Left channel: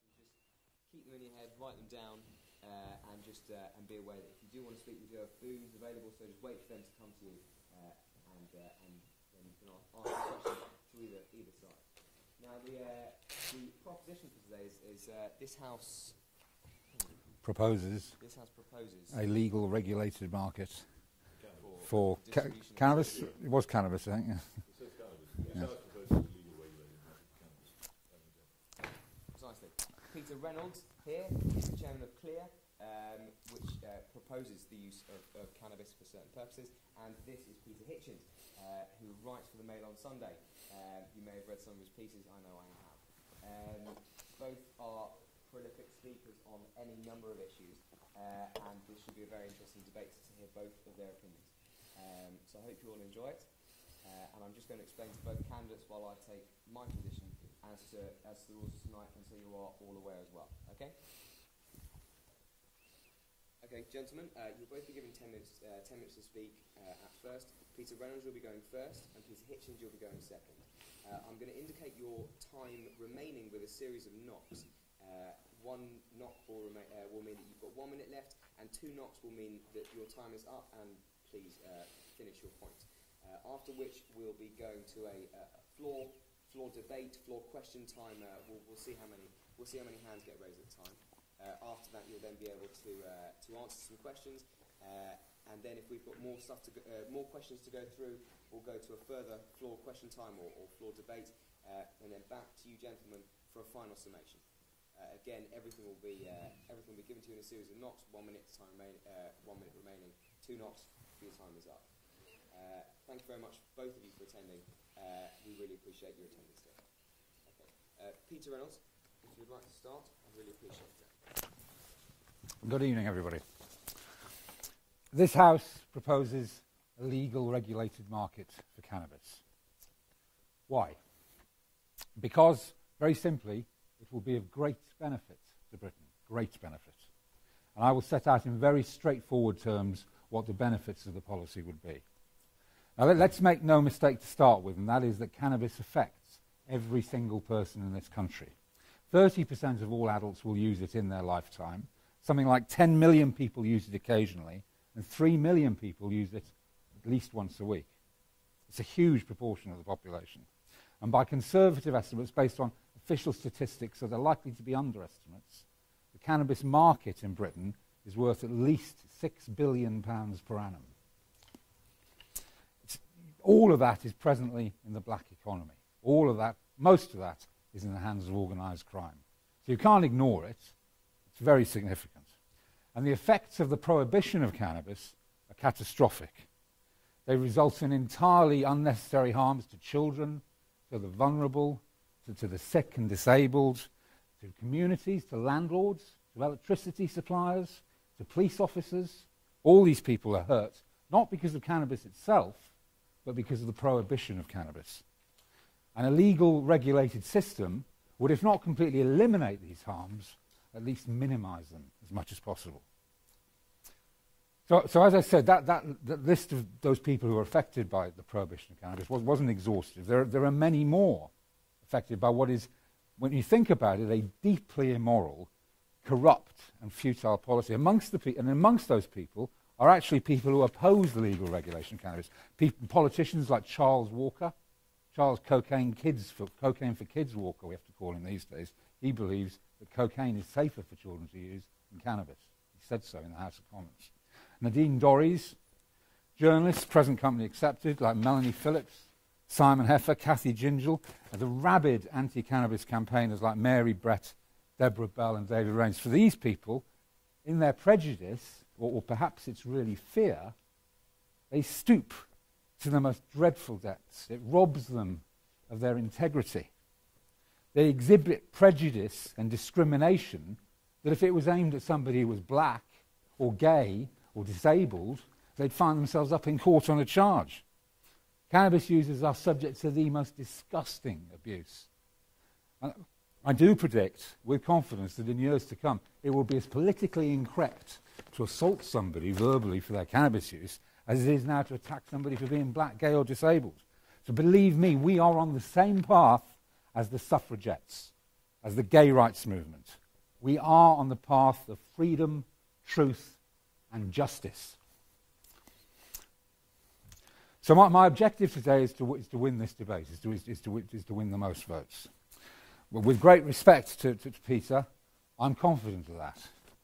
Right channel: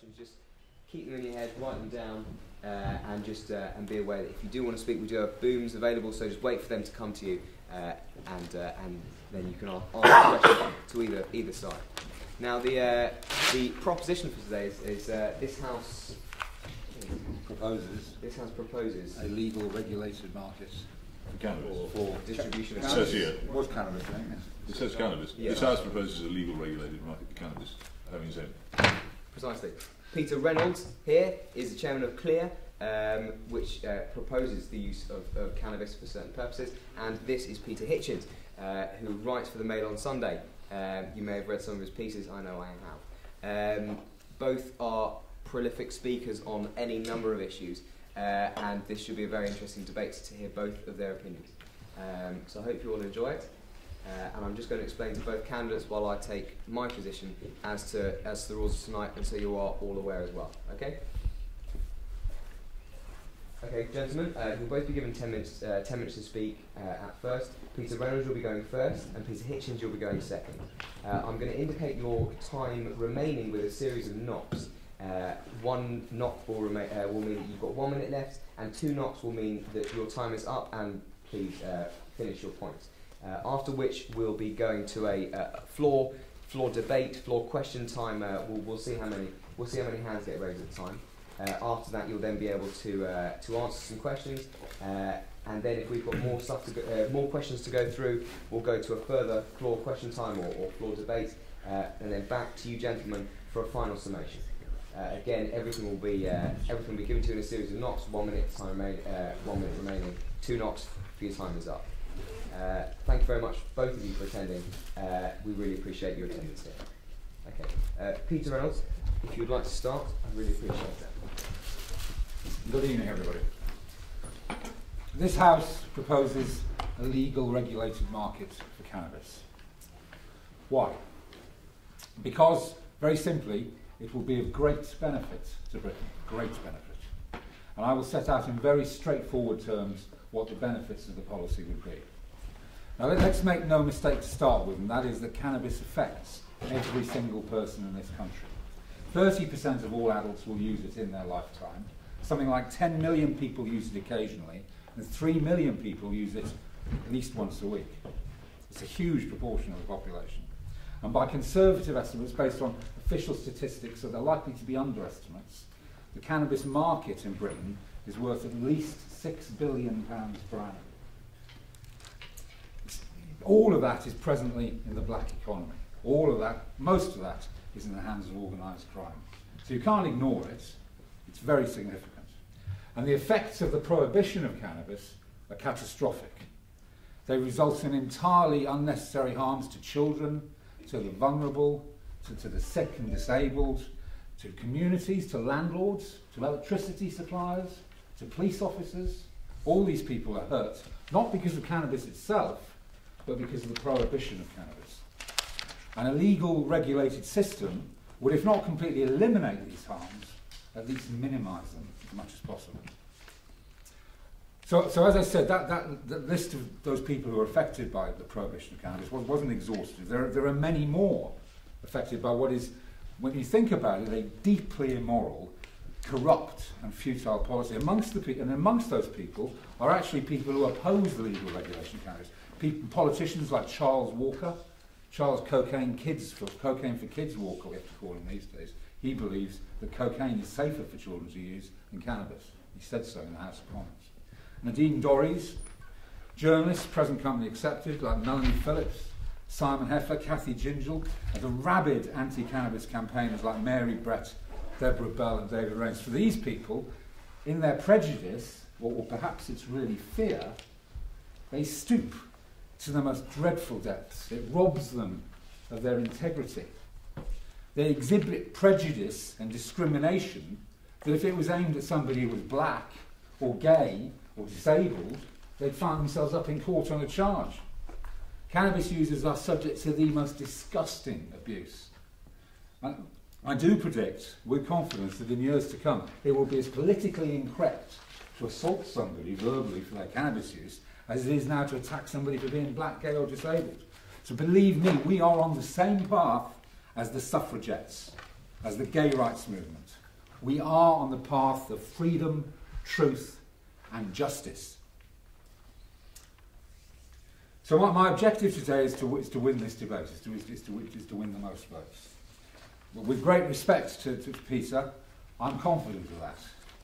questions, just keep them in your head, write them down, and just and be aware that if you do want to speak, we do have booms available, so just wait for them to come to you, and then you can ask a question to either side. Now, the proposition for today is this House proposes. This House proposes a legal, regulated market for distribution of cannabis. It It was cannabis, I think. Yes. It says cannabis. Yeah. This House proposes a legal, regulated market for cannabis. Having said, Precisely. Peter Reynolds here is the chairman of CLEAR, which proposes the use of cannabis for certain purposes, and this is Peter Hitchens, who writes for the Mail on Sunday. You may have read some of his pieces. I know I have. Both are prolific speakers on any number of issues, and this should be a very interesting debate to hear both of their opinions. So I hope you all enjoy it. And I'm just going to explain to both candidates while I take my position as to the rules of tonight, and so you are all aware as well. Okay? Okay, gentlemen, you'll both be given 10 minutes to speak at first. Peter Reynolds will be going first, and Peter Hitchens you'll be going second. I'm going to indicate your time remaining with a series of knocks. One knock will mean that you've got 1 minute left, and 2 knocks will mean that your time is up, and please finish your points. After which we'll be going to a floor debate, floor question time. We'll see how many hands get raised at the time. After that, you'll then be able to answer some questions, and then if we've got more questions to go through, we'll go to a further floor question time or floor debate, and then back to you, gentlemen, for a final summation. Again, everything will be given to you in a series of knocks. 1 minute time 1 minute remaining. 2 knocks for your time is up. Thank you very much, both of you, for attending. We really appreciate your attendance here. Okay, Peter Reynolds, if you would like to start, I really appreciate that. Good evening, everybody. This House proposes a legal, regulated market for cannabis. Why? Because, very simply, it will be of great benefit to Britain. Great benefit. And I will set out in very straightforward terms what the benefits of the policy would be. Now, let's make no mistake to start with, and that is that cannabis affects every single person in this country. 30% of all adults will use it in their lifetime. Something like 10 million people use it occasionally, and 3 million people use it at least once a week. It's a huge proportion of the population. And by conservative estimates based on official statistics, so they're likely to be underestimates, the cannabis market in Britain is worth at least £6 billion per annum. All of that is presently in the black economy. All of that, most of that, is in the hands of organised crime. So you can't ignore it. It's very significant. And the effects of the prohibition of cannabis are catastrophic. They result in entirely unnecessary harms to children, to the vulnerable, to the sick and disabled, to communities, to landlords, to electricity suppliers, to police officers. All these people are hurt, not because of cannabis itself, but because of the prohibition of cannabis. And a legal, regulated system would, if not completely eliminate these harms, at least minimise them as much as possible. So as I said, that list of those people who are affected by the prohibition of cannabis wasn't exhaustive. There are many more affected by what is, when you think about it, a deeply immoral, corrupt and futile policy. Amongst those people are actually people who oppose the legal regulation of cannabis. Politicians like Charles Walker, Charles Cocaine for Kids Walker, we have to call him these days. He believes that cocaine is safer for children to use than cannabis. He said so in the House of Commons. Nadine Dorries, journalists, present company accepted, like Melanie Phillips, Simon Heffer, Kathy Gingell, and the rabid anti-cannabis campaigners like Mary Brett, Deborah Bell and David Reynolds. For these people, in their prejudice, or perhaps it's really fear, they stoop to the most dreadful depths. It robs them of their integrity. They exhibit prejudice and discrimination that if it was aimed at somebody who was black or gay or disabled, they'd find themselves up in court on a charge. Cannabis users are subject to the most disgusting abuse. I do predict, with confidence, that in years to come, it will be as politically incorrect to assault somebody verbally for their cannabis use as it is now to attack somebody for being black, gay or disabled. So believe me, we are on the same path as the suffragettes, as the gay rights movement. We are on the path of freedom, truth, and justice. So my objective today is to win this debate, is to win the most votes. But with great respect to Peter, I'm confident of that.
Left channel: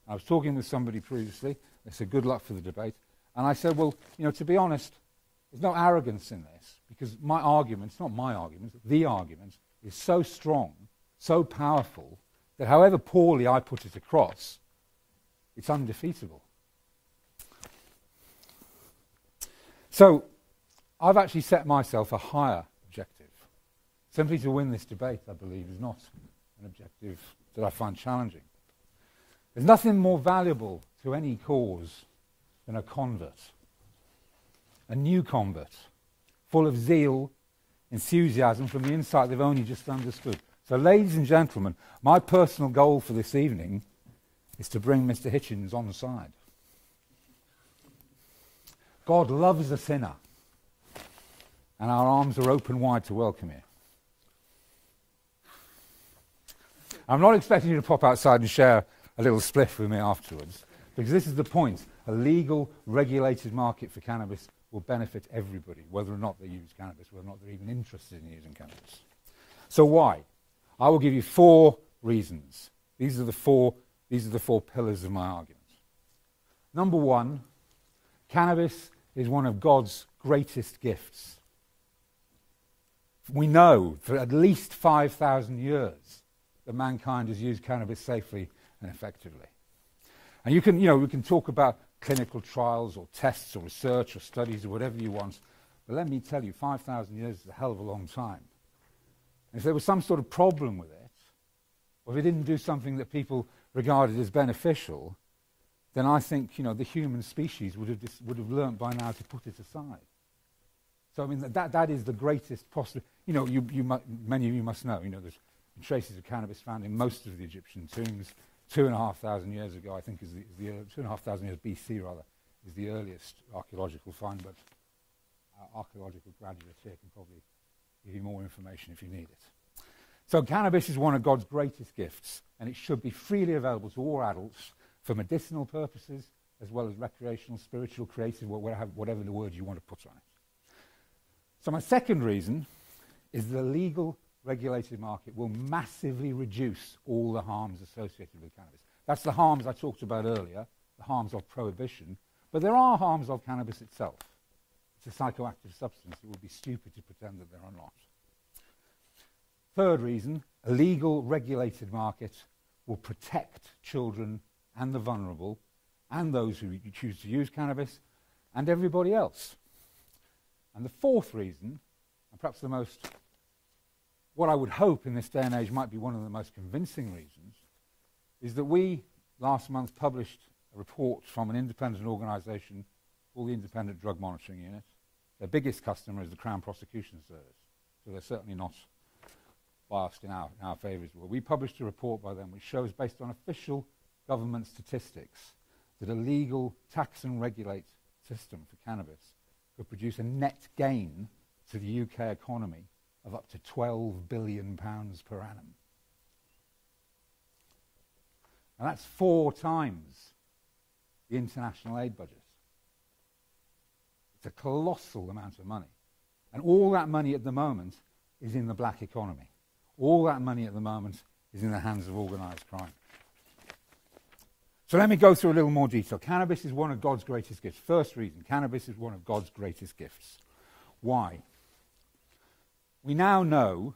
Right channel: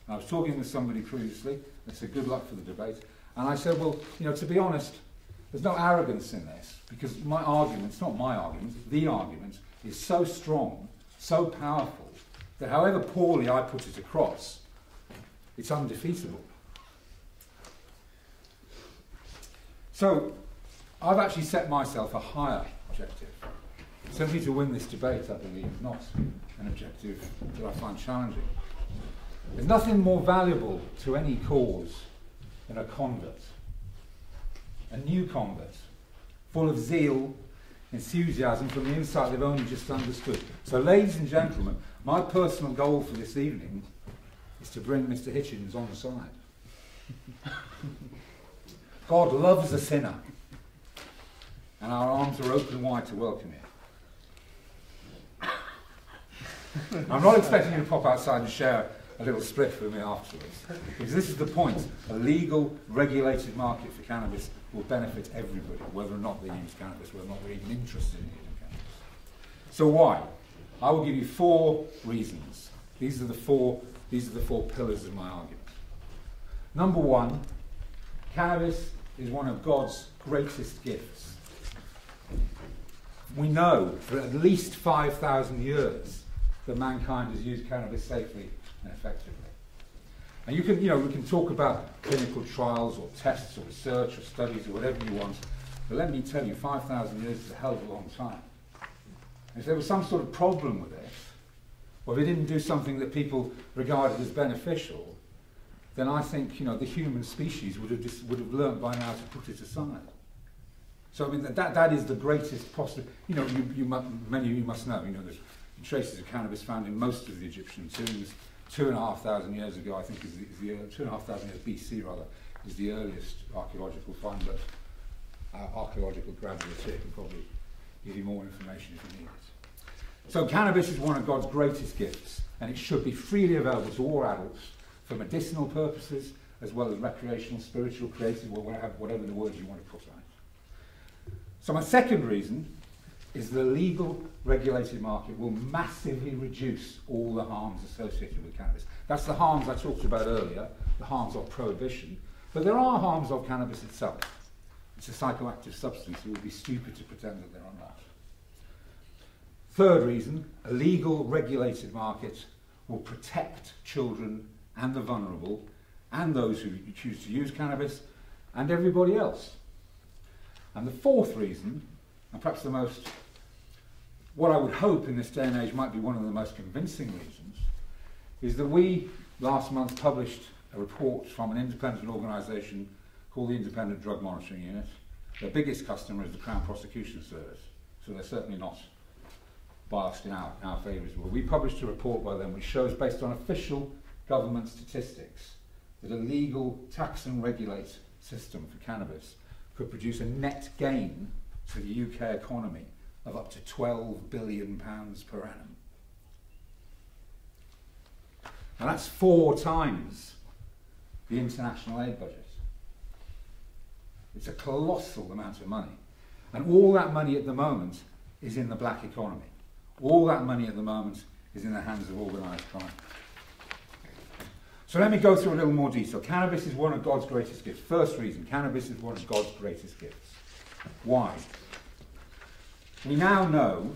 I was talking with somebody previously, they said good luck for the debate, and I said, well, to be honest, there's no arrogance in this, because my argument, it's not my argument, the argument is so strong, so powerful, that however poorly I put it across, it's undefeatable. So, I've actually set myself a higher objective. Simply to win this debate, I believe, is not an objective that I find challenging. There's nothing more valuable to any cause than a convert, a new convert, full of zeal, enthusiasm from the insight they've only just understood. So, ladies and gentlemen, my personal goal for this evening is to bring Mr. Hitchens on the side. God loves a sinner, and our arms are open wide to welcome you. I'm not expecting you to pop outside and share a little spliff with me afterwards, because this is the point. A legal, regulated market for cannabis will benefit everybody, whether or not they use cannabis, whether or not they're even interested in using cannabis. So why? I will give you 4 reasons. These are the four pillars of my argument. Number 1, cannabis is one of God's greatest gifts. We know for at least 5,000 years that mankind has used cannabis safely and effectively. And we can talk about clinical trials or tests or research or studies or whatever you want, but let me tell you, 5,000 years is a hell of a long time. If there was some sort of problem with it, or they didn't do something that people regarded as beneficial, then I think the human species would have learned by now to put it aside. So I mean that is the greatest possible. Many of you must know. There's traces of cannabis found in most of the Egyptian tombs. 2,500 years ago, I think, is the 2,500 years BC rather, is the earliest archaeological find. But archaeological graduates here can probably give you more information if you need it. So cannabis is one of God's greatest gifts, and it should be freely available to all adults for medicinal purposes, as well as recreational, spiritual, creative, or whatever the words you want to put on it. So my second reason is the legal, regulated market will massively reduce all the harms associated with cannabis. That's the harms I talked about earlier, the harms of prohibition, but there are harms of cannabis itself. It's a psychoactive substance. It would be stupid to pretend that there are not. Third reason, a legal, regulated market will protect children and the vulnerable, and those who choose to use cannabis, and everybody else. And the fourth reason, and perhaps what I would hope in this day and age might be one of the most convincing reasons, is that we last month published a report from an independent organisation called the Independent Drug Monitoring Unit. Their biggest customer is the Crown Prosecution Service, so they're certainly not biased in our favour as well. We published a report by them which shows, based on official government statistics, that a legal tax and regulate system for cannabis could produce a net gain to the UK economy of up to £12 billion per annum. And that's 4 times the international aid budget. It's a colossal amount of money. And all that money at the moment is in the black economy. All that money at the moment is in the hands of organised crime. So let me go through a little more detail. Cannabis is one of God's greatest gifts. First reason, cannabis is one of God's greatest gifts. Why? We now know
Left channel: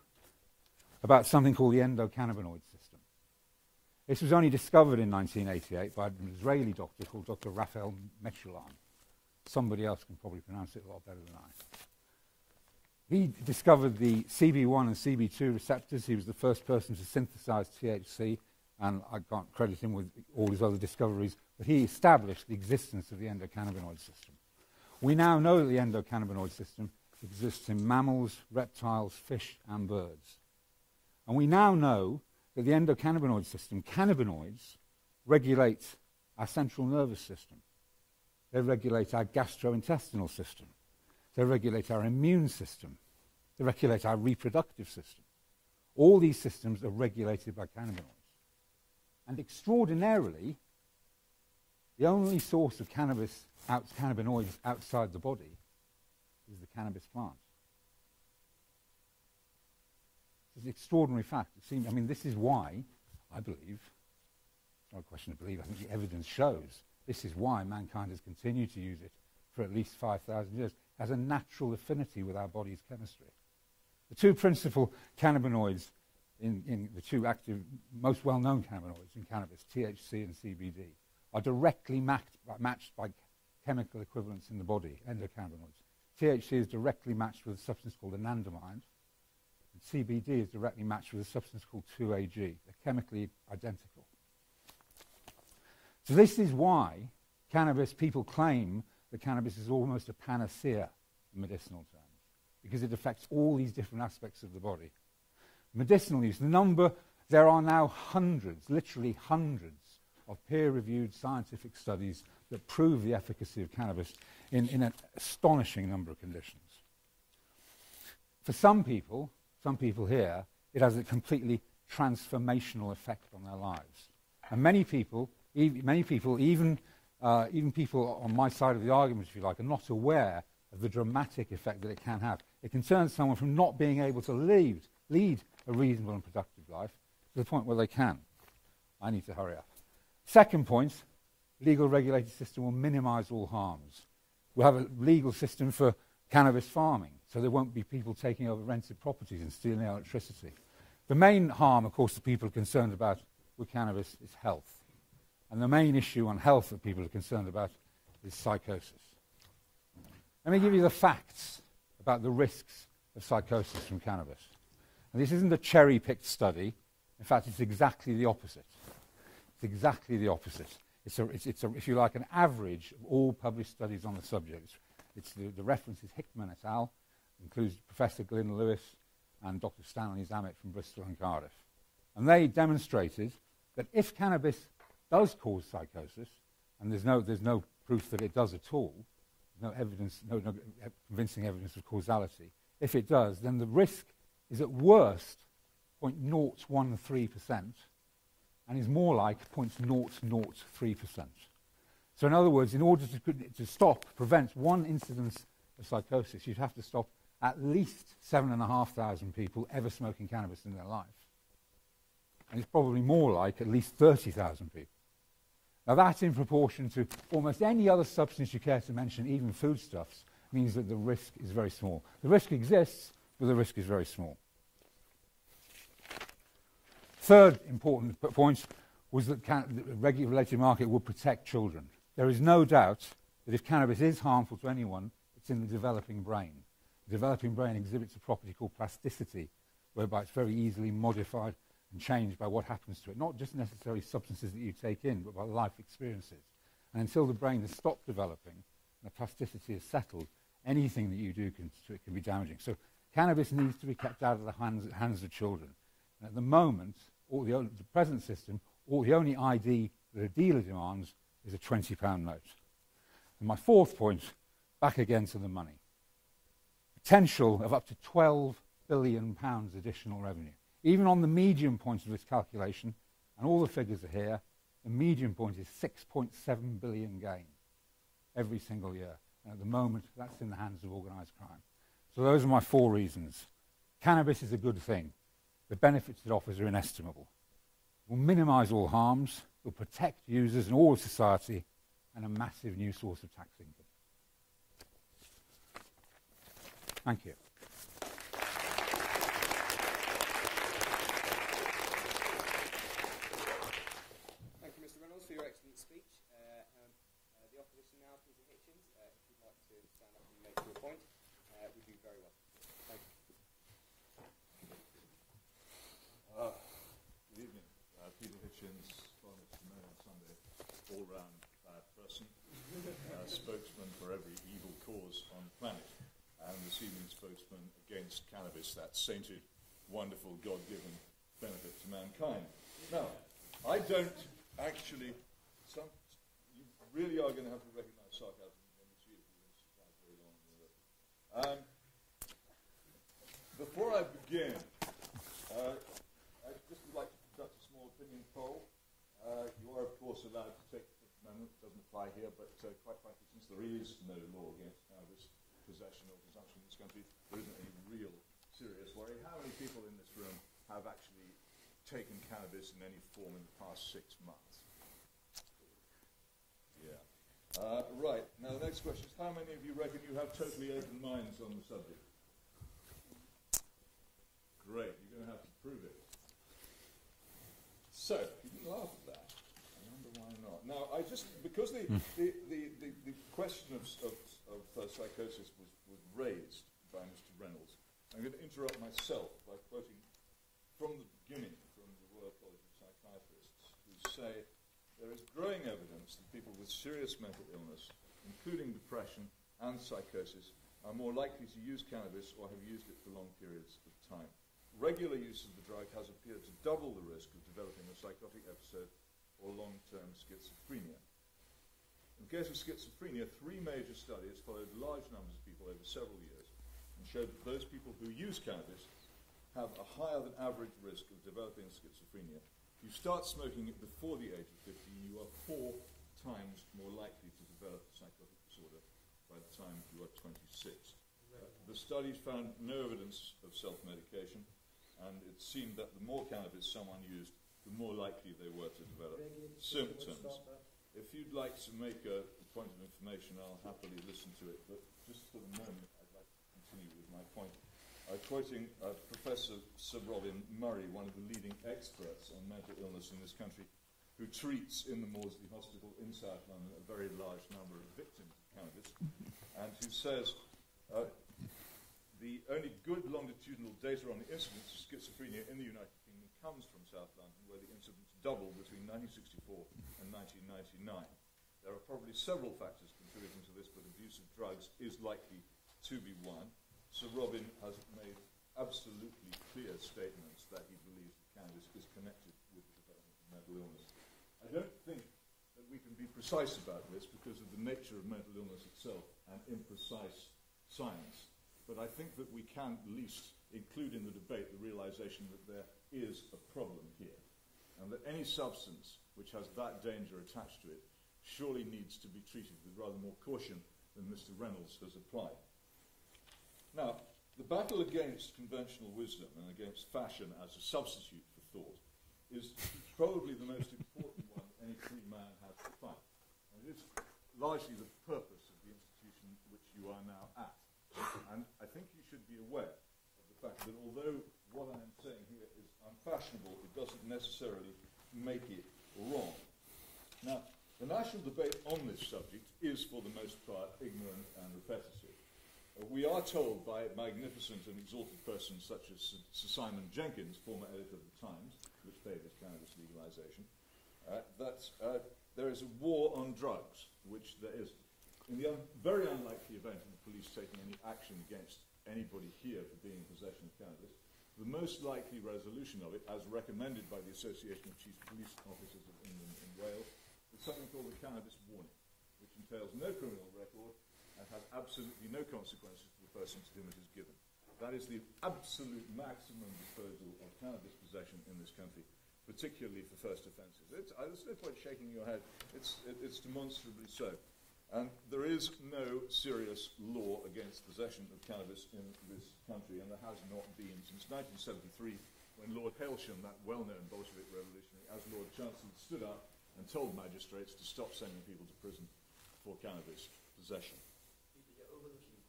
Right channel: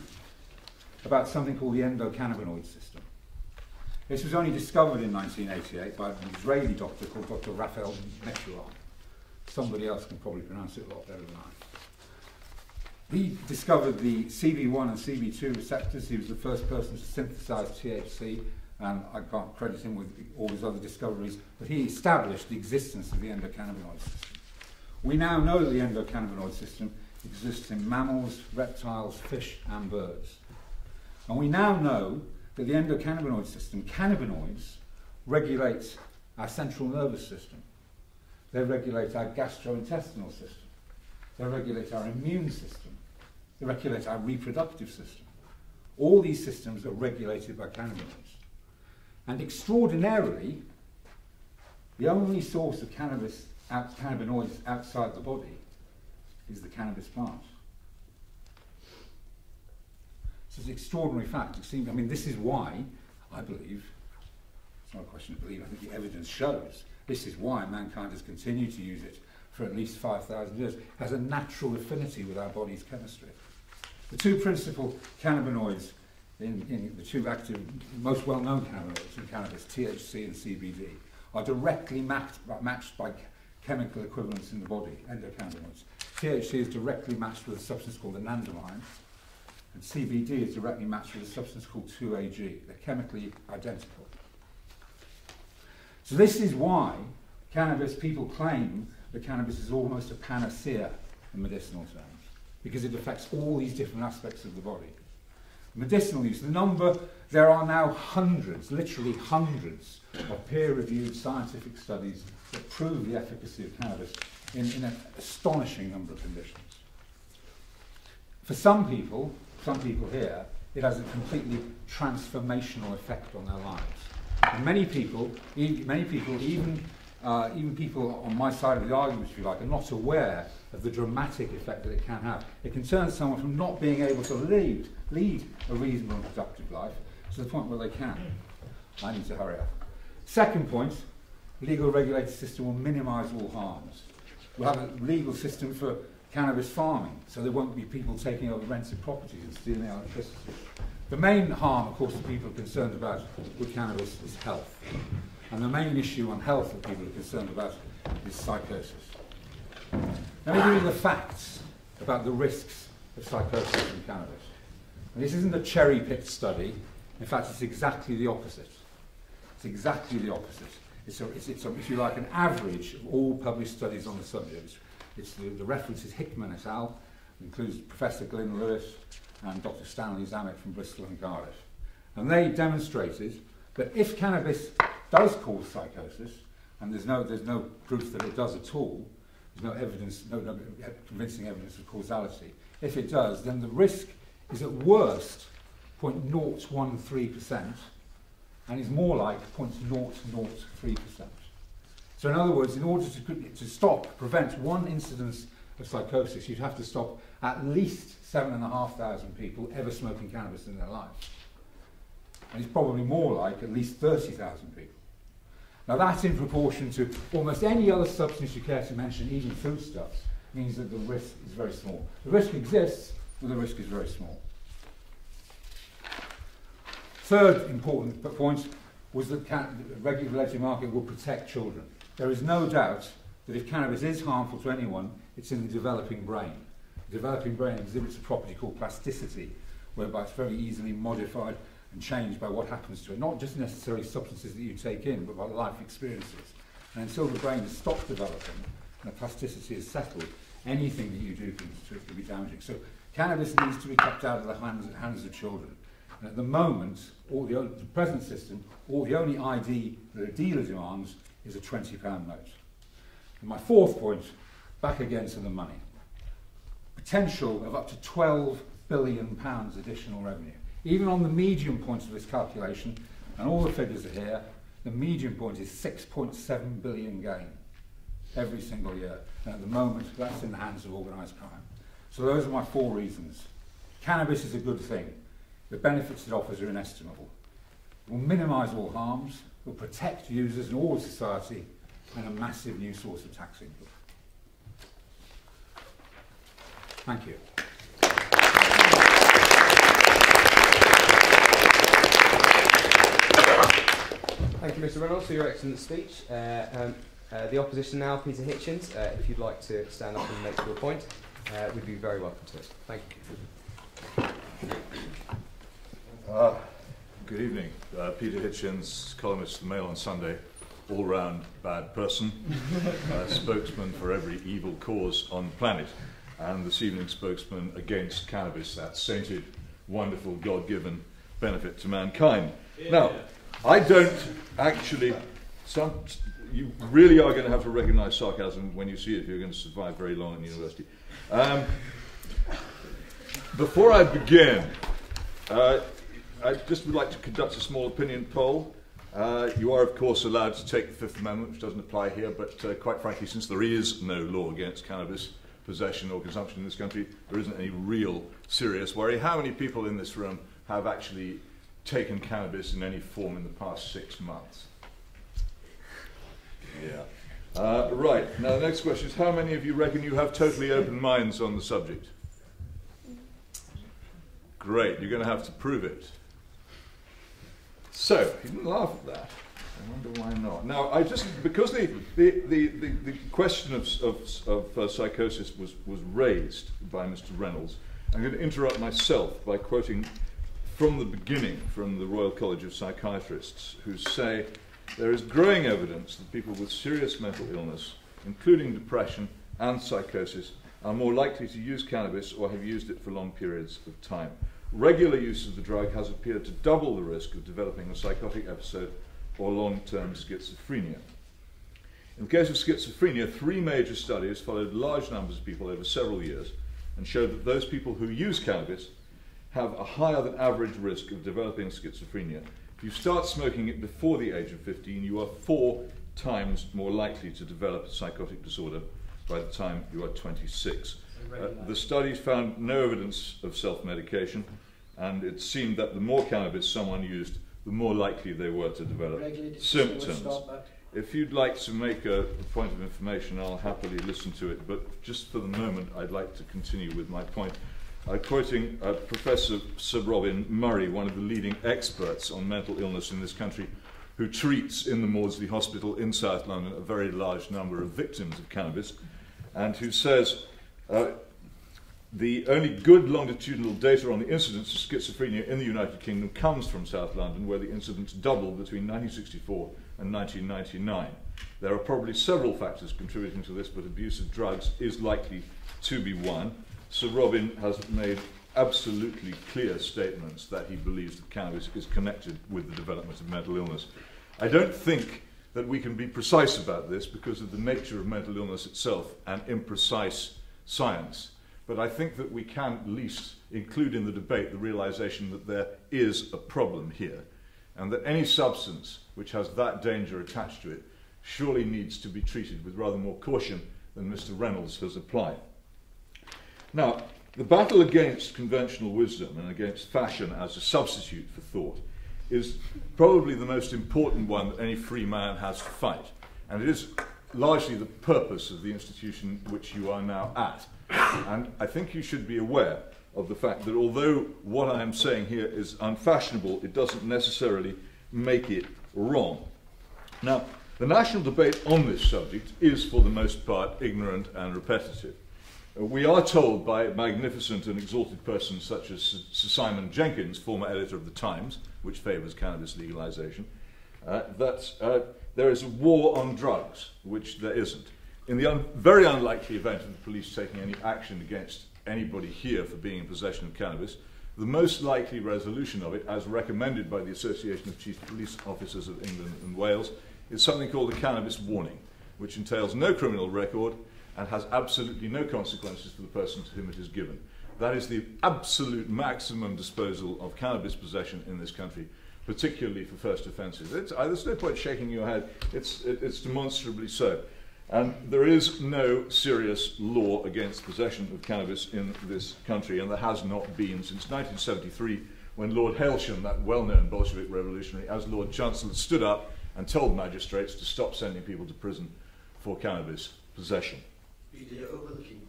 about something called the endocannabinoid system. This was only discovered in 1988 by an Israeli doctor called Dr. Raphael Mechoulam. Somebody else can probably pronounce it a lot better than I. He discovered the CB1 and CB2 receptors. He was the first person to synthesize THC, and I can't credit him with all his other discoveries, but he established the existence of the endocannabinoid system. We now know that the endocannabinoid system exists in mammals, reptiles, fish, and birds. And we now know that the endocannabinoid system, cannabinoids, regulate our central nervous system. They regulate our gastrointestinal system. They regulate our immune system. They regulate our reproductive system. All these systems are regulated by cannabinoids. And extraordinarily, the only source of cannabinoids outside the body is the cannabis plant. So it's an extraordinary fact. I mean, this is why, I believe, it's not a question of belief, I think the evidence shows, this is why mankind has continued to use it for at least 5,000 years. It has a natural affinity with our body's chemistry. The two principal cannabinoids in the two active, most well-known cannabinoids in cannabis, THC and CBD, are directly matched by chemical equivalents in the body, endocannabinoids. THC is directly matched with a substance called anandamide, and CBD is directly matched with a substance called 2-AG. They're chemically identical. So this is why people claim that cannabis is almost a panacea in medicinal terms, because it affects all these different aspects of the body. Medicinal use, there are now hundreds, literally hundreds, of peer-reviewed scientific studies that prove the efficacy of cannabis in an astonishing number of conditions. For some people here, it has a completely transformational effect on their lives. And many people, even people on my side of the argument, if you like, are not aware of the dramatic effect that it can have. It can turn someone from not being able to lead a reasonable and productive life to the point where they can. I need to hurry up. Second point, legal regulated system will minimise all harms. We'll have a legal system for cannabis farming, so there won't be people taking over rented properties and stealing electricity. The main harm, of course, that people are concerned about with cannabis is health. And the main issue on health that people are concerned about is psychosis. Let me give you the facts about the risks of psychosis from cannabis. And this isn't a cherry-picked study. In fact, it's exactly the opposite. It's exactly the opposite. It's if you like, an average of all published studies on the subject. The reference is Hickman et al., includes Professor Glyn Lewis and Dr. Stanley Zammit from Bristol and Cardiff. And they demonstrated that if cannabis does cause psychosis, and there's no proof that it does at all, there's no evidence, no convincing evidence of causality. If it does, then the risk is at worst 0.013%, and is more like 0.003%. So in other words, in order to prevent one incidence of psychosis, you'd have to stop at least 7,500 people ever smoking cannabis in their lives. And it's probably more like at least 30,000 people. Now that, in proportion to almost any other substance you care to mention, even foodstuffs, means that the risk is very small. The risk exists, but the risk is very small. Third important point was that the regulated market will protect children. There is no doubt that if cannabis is harmful to anyone, it's in the developing brain. The developing brain exhibits a property called plasticity, whereby it's very easily modified and changed by what happens to it. Not just necessarily substances that you take in, but by life experiences. And until the brain has stopped developing and the plasticity is settled, anything that you do can be damaging. So cannabis needs to be kept out of the hands of children. And at the moment, the present system, the only ID that a dealer demands is a £20 note. And my fourth point, back again to the money. Potential of up to £12 billion additional revenue. Even on the medium point of this calculation, and all the figures are here, the medium point is 6.7 billion gain every single year. And at the moment, that's in the hands of organised crime. So those are my four reasons. Cannabis is a good thing. The benefits it offers are inestimable. It will minimise all harms, will protect users and all of society, and a massive new source of tax income. Thank you. Thank you, Mr. Reynolds, for your excellent speech. The opposition now, Peter Hitchens, if you'd like to stand up and make your point, we'd be very welcome to it. Thank you. Good evening. Peter Hitchens, columnist for the Mail on Sunday, all-round bad person, spokesman for every evil cause on the planet, and this evening spokesman against cannabis, that sainted, wonderful, God-given benefit to mankind. Yeah. Now, I don't actually... you really are going to have to recognise sarcasm when you see it if you're going to survive very long in university. Before I begin, I just would like to conduct a small opinion poll. You are, of course, allowed to take the Fifth Amendment, which doesn't apply here, but quite frankly, since there is no law against cannabis possession or consumption in this country, there isn't any real serious worry. How many people in this room have actually taken cannabis in any form in the past 6 months? Yeah. Right. Now, the next question is, how many of you reckon you have totally open minds on the subject? Great. You're going to have to prove it. So, you didn't laugh at that. I wonder why not. Now, because the question of psychosis was raised by Mr. Reynolds, I'm going to interrupt myself by quoting from the beginning from the Royal College of Psychiatrists, who say, there is growing evidence that people with serious mental illness, including depression and psychosis, are more likely to use cannabis or have used it for long periods of time. Regular use of the drug has appeared to double the risk of developing a psychotic episode or long-term schizophrenia. In the case of schizophrenia, 3 major studies followed large numbers of people over several years and showed that those people who use cannabis have a higher than average risk of developing schizophrenia. If you start smoking it before the age of 15, you are 4 times more likely to develop a psychotic disorder by the time you are 26. The studies found no evidence of self-medication, and it seemed that the more cannabis someone used, the more likely they were to develop symptoms. If you'd like to make a point of information, I'll happily listen to it, but just for the moment, I'd like to continue with my point. Quoting Professor Sir Robin Murray, one of the leading experts on mental illness in this country, who treats in the Maudsley Hospital in South London a very large number of victims of cannabis, and who says, the only good longitudinal data on the incidence of schizophrenia in the United Kingdom comes from South London, where the incidence doubled between 1964 and 1999. There are probably several factors contributing to this, but abuse of drugs is likely to be one. Sir Robin has made absolutely clear statements that he believes that cannabis is connected with the development of mental illness. I don't think that we can be precise about this because of the nature of mental illness itself and imprecise science. But I think that we can at least include in the debate the realization that there is a problem here, and that any substance which has that danger attached to it surely needs to be treated with rather more caution than Mr. Reynolds has applied. Now, the battle against conventional wisdom and against fashion as a substitute for thought is probably the most important one that any free man has to fight, and it is largely the purpose of the institution which you are now at. And I think you should be aware of the fact that although what I am saying here is unfashionable, it doesn't necessarily make it wrong. Now, the national debate on this subject is, for the most part, ignorant and repetitive. We are told by magnificent and exalted persons such as Sir Simon Jenkins, former editor of The Times, which favours cannabis legalisation, that there is a war on drugs, which there isn't. In the very unlikely event of the police taking any action against anybody here for being in possession of cannabis, the most likely resolution of it, as recommended by the Association of Chief Police Officers of England and Wales, is something called a cannabis warning, which entails no criminal record and has absolutely no consequences for the person to whom it is given. That is the absolute maximum disposal of cannabis possession in this country, particularly for first offences. There's no point shaking your head. It's demonstrably so. And there is no serious law against possession of cannabis in this country, and there has not been since 1973, when Lord Hailsham, that well-known Bolshevik revolutionary, as Lord Chancellor, stood up and told magistrates to stop sending people to prison for cannabis possession. You're overlooking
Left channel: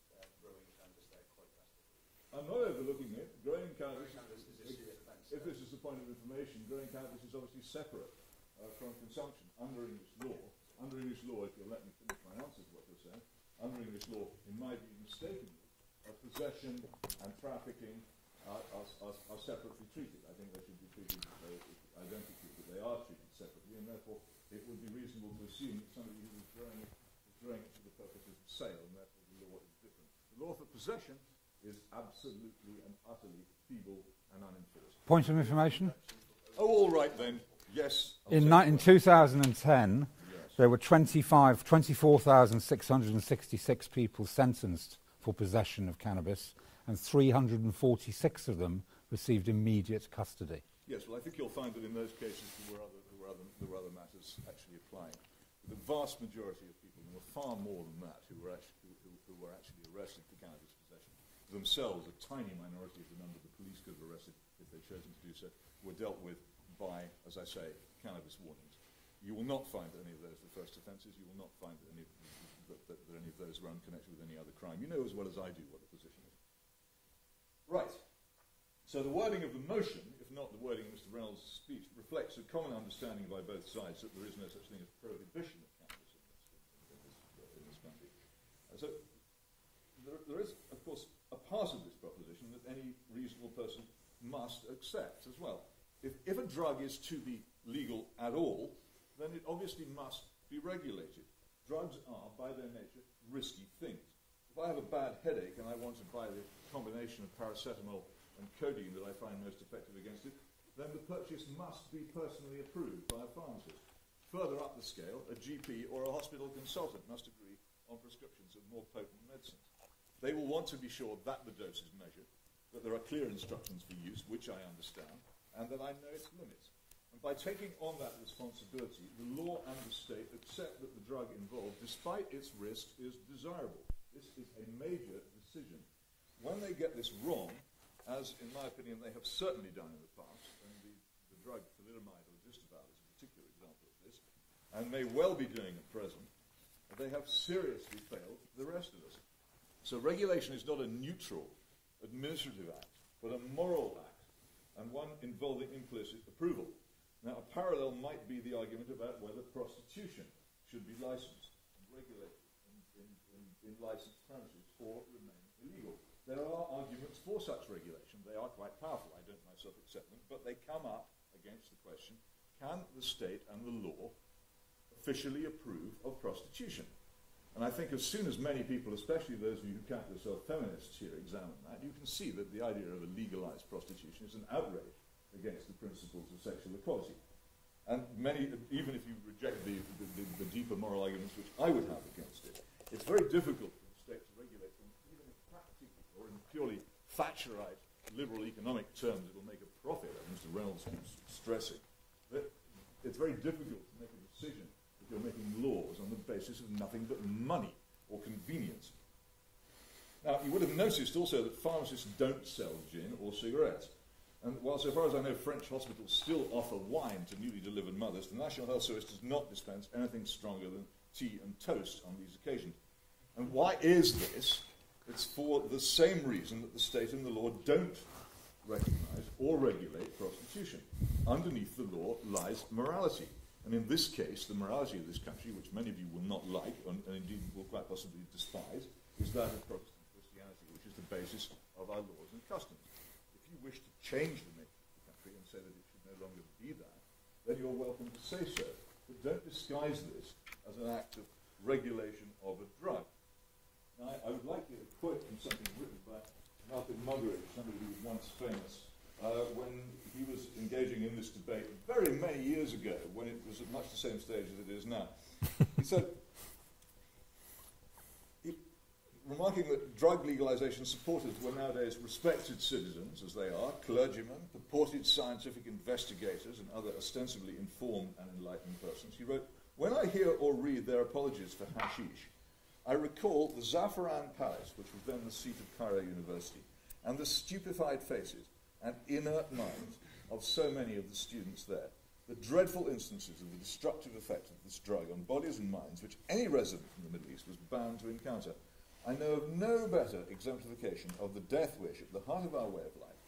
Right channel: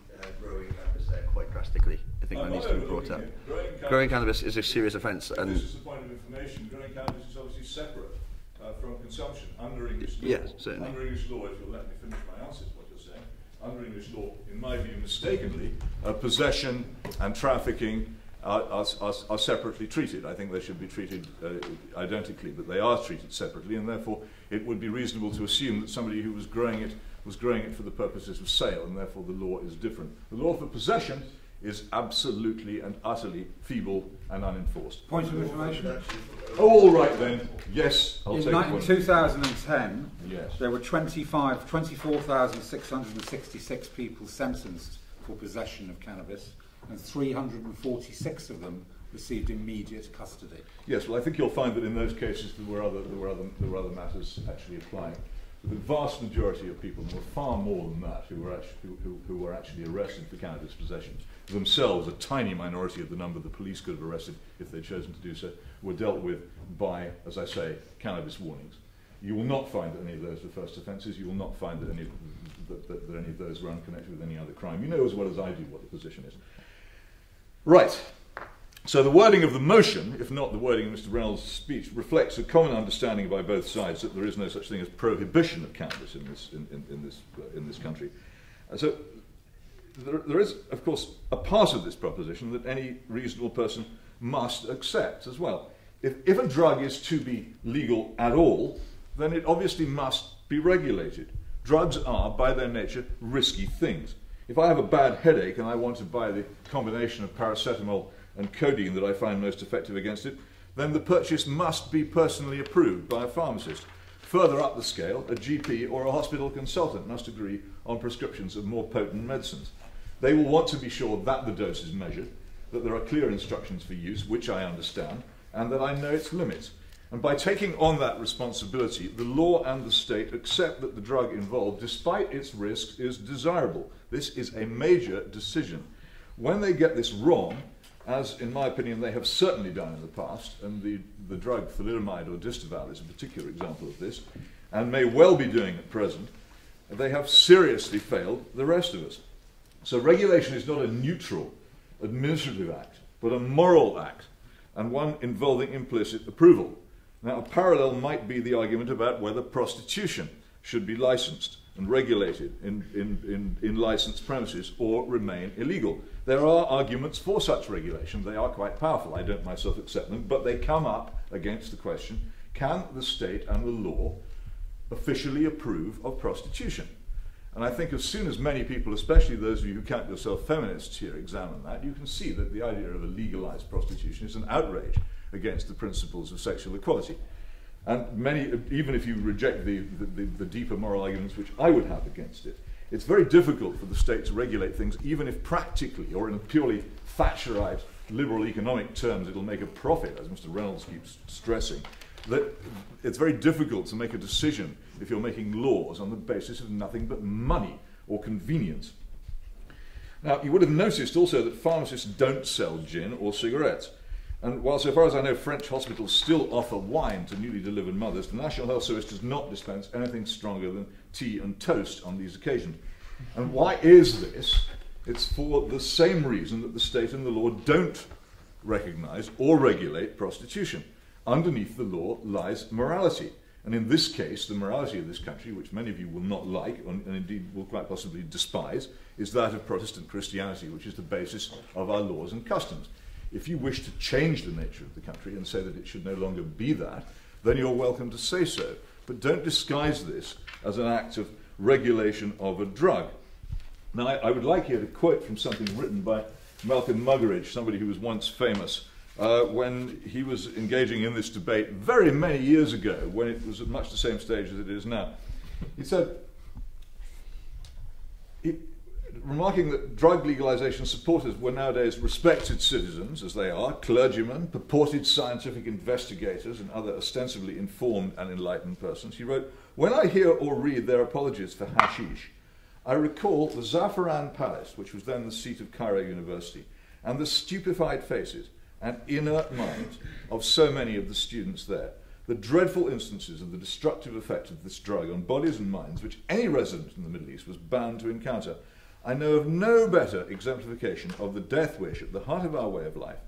growing cannabis there quite drastically. I think that needs to be brought up. Growing cannabis is a serious offence. And this is the point of information. Growing cannabis is obviously separate from consumption under English law. Yes, certainly. Under English law, if you'll let me finish my answer to what you're saying, under English law, in my view, mistakenly, possession and trafficking are separately treated. I think they should be treated identically, but they are treated separately, and therefore it would be reasonable to assume that somebody who was growing it for the purposes of sale, and therefore the law is different. The law for possession is absolutely and utterly feeble and unenforced. Point of information? Oh, all right then. Yes. In 2010, yes, there were 24,666 people sentenced for possession of cannabis, and 346 of them received immediate custody. Yes, well, I think you'll find that in those cases there were other matters actually applying. The vast majority of people, and there were far more than that, who were actually arrested for cannabis possession, themselves a tiny minority of the number the police could have arrested if they'd chosen to do so, were dealt with by, as I say, cannabis warnings. You will not find that any of those were first offences. You will not find that any of those were unconnected with any other crime. You know as well as I do what the position is. Right. So the wording of the motion, if not the wording of Mr. Reynolds' speech, reflects a common understanding by both sides that there is no such thing as prohibition of cannabis in this country. So there is, of course, a part of this proposition that any reasonable person must accept as well. If a drug is to be legal at all, then it obviously must be regulated. Drugs are, by their nature, risky things. If I have a bad headache and I want to buy the combination of paracetamol and codeine that I find most effective against it, then the purchase must be personally approved by a pharmacist. Further up the scale, a GP or a hospital consultant must agree on prescriptions of more potent medicines. They will want to be sure that the dose is measured, that there are clear instructions for use, which I understand, and that I know its limits. And by taking on that responsibility, the law and the state accept that the drug involved, despite its risks, is desirable. This is a major decision. When they get this wrong, as in my opinion they have certainly done in the past, and the drug thalidomide or Distaval is a particular example of this, and may well be doing at present, they have seriously failed the rest of us. So regulation is not a neutral administrative act, but a moral act, and one involving implicit approval. Now, a parallel might be the argument about whether prostitution should be licensed and regulated in licensed premises or remain illegal. There are arguments for such regulation. They are quite powerful. I don't myself accept them, but they come up against the question, can the state and the law officially approve of prostitution? And I think as soon as many people, especially those of you who count yourself feminists here, examine that, you can see that the idea of a legalized prostitution is an outrage against the principles of sexual equality. And many, even if you reject the deeper moral arguments which I would have against it, it's very difficult for the state to regulate things, even if practically, or in purely Thatcherite liberal economic terms, it'll make a profit, as Mr. Reynolds keeps stressing. That it's very difficult to make a decision if you're making laws on the basis of nothing but money or convenience. Now, you would have noticed also that pharmacists don't sell gin or cigarettes. And while, so far as I know, French hospitals still offer wine to newly delivered mothers, the National Health Service does not dispense anything stronger than tea and toast on these occasions. And why is this? It's for the same reason that the state and the law don't recognise or regulate prostitution. Underneath the law lies morality. And in this case, the morality of this country, which many of you will not like, and indeed will quite possibly despise, is that of Protestant Christianity, which is the basis of our laws and customs. If you wish to change the nature of the country and say that it should no longer be that, then you're welcome to say so. But don't disguise this as an act of regulation of a drug. Now, I would like here to quote from something written by Malcolm Muggeridge, somebody who was once famous, when he was engaging in this debate very many years ago, when it was at much the same stage as it is now. He said, remarking that drug legalization supporters were nowadays respected citizens, as they are, clergymen, purported scientific investigators, and other ostensibly informed and enlightened persons, he wrote, "When I hear or read their apologies for hashish, I recall the Zafaran Palace, which was then the seat of Cairo University, and the stupefied faces and inert minds of so many of the students there, the dreadful instances of the destructive effect of this drug on bodies and minds which any resident in the Middle East was bound to encounter. I know of no better exemplification of the death wish at the heart of our way of life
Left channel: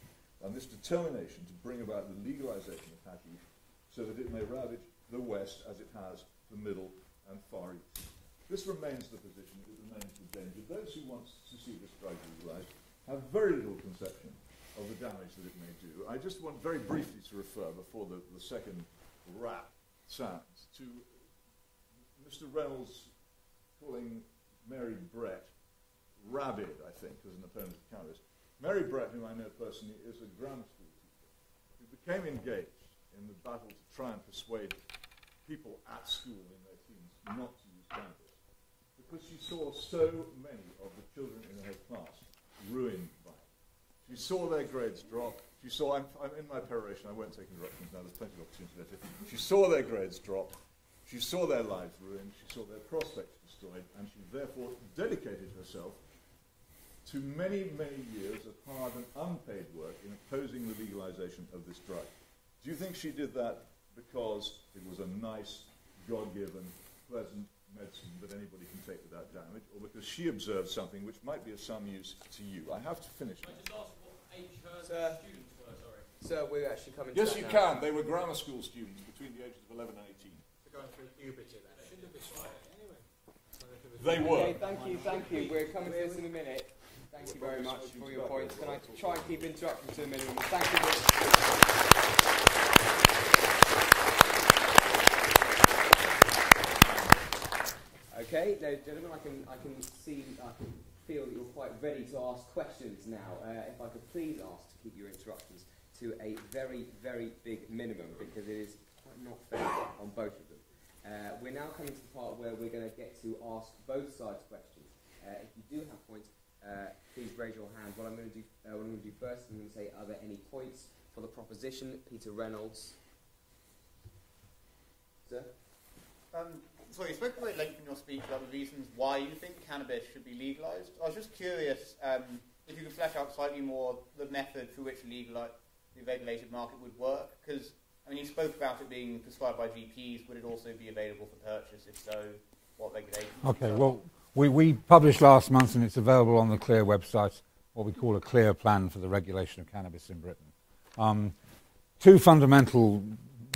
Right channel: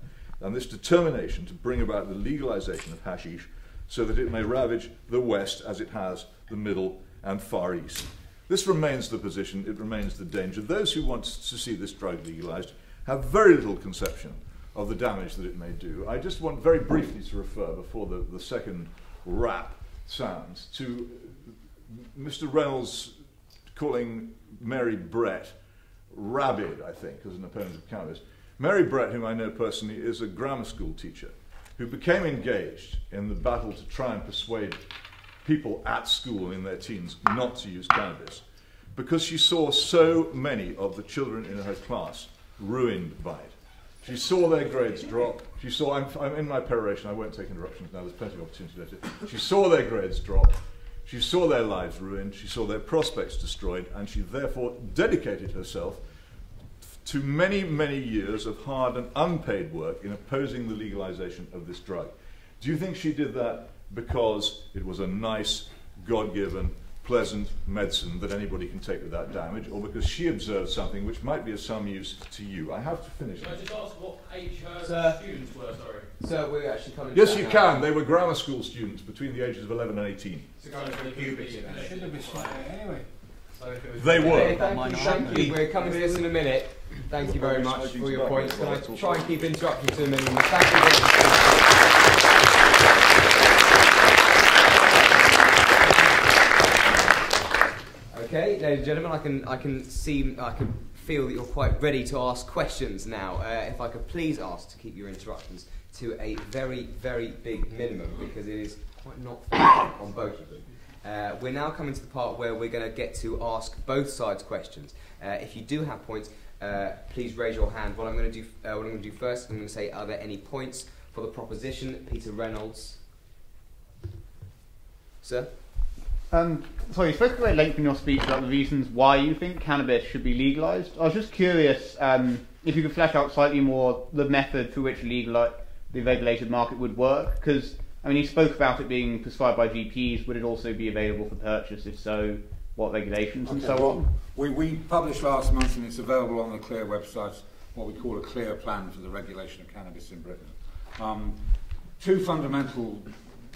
than this determination to bring about the legalization of hashish so that it may ravage the West as it has the Middle and Far East." This remains the position, it remains the danger. Those who want to see this drug legalized have very little conception of the damage that it may do. I just want very briefly to refer, before the second rap sounds, to Mr. Reynolds calling Mary Brett rabid, I think, as an opponent of cannabis. Mary Brett, whom I know personally, is a grammar school teacher who became engaged in the battle to try and persuade people at school in their teens not to use cannabis because she saw so many of the children in her class ruined by it. She saw their grades drop. She saw, I'm in my peroration, I won't take interruptions now, there's plenty of opportunity later. She saw their grades drop, she saw their lives ruined, she saw their prospects destroyed, and she therefore dedicated herself to many, many years of hard and unpaid work in opposing the legalization of this drug. Do you think she did that because it was a nice, God-given, pleasant medicine that anybody can take without damage, or because she observed something which might be of some use to you? I have to finish. Can I just ask what age her students were, sorry? So we're actually coming to Yes, that you now. can. They were grammar school students between the ages of 11 and 18. Anyway. They were. Okay, thank you. We're coming to this in a minute. Thank you very much for your points. Can I try and keep interrupting to a minimum? Thank you very much. Okay, ladies and gentlemen, I can feel that you're quite ready to ask questions now. If I could please ask to keep your interruptions to a very, very big minimum, because it is quite not fair on both of them. We're now coming to the part where we're going to get to ask both sides questions. If you do have points, please raise your hand. What I'm going to do first, I'm going to say, are there any points for the proposition? Peter Reynolds. Sir? Sorry, you spoke at great length in your speech about the reasons why you think cannabis should be legalised. I was just curious if you could flesh out slightly more the method through which the regulated market would work, because I mean, you spoke about it being prescribed by GPs. Would it also be available for purchase? If so, what regulations and so on? We published last month, and it's available on the CLEAR website, what we call a clear plan for the regulation of cannabis in Britain. Two fundamental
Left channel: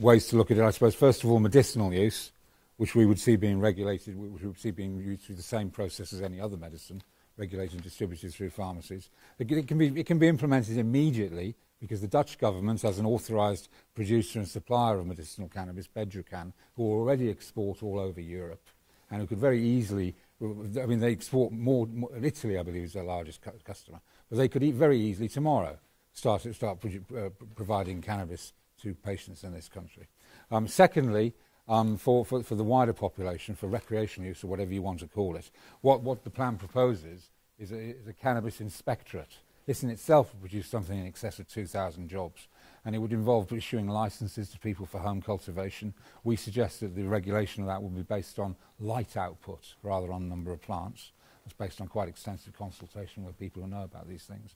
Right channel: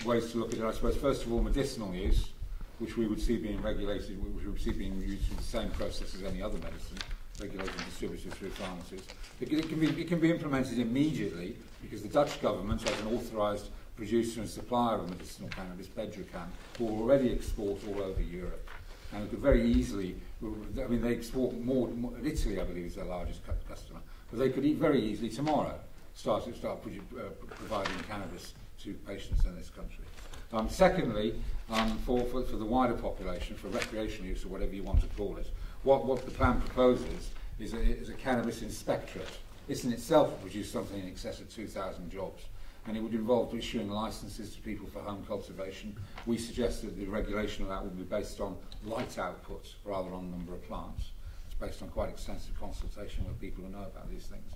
ways to look at it, I suppose. First of all, medicinal use, which we would see being regulated, which we would see being used through the same process as any other medicine, regulated and distributed through pharmacies. It can be implemented immediately, because the Dutch government, as an authorised producer and supplier of medicinal cannabis, Bedrocan, will already export all over Europe. And it could very easily, I mean, they export more Italy, I believe, is their largest customer, but they could very easily tomorrow start providing cannabis to patients in this country. Secondly, for the wider population, for recreational use or whatever you want to call it, what the plan proposes is a cannabis inspectorate. This in itself will produce something in excess of 2,000 jobs, and it would involve issuing licenses to people for home cultivation. We suggest that the regulation of that will be based on light output rather on number of plants. It's based on quite extensive consultation with people who know about these things.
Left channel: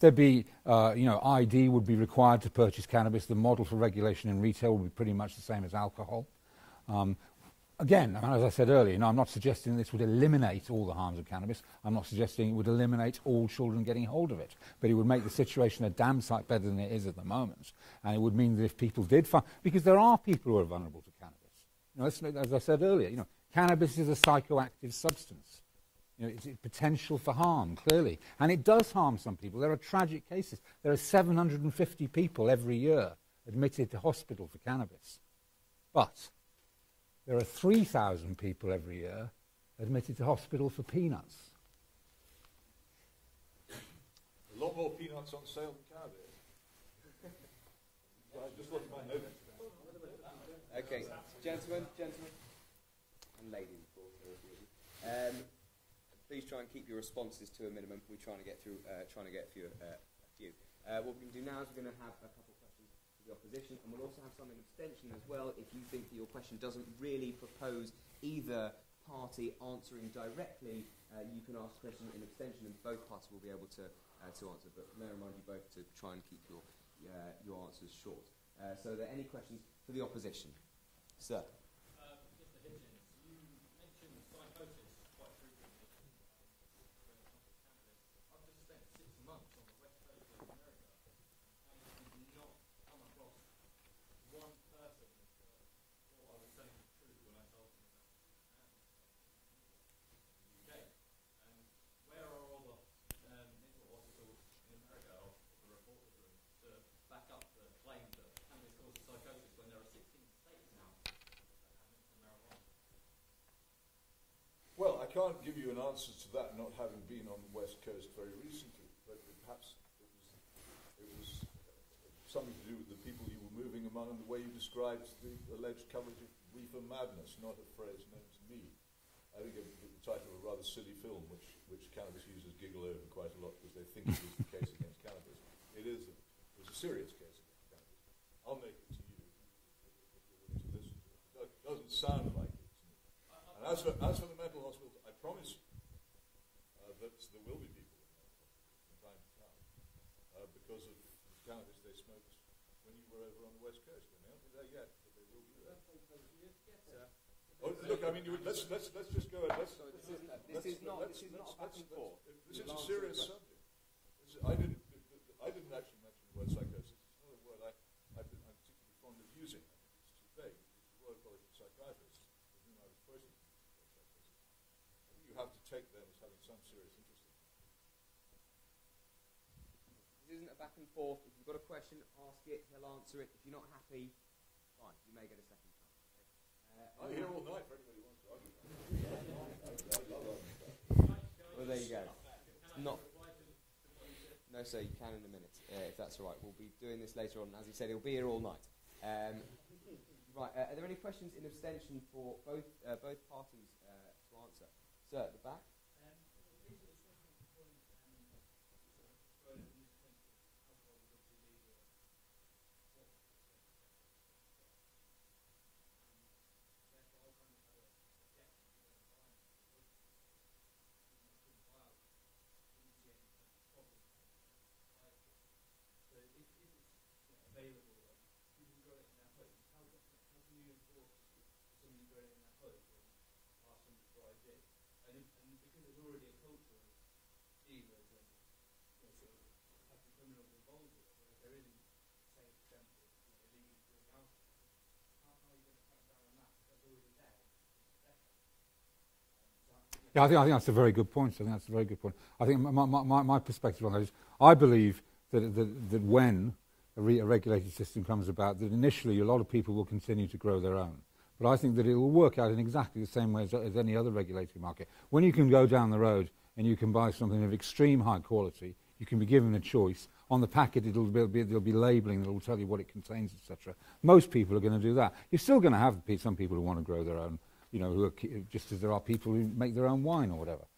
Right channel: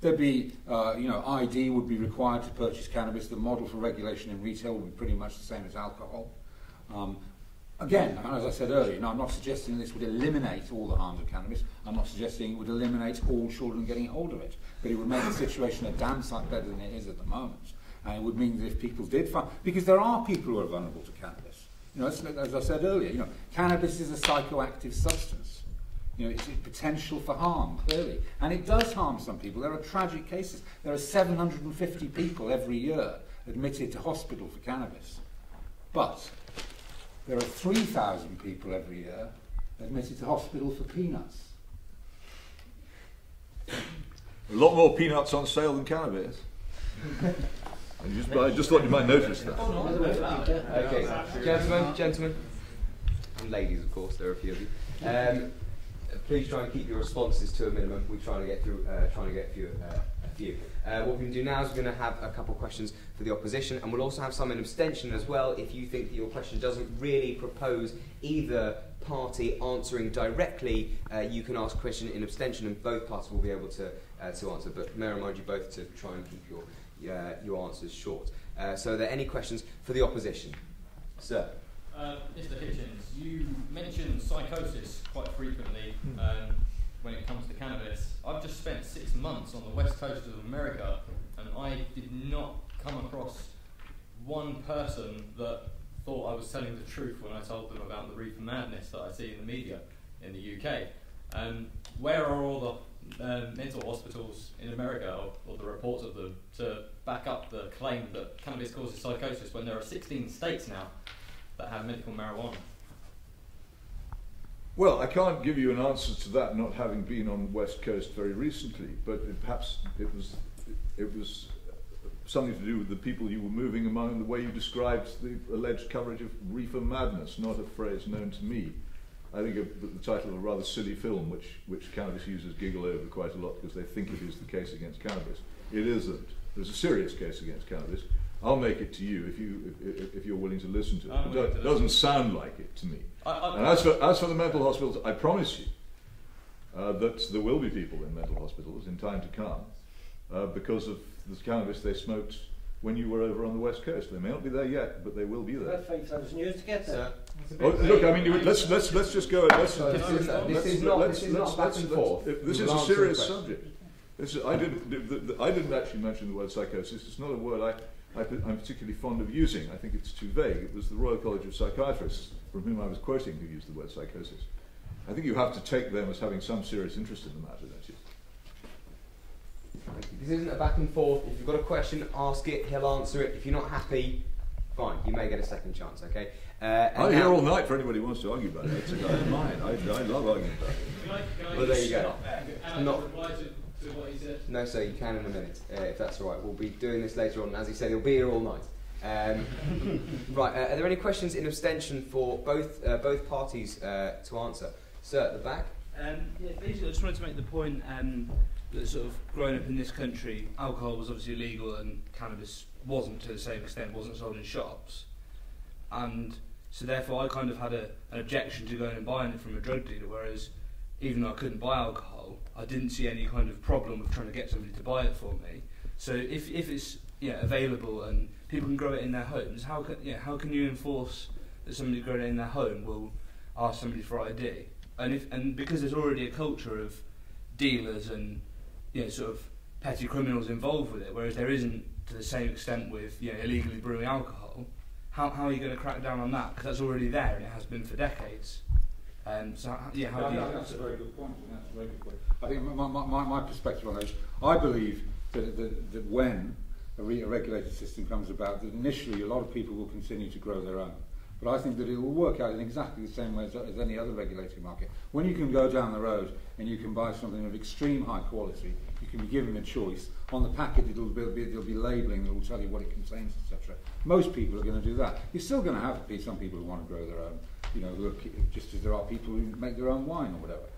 There'd be, ID would be required to purchase cannabis. The model for regulation in retail would be pretty much the same as alcohol. Again, as I said earlier, I'm not suggesting this would eliminate all the harms of cannabis. I'm not suggesting it would eliminate all children getting hold of it. But it would make the situation a damn sight better than it is at the moment. And it would mean that if people did find... Because there are people who are vulnerable to cannabis. As I said earlier, cannabis is a psychoactive substance. It's potential for harm, clearly. And it does harm some people. There are tragic cases. There are 750 people every year admitted to hospital for cannabis. But there are 3,000 people every year admitted to hospital for peanuts. A lot more peanuts on sale than cannabis. I just thought you might notice that. Okay, gentlemen, and ladies, of course, there are a few of you. Please try and keep your responses to a minimum. We're trying to get through a few. What we're going to do now is we're going to have a couple of questions for the opposition, and we'll also have some in abstention as well. If you think that your question doesn't really propose either party answering directly, you can ask a question in abstention, and both parties will be able to answer. But may I remind you both to try and keep your answers short. So are there any questions for the opposition? Sir. Mr. Hitchens, you mentioned psychosis quite frequently when it comes to cannabis. I've just spent 6 months on the west coast of America, and I did not come across one person that thought I was telling the truth when I told them about the reefer madness that I see in the media in the UK. Where are all the mental hospitals in America, or the reports of them, to back up the claim that cannabis causes psychosis when there are 16 states now that have medical marijuana? Well, I can't give you an answer to that, not having been on the West Coast very recently, but perhaps it was something to do with the people you were moving among, the way you described the alleged coverage of reefer madness, not a phrase known to me. I think the title of a rather silly film, which cannabis users giggle over quite a lot because they think it is the case against cannabis. It isn't. there's a serious case against cannabis, I'll make it to you if you're willing to listen to it. It doesn't sound like it to me. And as for the mental hospitals, I promise you that there will be people in mental hospitals in time to come because of the cannabis they smoked when you were over on the West Coast. They may not be there yet, but they will be there. 5,000 years to get there. Oh, look, I mean, let's just go. This is not back and forth. This is a serious subject. I didn't actually mention the word psychosis. It's not a word I'm particularly fond of using. I think it's too vague. It was the Royal College of Psychiatrists, from whom I was quoting, who used the word psychosis. I think you have to take them as having some serious interest in the matter, don't you? This isn't a back and forth. If you've got a question, ask it. He'll answer it. If you're not happy, fine. You may get a second chance. Okay. I'm here all night for anybody who wants to argue about it. I don't mind. I love arguing about it. Can I well, there you go. Not reply to what he said? No, sir. You can in a minute, if that's all right. We'll be doing this later on. As he said, he'll be here all night. Right. Are there any questions in abstention for both parties to answer? Sir, at the back. Yeah, basically, I just wanted to make the point that sort of growing up in this country, alcohol was obviously illegal and cannabis wasn't to the same extent, wasn't sold in shops. And so therefore I kind of had an objection to going and buying it from a drug dealer, whereas even though I couldn't buy alcohol, I didn't see any kind of problem with trying to get somebody to buy it for me. So if it's available and people can grow it in their homes, how can you enforce that somebody growing it in their home will ask somebody for ID? And because there's already a culture of dealers and sort of petty criminals involved with it, whereas there isn't to the same extent with illegally brewing alcohol, how are you going to crack down on that? Because that's already there and it has been for decades. I think that's a very good point. I think my perspective on that is, I believe that when a regulated system comes about, that initially a lot of people will continue to grow their own. But I think that it will work out in exactly the same way as any other regulated market. When you can go down the road and you can buy something of extreme high quality, you can be given a choice. On the packet, there'll be labelling that will tell you what it contains, etc. Most people are going to do that. You're still going to have some people who want to grow their own, who are, just as there are people who make their own wine or whatever.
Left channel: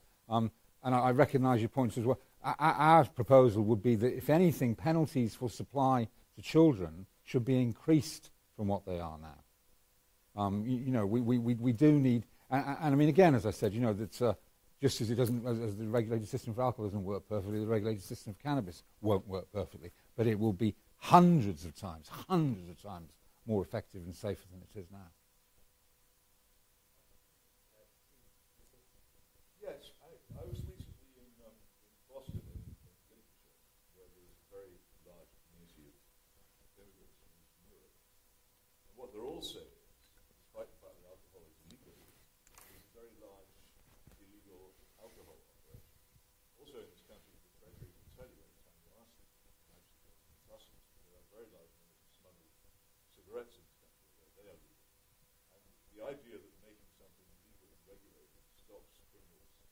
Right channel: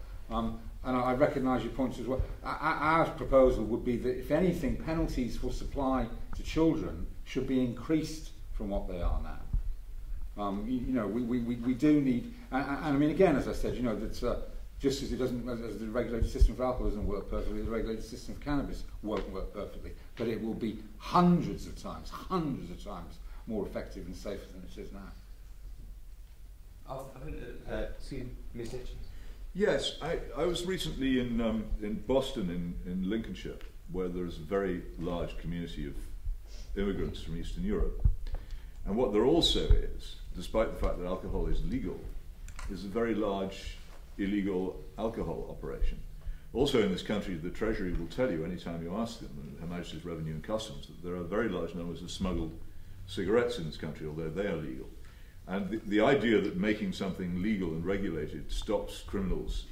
And I recognise your points as well. Our proposal would be that, if anything, penalties for supply to children should be increased from what they are now. We do need, and I mean, again, as I said, that just as as the regulated system for alcohol doesn't work perfectly, the regulated system for cannabis won't work perfectly, but it will be hundreds of times more effective and safer than it is now. Excuse me, Ms. Hitchens. Yes, I was recently in Boston, in Lincolnshire, where there's a very large community of immigrants from Eastern Europe. And what there also is, despite the fact that alcohol is legal, is a very large illegal alcohol operation. Also in this country, the Treasury will tell you anytime you ask them, Her Majesty's Revenue and Customs, that there are very large numbers of smuggled cigarettes in this country, although they are legal. And the idea that making something legal and regulated stops criminals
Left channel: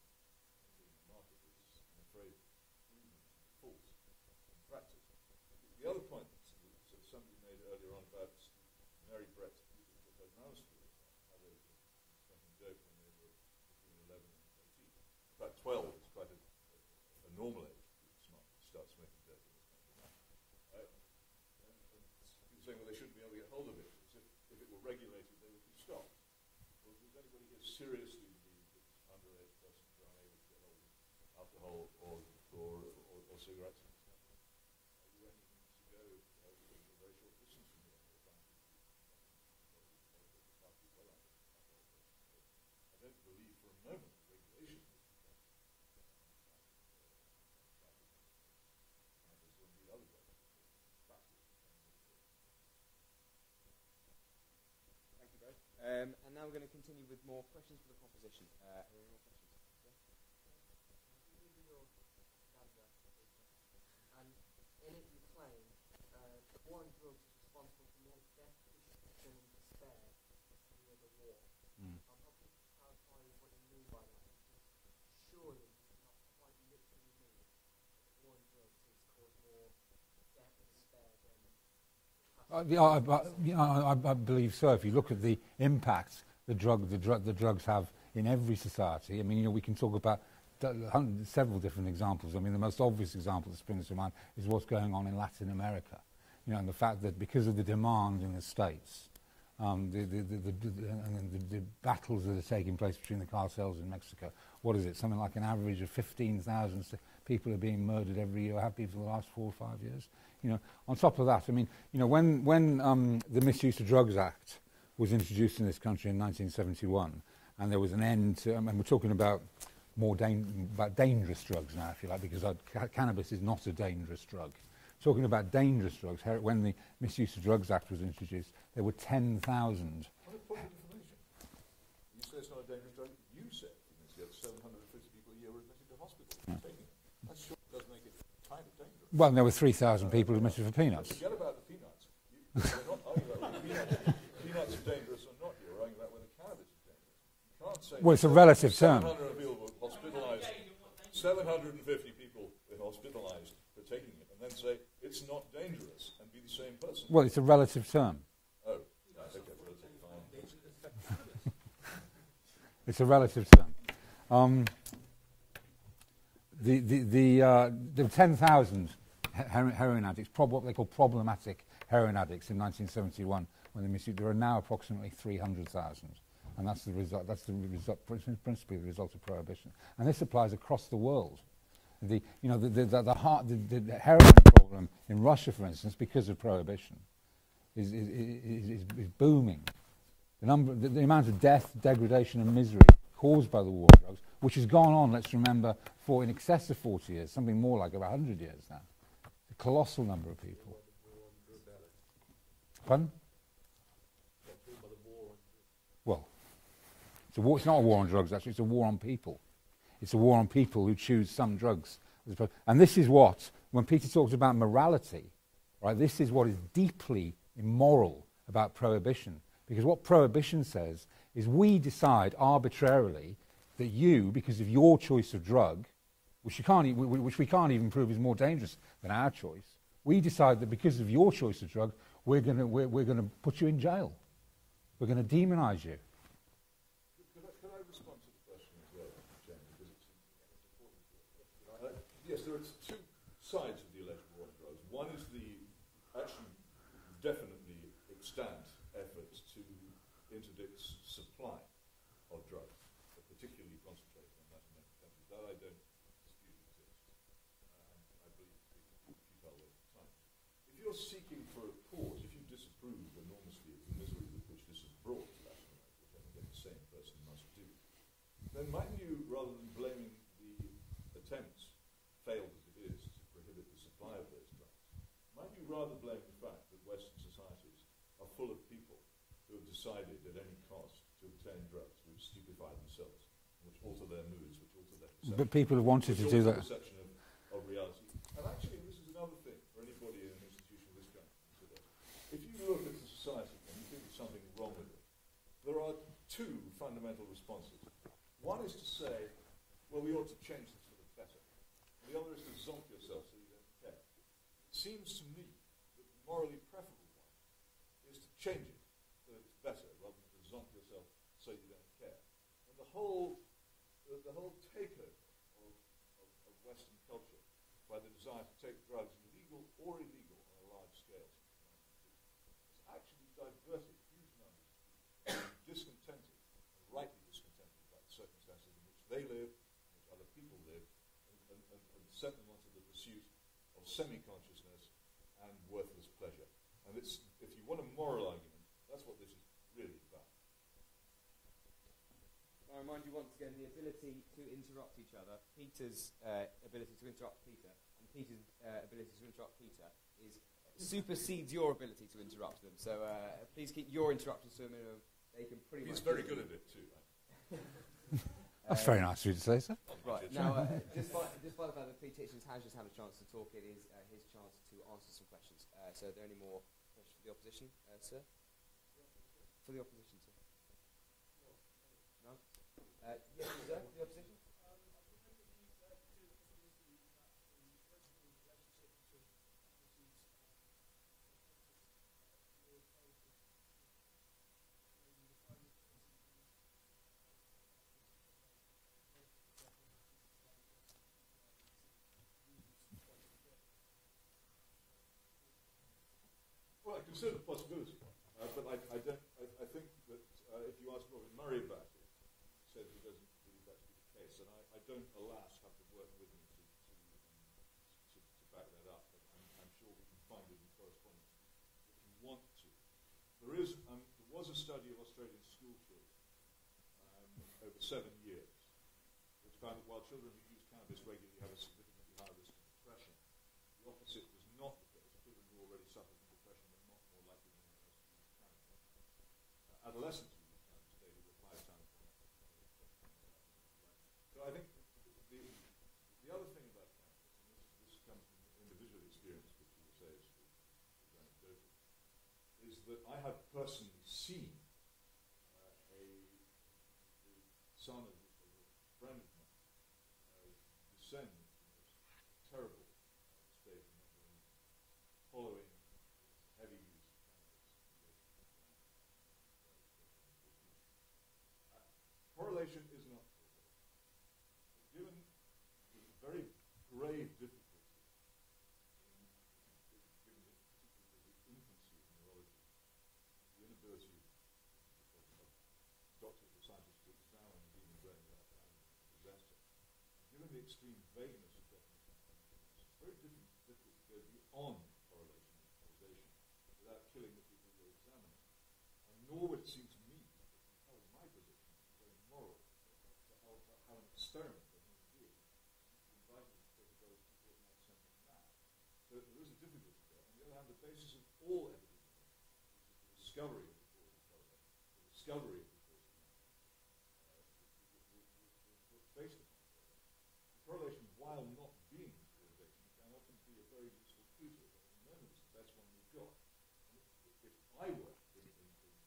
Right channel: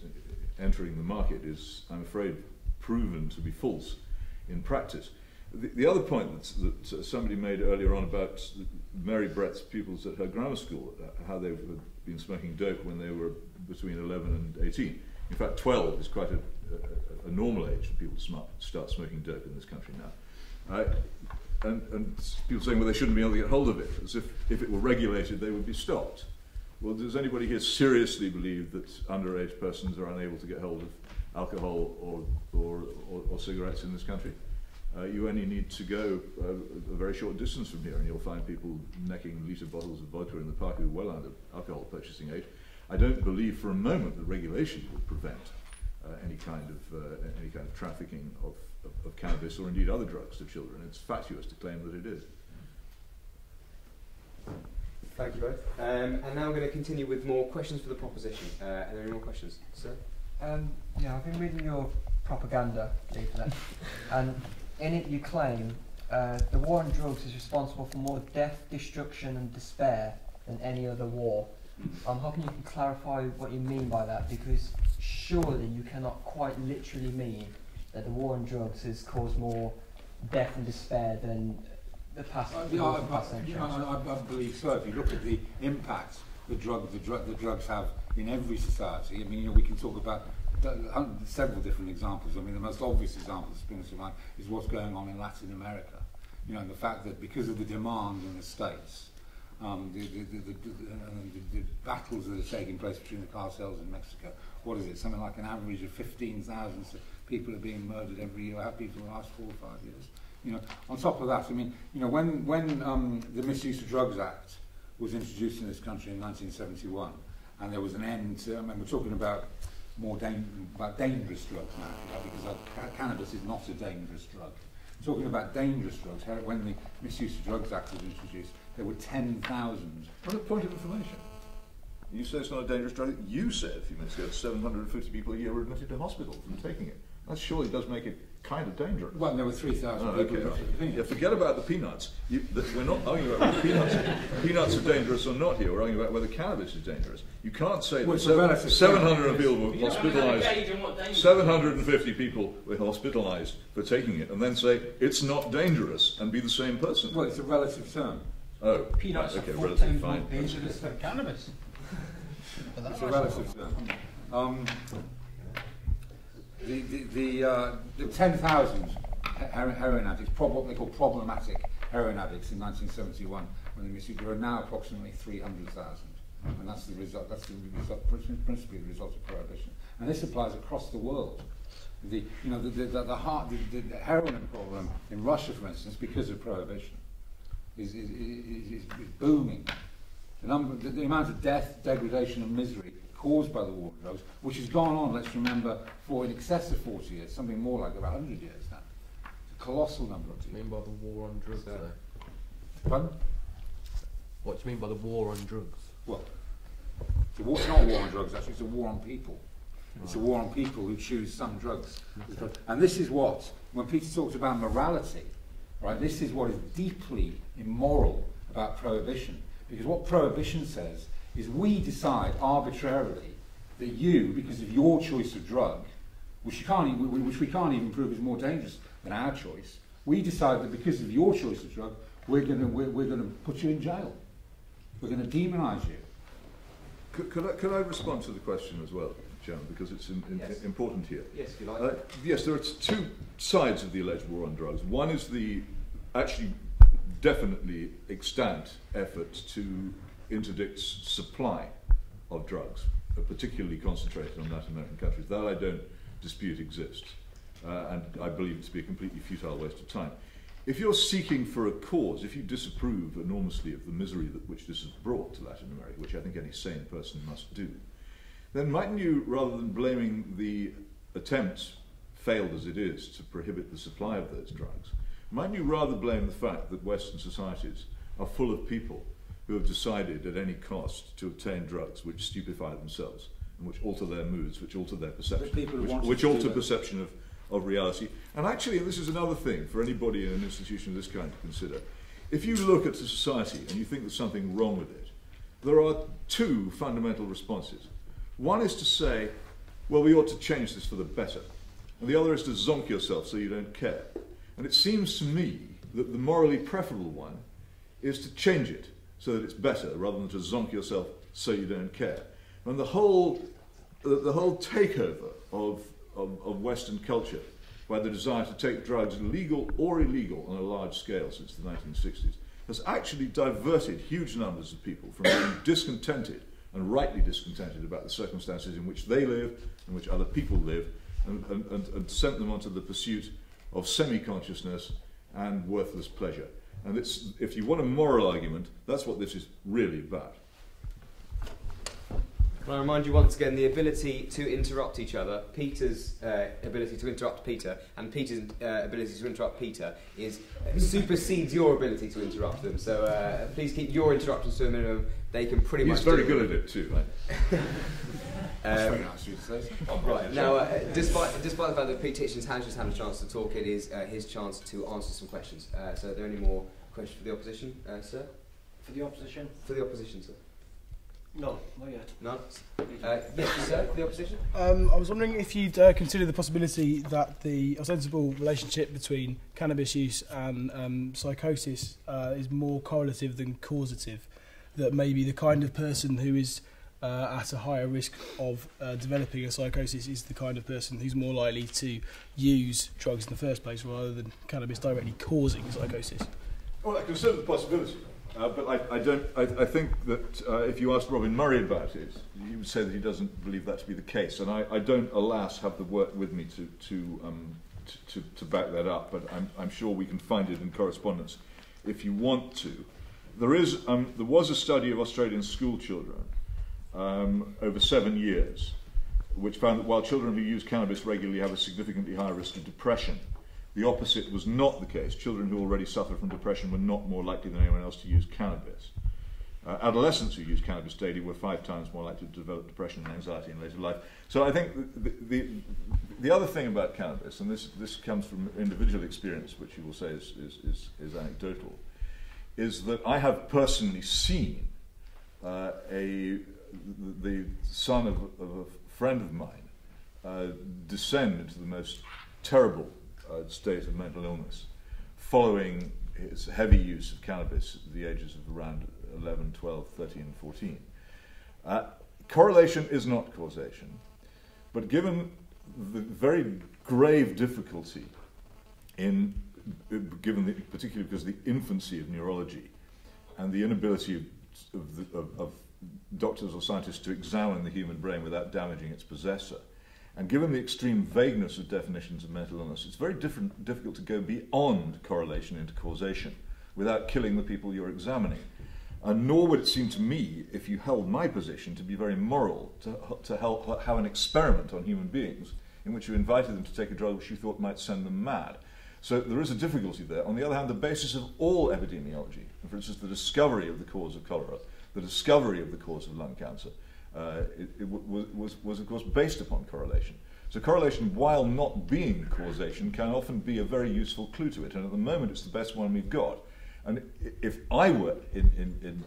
entering the market is, I'm afraid, proven to be false in practice. The other point that somebody made earlier on about Mary Brett's pupils at her grammar school, how they've been smoking dope when they were between 11 and 18. In fact, 12 is quite a normal age for people to start smoking dope in this country now. And people saying, well, they shouldn't be able to get hold of it, as if it were regulated, they would be stopped. Well, does anybody here seriously believe that underage persons are unable to get hold of alcohol or cigarettes in this country? You only need to go a very short distance from here and you'll find people necking litre bottles of vodka in the park who are well under alcohol purchasing age. I don't believe for a moment that regulation would prevent any kind of trafficking of cannabis or indeed other drugs to children. It's fatuous to claim that it is. Thank you both. And now we're going to continue with more questions for the proposition. Are there any more questions, sir? Yeah, I've been reading your propaganda leaflet, and in it you claim the war on drugs is responsible for more death, destruction and despair than any other war. I'm hoping you can clarify what you mean by that, because surely you cannot quite literally mean that the war on drugs has caused more death and despair than the past. I believe so. If you look at the impact the drugs have in every society, I mean, we can talk about several different examples. I mean, the most obvious example that springs to mind is what's going on in Latin America. You know, the fact that because of the demand in the States, the battles that are taking place between the cartels in Mexico, what is it? Something like an average of 15,000 people are being murdered every year, have been for the last 4 or 5 years. You know, on top of that, I mean, you know, when the Misuse of Drugs Act was introduced in this country in 1971, and there was an end to, I mean, we're talking about dangerous drugs now, if you like, because cannabis is not a dangerous drug. Talking about dangerous drugs, when the Misuse of Drugs Act was introduced, there were 10,000. What a point of information. You say it's not a dangerous drug. You said a few minutes ago 750 people a year were admitted to hospital from taking it. That surely does make it kind of dangerous. Well, there were 3,000 people admitted for peanuts. Yeah, forget about the peanuts. We're not arguing about whether peanuts are dangerous or not here. We're arguing about whether cannabis is dangerous. You can't say well, it's a relative 700 people were hospitalised, 750 people were hospitalised for taking it, and then say it's not dangerous and be the same person. Well, it's a relative term. Oh, peanuts okay, are relative, fine. dangerous than cannabis. It's a relative term. The 10,000 heroin addicts, what they call problematic heroin addicts in 1971, when they misuse, there are now approximately 300,000, and that's the result. That's the result, principally the result of prohibition, and this applies across the world. The heroin problem in Russia, for instance, because of prohibition, is booming. The amount of death, degradation, and misery caused by the war on drugs, which has gone on, let's remember, for in excess of 40 years, something more like about 100 years now. It's a colossal number of people. What do you mean by the war on drugs? Pardon? What do you mean by the war on drugs? Well, it's not a war on drugs, actually, it's a war on people. It's a war on people who choose some drugs. Okay. And this is what, when Peter talks about morality, right, this is what is deeply immoral about prohibition. Because what prohibition says is we decide arbitrarily that you, because of your choice of drug, which we can't even prove is more dangerous than our choice, we decide that because of your choice of drug, we're going to put you in jail. We're going to demonise you. Could I respond to the question as well, Chairman, because it's important here? Yes, if you like. Yes, there are two sides of the alleged war on drugs. One is the actually definitely extant effort to interdict supply of drugs, particularly concentrated on Latin American countries. That I don't dispute exists, and I believe it to be a completely futile waste of time. If you're seeking for a cause, if you disapprove enormously of the misery which this has brought to Latin America, which I think any sane person must do, then mightn't you, rather than blaming the attempt, failed as it is, to prohibit the supply of those drugs, mightn't you rather blame the fact that Western societies are full of people who have decided at any cost to obtain drugs which stupefy themselves and which alter their moods, which alter their perception, which alter perception of reality. And actually, this is another thing for anybody in an institution of this kind to consider. If you look at a society and you think there's something wrong with it, there are two fundamental responses. One is to say, well, we ought to change this for the better. And the other is to zonk yourself so you don't care. And it seems to me that the morally preferable one is to change it so that it's better, rather than to zonk yourself so you don't care. And the whole takeover of Western culture by the desire to take drugs, legal or illegal, on a large scale since the 1960s, has actually diverted huge numbers of people from being discontented, and rightly discontented, about the circumstances in which they live, in which other people live, and sent them onto the pursuit of semi-consciousness and worthless pleasure. And it's, if you want a moral argument, that's what this is really about. Can I remind you once again, the ability to interrupt each other, Peter's ability to interrupt Peter, and Peter's ability to interrupt Peter supersedes your ability to interrupt them. So please keep your interruptions to a minimum. They can pretty much. He's very good at it too, right? That's very nice of you to say so. Right, now, despite the fact that Peter Hitchens has just had a chance to talk, it is his chance to answer some questions. So are there any more questions for the opposition, sir? For the opposition? For the opposition, sir. No, not yet. None? Yes, sir, for the opposition? I was wondering if you'd consider the possibility that the ostensible relationship between cannabis use and psychosis is more correlative than causative. That maybe the kind of person who is at a higher risk of developing a psychosis is the kind of person who's more likely to use drugs in the first place rather than cannabis directly causing psychosis? Well, I consider the possibility, but I think that if you asked Robin Murray about it, he would say that he doesn't believe that to be the case, and I don't, alas, have the work with me to back that up, but I'm sure we can find it in correspondence if you want to. There was a study of Australian school children over 7 years, which found that while children who use cannabis regularly have a significantly higher risk of depression, the opposite was not the case. Children who already suffer from depression were not more likely than anyone else to use cannabis. Adolescents who use cannabis daily were 5 times more likely to develop depression and anxiety in later life. So I think the other thing about cannabis, and this comes from individual experience, which you will say is anecdotal, is that I have personally seen the son of a friend of mine descend into the most terrible state of mental illness following his heavy use of cannabis at the ages of around 11, 12, 13, 14. Correlation is not causation, but given the very grave difficulty particularly because of the infancy of neurology and the inability of doctors or scientists to examine the human brain without damaging its possessor, and given the extreme vagueness of definitions of mental illness, it's very difficult to go beyond correlation into causation without killing the people you're examining. And nor would it seem to me, if you held my position, to be very moral to have an experiment on human beings in which you invited them to take a drug which you thought might send them mad. So there is a difficulty there. On the other hand, the basis of all epidemiology, for instance, the discovery of the cause of cholera, the discovery of the cause of lung cancer, was of course based upon correlation. So correlation, while not being causation, can often be a very useful clue to it, and at the moment it's the best one we've got. And if I were in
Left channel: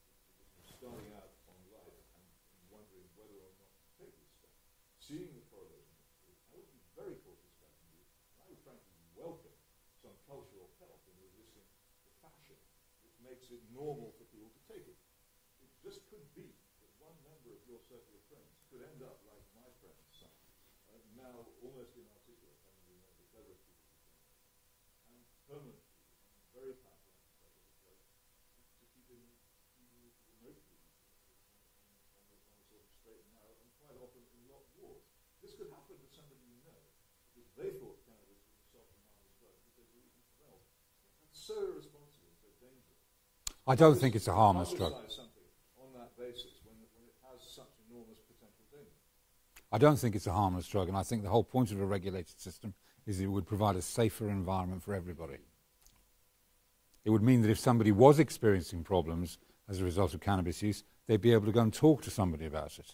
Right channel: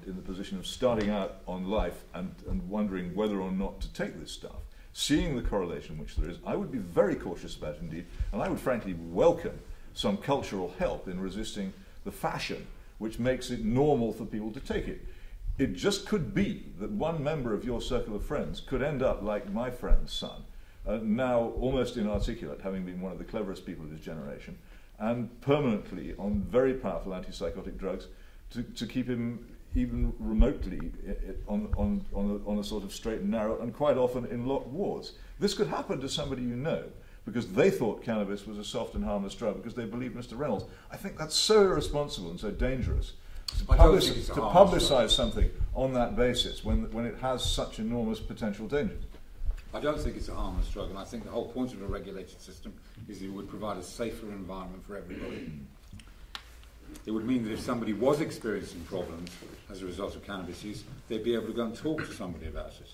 the position of starting out on life and wondering whether or not to take this stuff, seeing the correlation which there is, I would be very cautious about it indeed, and I would frankly welcome some cultural help in resisting the fashion which makes it normal for people to take it. It just could be that one member of your circle of friends could end up like my friend's son, now almost inarticulate, having been one of the cleverest people of his generation, and permanently on very powerful antipsychotic drugs to keep him even remotely on a sort of straight and narrow, and quite often in locked wards. This could happen to somebody you know, because they thought cannabis was a soft and harmless drug because they believed Mr. Reynolds. I think that's so irresponsible and so dangerous. I don't think it's a harmless drug. To publicise something on that basis when it has such enormous potential dangers. I don't think it's a harmless drug, and I think the whole point of a regulated system is it would provide a safer environment for everybody. It would mean that if somebody was experiencing problems as a result of cannabis use, they'd be able to go and talk to somebody about it,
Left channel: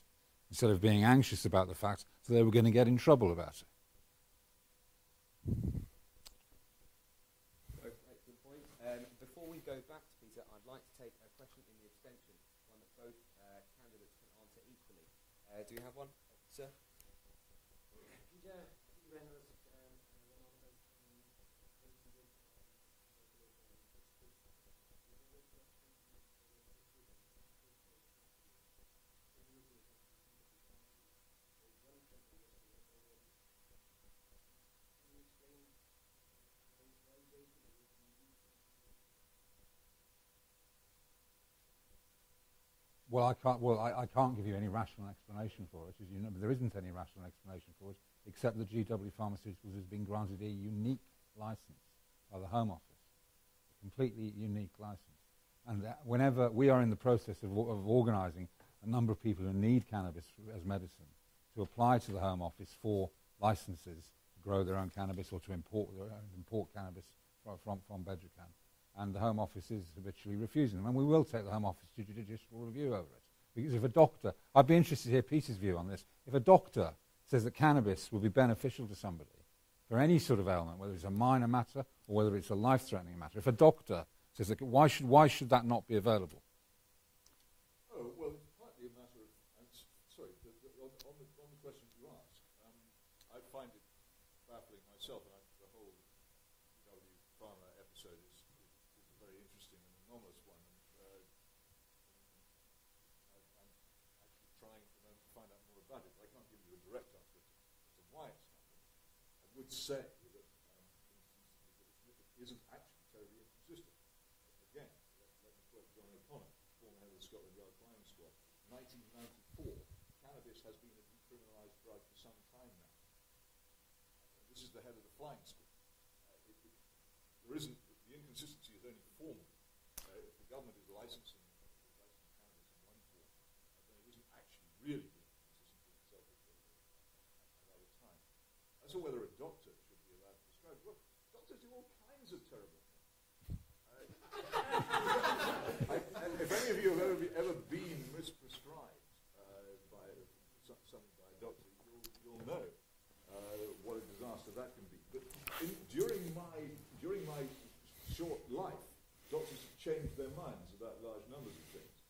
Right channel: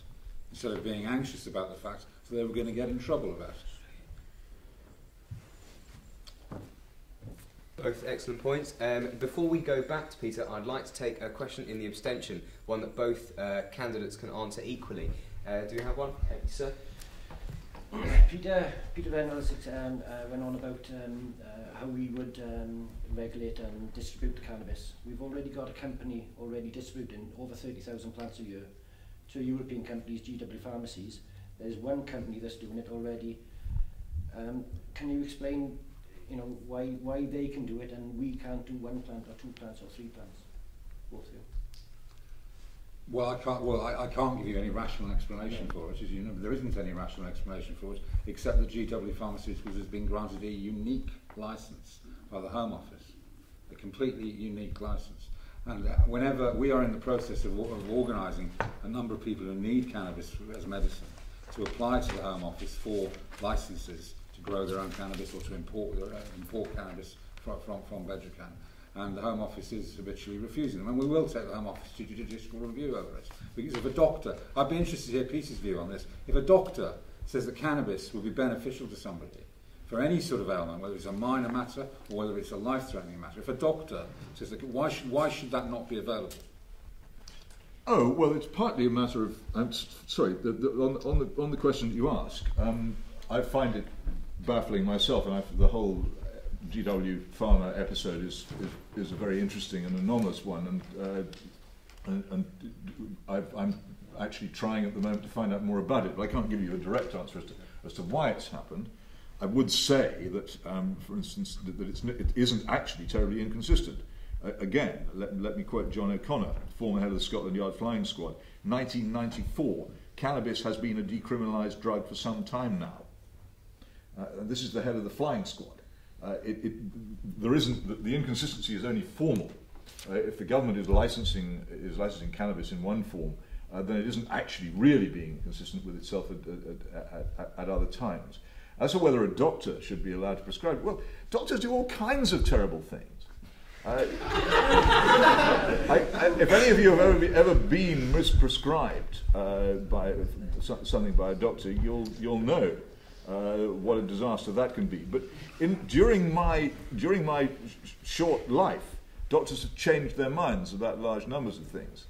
instead of being anxious about the fact that they were going to get in trouble about it. Both excellent points. Before we go back to Peter, I'd like to take a question in the abstention, one that both candidates can answer equally. Do you have one, sir? Peter Reynolds went on about how we would regulate and distribute the cannabis. We've already got a company distributing over 30,000 plants a year. 2 European companies, GW Pharmacies. There's one company that's doing it already. Can you explain, why they can do it and we can't do 1 plant or 2 plants or 3 plants? Both of you. Well, I can't give you any rational explanation for it, as you know. There isn't any rational explanation for it, except that GW Pharmaceuticals has been granted a unique license by the Home Office, a completely unique license. And whenever we are in the process of organising a number of people who need cannabis as medicine to apply to the Home Office for licences to grow their own cannabis or to import cannabis from Bedrocan, and the Home Office is habitually refusing them. And we will take the Home Office to judicial review over it. Because if a doctor, I'd be interested to hear Peter's view on this, if a doctor says that cannabis will be beneficial to somebody for any sort of ailment, whether it's a minor matter or whether it's a life-threatening matter, if a doctor says that, why should that not be available? Oh, well, it's partly a matter of, on the question that you ask, I find it baffling myself, and the whole GW Pharma episode is a very interesting and anomalous one, and actually trying at the moment to find out more about it, but I can't give you a direct answer as to why it's happened. I would say that, for instance, that it isn't actually terribly inconsistent. Again, let me quote John O'Connor, former head of the Scotland Yard Flying Squad. 1994, cannabis has been a decriminalised drug for some time now. And this is the head of the Flying Squad. The inconsistency is only formal. If the government is licensing cannabis in one form, then it isn't actually really being consistent with itself at other times. As to whether a doctor should be allowed to prescribe, well, doctors do all kinds of terrible things. If any of you have ever been misprescribed by something by a doctor, you'll know what a disaster that can be. But during my short life, doctors have changed their minds about large numbers of things.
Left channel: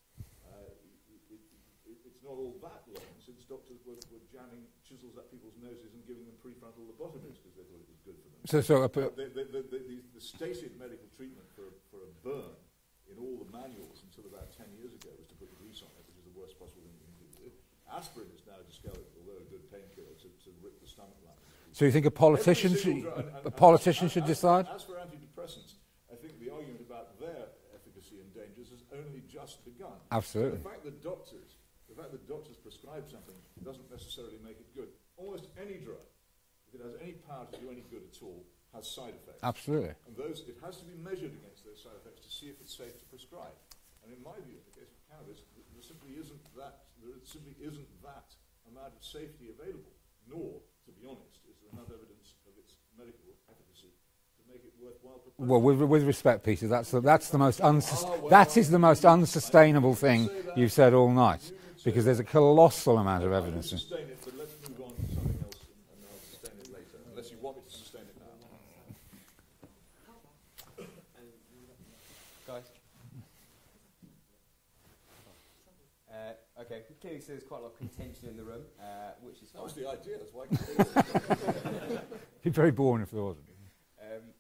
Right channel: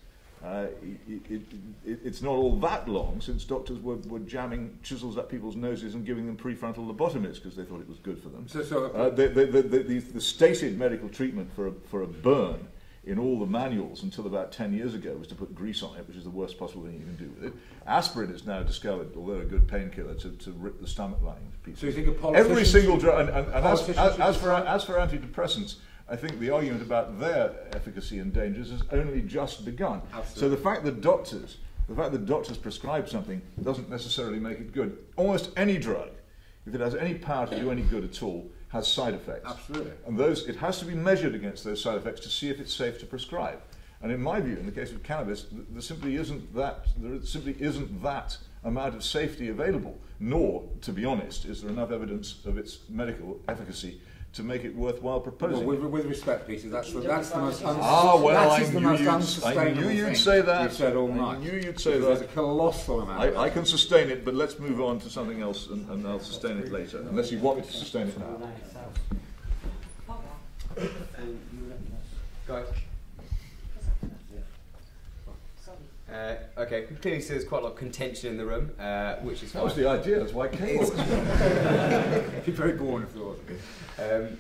It's not all that long since doctors were jamming chisels up people's noses and giving them prefrontal lobotomies because they thought it was good for them. The stated medical treatment for a burn in all the manuals until about 10 years ago was to put grease on it, which is the worst possible thing you can do with it. Aspirin is now discovered, although a good painkiller, to rip the stomach lining to pieces. So you think a politician Every single drug, as for decide? Antidepressants, I think the argument about their efficacy and dangers has only just begun. Absolutely. So the fact that doctors prescribe something doesn't necessarily make it good. Almost any drug, if it has any power to do any good at all, has side effects. Absolutely. And it has to be measured against those side effects to see if it's safe to prescribe. And in my view, in the case of cannabis, there simply isn't that amount of safety available. Nor, to be honest, is there enough evidence of its medical efficacy to make it worthwhile proposing. Well, with respect, Peter, that's the most unsustainable thing you've said all night. Because there's a colossal amount of evidence. I can sustain it, but let's move on to something else, and I'll sustain it later, unless you want me to sustain it now. Okay, clearly there's quite a lot of contention in the room, which is that was the idea. That's why I came. It'd be very boring if there wasn't.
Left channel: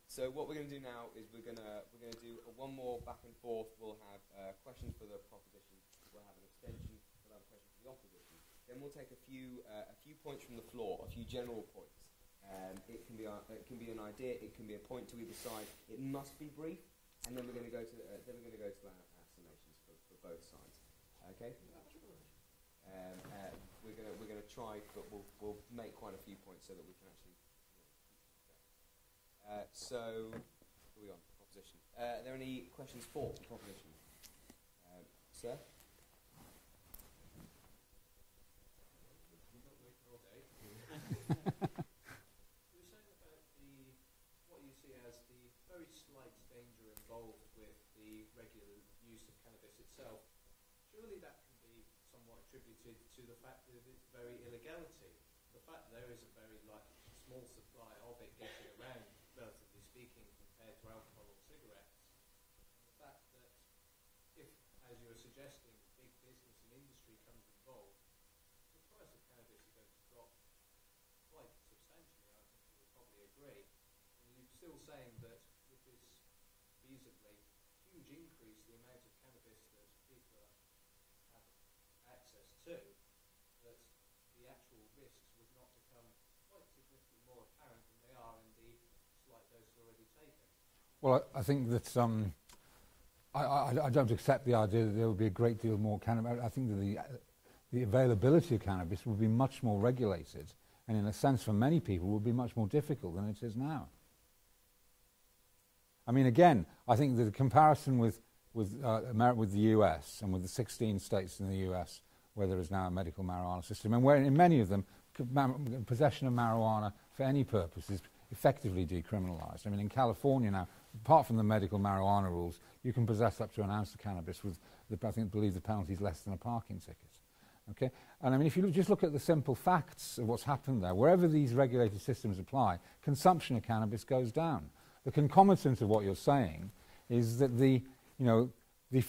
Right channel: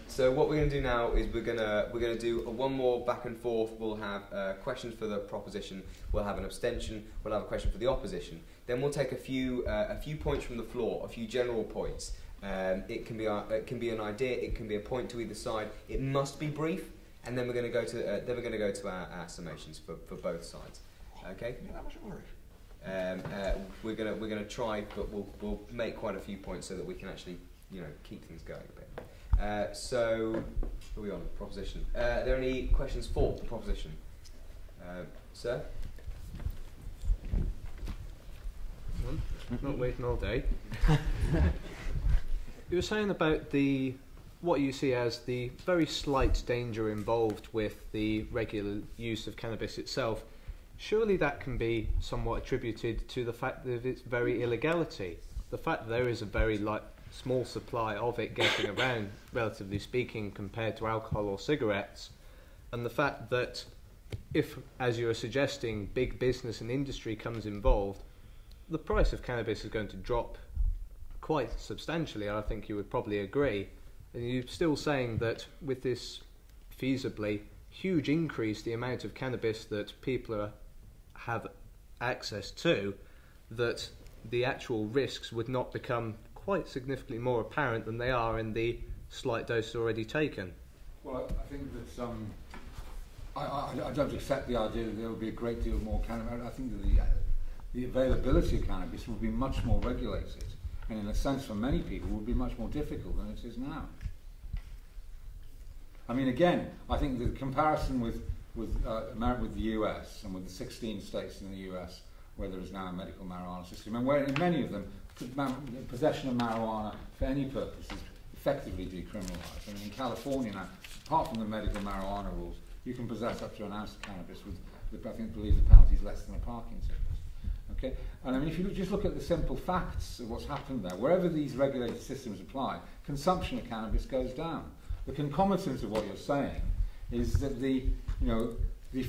So what we're going to do now is we're going to do one more back and forth. We'll have questions for the proposition. We'll have an abstention. We'll have a question for the opposition. Then we'll take a few points from the floor, a few general points. It can be an idea. It can be a point to either side. It must be brief, and then we're going to go to our summations for both sides. Okay. We're gonna try, but we'll make quite a few points so that we can actually keep things going a bit. So, who are we on? Proposition. Are there any questions for the proposition? Sir? Not waiting all day. You were saying about what you see as the very slight danger involved with the regular use of cannabis itself. Surely that can be somewhat attributed to the fact that its very illegality. The fact that there is a very small supply of it getting around, relatively speaking, compared to alcohol or cigarettes, and the fact that if, as you are suggesting, big business and industry comes involved, the price of cannabis is going to drop quite substantially. I think you would probably agree. And you're still saying that with this feasibly huge increase, the amount of cannabis that people have access to, that the actual risks would not become quite significantly more apparent than they are in the slight dose already taken. Well, I think that I don't accept the idea that there would be a great deal more cannabis. I think that the availability of cannabis would be much more regulated, and in a sense for many people would be much more difficult than it is now. I mean, again, I think the comparison with the US and with the 16 states in the US where there is now a medical marijuana system, and where in many of them possession of marijuana for any purpose is effectively decriminalised. I mean, in California now, apart from the medical marijuana rules, you can possess up to an ounce of cannabis with, I believe the penalty is less than a parking ticket. Okay? And I mean, if you just look at the simple facts of what's happened there, wherever these regulated systems apply, consumption of cannabis goes down. The concomitant of what you're saying is that the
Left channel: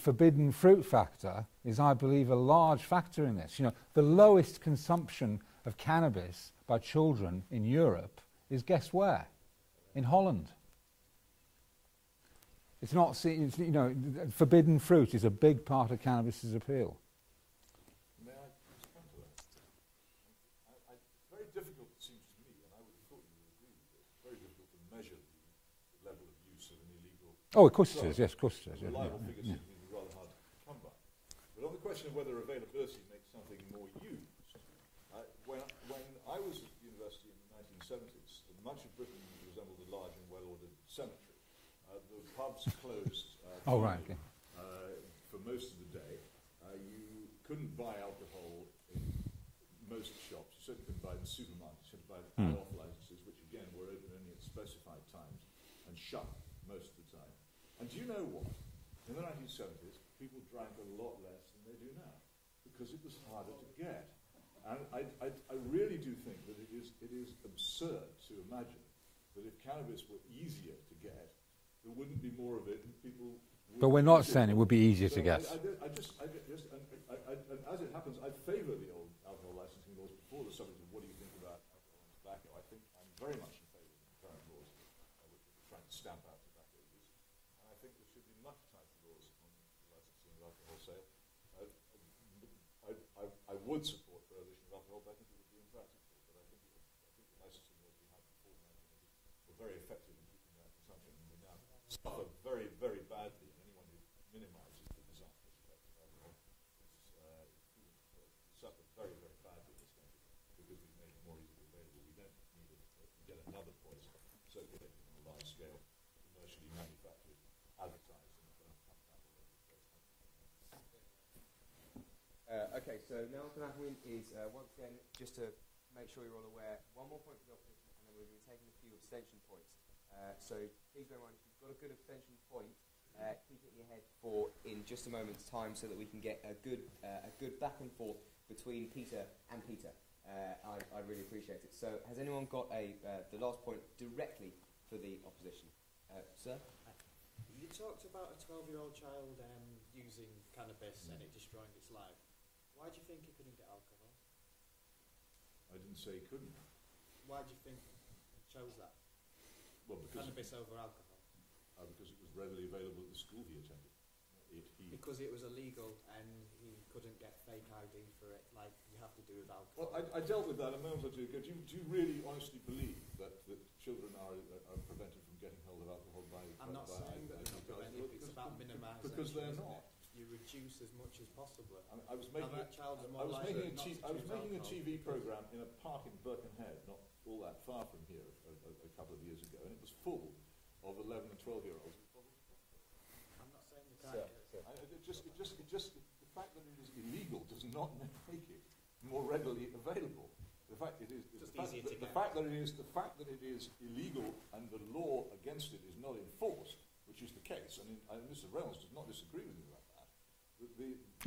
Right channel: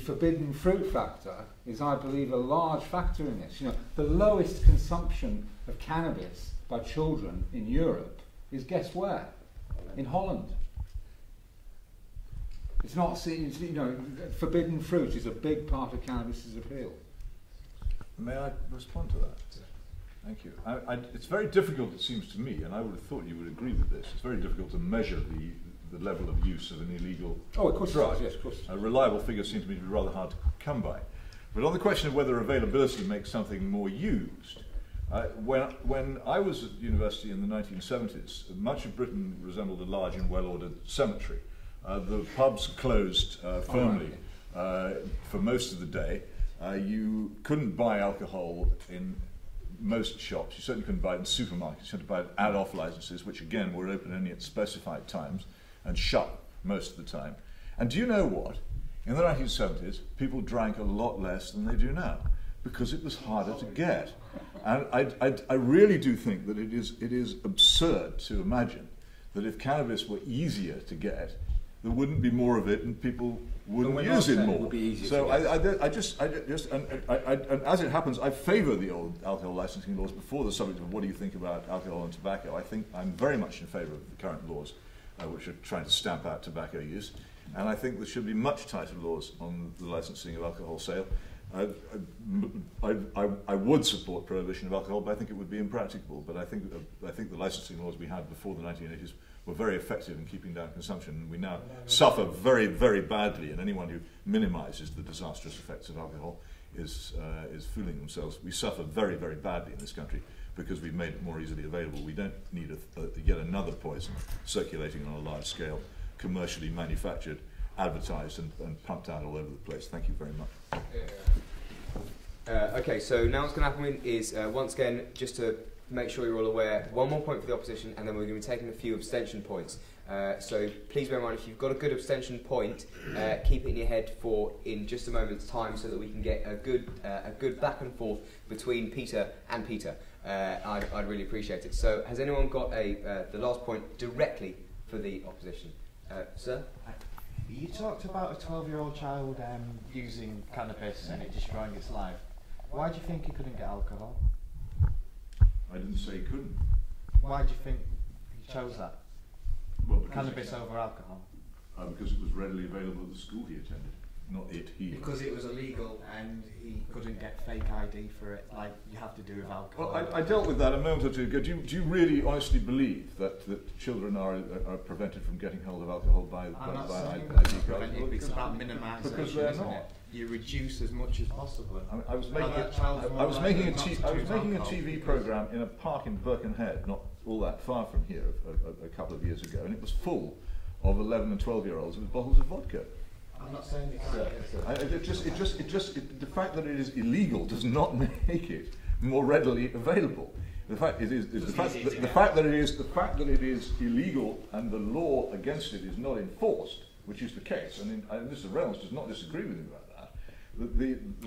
forbidden fruit factor is, I believe, a large factor in this. The lowest consumption of cannabis by children in Europe is, guess where? In Holland. It's not seen, forbidden fruit is a big part of cannabis's appeal. May I respond to that? Thank you. It's very difficult, it seems to me, and I would have thought you would agree with this, it's very difficult to measure the level of use of an illegal of course drug. Yes, of course. A reliable figure seems to me to be rather hard to come by. But on the question of whether availability makes something more used, when I was at university in the 1970s, much of Britain resembled a large and well-ordered cemetery. The pubs closed firmly for most of the day. You couldn't buy alcohol in most shops. You certainly couldn't buy it in supermarkets. You had to buy it ad-off licenses, which again were open only at specified times and shut most of the time. And do you know what? In the 1970s, people drank a lot less than they do now because it was harder to get. And I really do think that it is absurd to imagine that if cannabis were easier to get, there wouldn't be more of it and people wouldn't use it more. It would be easier to get. So and as it happens, I favour the old alcohol licensing laws before the subject of what do you think about alcohol and tobacco. I think I'm very much in favour of the current laws, which are trying to stamp out tobacco use. And I think there should be much tighter laws on the licensing of alcohol sale. I would support prohibition of alcohol, but I think it would be impracticable. But I think the licensing laws we had before the 1980s were very effective in keeping down consumption. And we now suffer very, very badly, and anyone who minimises the disastrous effects of alcohol is fooling themselves. We suffer very, very badly in this country because we've made it more easily available. We don't need yet another poison circulating on a large scale, commercially manufactured, advertised and pumped out all over the place. Thank you very much. Okay, so now what's going to happen is, once again, just to make sure you're all aware, one more point for the opposition, and then we're going to be taking a few abstention points. So please bear in mind, if you've got a good abstention point, keep it in your head for in just a moment's time so that we can get a good back and forth between Peter and Peter. I'd really appreciate it. So has anyone got the last point directly for the opposition? Sir? You talked about a 12-year-old child using cannabis and it destroying its life. Why do you think he couldn't get alcohol? I didn't say he couldn't. Why do you think he chose that? Well, cannabis over alcohol? Because it was readily available at the school he attended. Not it, he. Because it was illegal and he couldn't get fake ID for it, like you have to do with alcohol. Well, I dealt with that a moment or two ago. Do you really honestly believe that children are prevented from getting hold of alcohol by ID cards? It's about minimisation, because they're isn't not. it? You reduce as much as possible. I was making a TV programme in a park in Birkenhead, not all that far from here, a couple of years ago, and it was full of 11 and 12-year-olds with bottles of vodka. I'm not saying the fact that it is illegal does not make it more readily available. The fact that it is illegal and the law against it is not enforced, which is the case. And Mr. Reynolds does not disagree with me about that.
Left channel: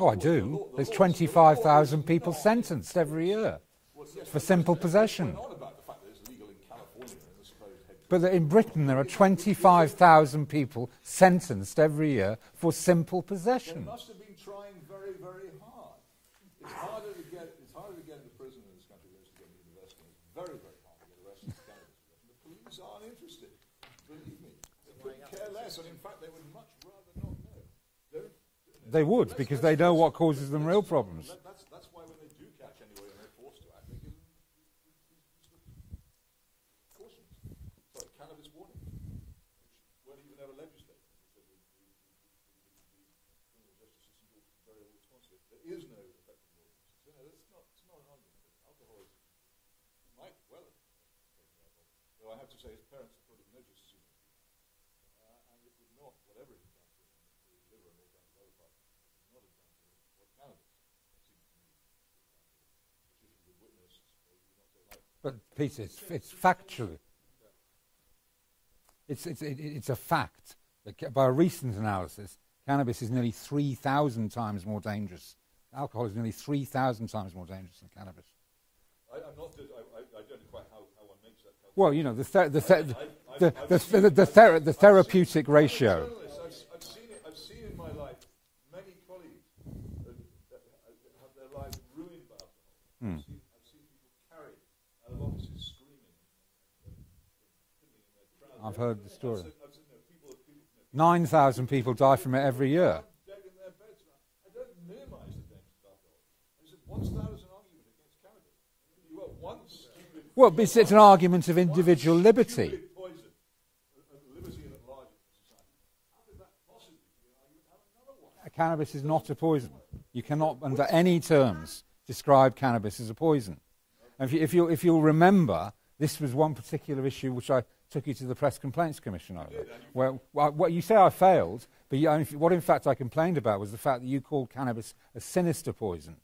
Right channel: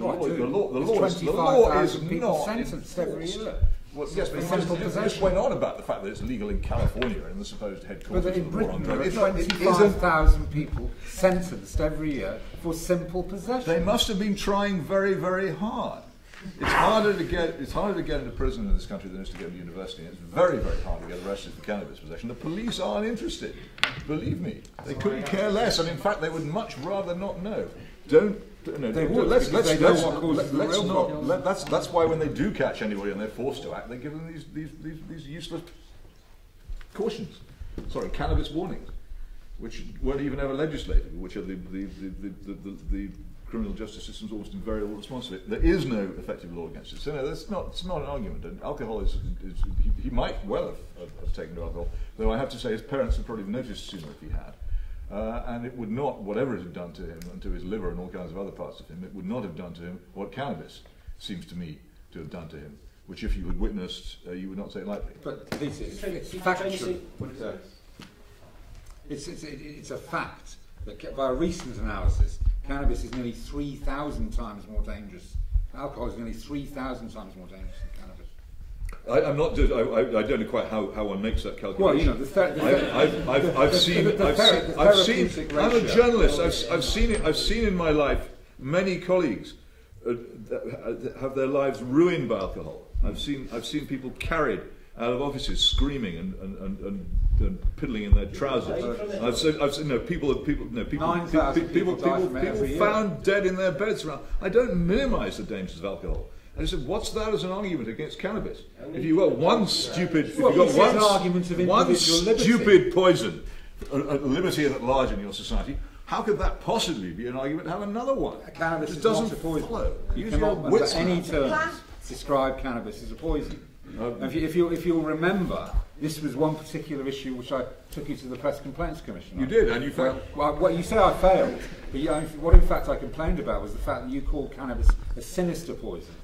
I do. There's 25,000 people sentenced every year. Well, yes, for simple possession. Went on about the fact that it's illegal in California in the supposed headquarters. But in Britain there are 25,000 people sentenced every year for simple possession. They must have been trying very, very hard. It's harder to get into prison in this country than it is to get to university. It's very, very hard to get arrested for cannabis possession. The police aren't interested. Believe me, they couldn't care less, and in fact, they would much rather not know. They would, because they know what causes the real problem. That's why when they do catch anybody and they're forced to act, they give them these useless cautions. Sorry, cannabis warnings, which weren't even ever legislated, which are the criminal justice system's almost invariable response to it. There is no effective law against it. So no, it's not an argument. And alcohol is he might well have taken to alcohol, though I have to say his parents would probably have noticed sooner if he had. And it would not, whatever it had done to him and to his liver and all kinds of other parts of him, it would not have done to him what cannabis seems to me to have done to him, which if you had witnessed, you would not say lightly. But Peter, it's factual. It's a fact that by a recent analysis, cannabis is nearly 3,000 times more dangerous. Alcohol is nearly 3,000 times more dangerous than cannabis. I'm not. I don't know quite how one makes that calculation. Well, you know, the therapeutic ratio. I'm a journalist. I've seen it. I've seen in my life many colleagues have their lives ruined by alcohol. I've seen people carried out of offices screaming and piddling in their trousers. I've seen people 9,000 people die from it every year. Found dead in their beds around. I don't minimise the dangers of alcohol. And I said, what's that as an argument against cannabis? If you've got one stupid... Well, it's an argument of individual liberty. One stupid poison, a liberty at large in your society, how could that possibly be an argument to have another one? Cannabis it is doesn't not a poison. Follow. You cannot, under any terms, describe cannabis as a poison. If you'll remember, this was one particular issue which I took you to the Press Complaints Commission. You did, and you failed. Well, you say I failed, but what in fact I complained about was the fact that you called cannabis a sinister poison.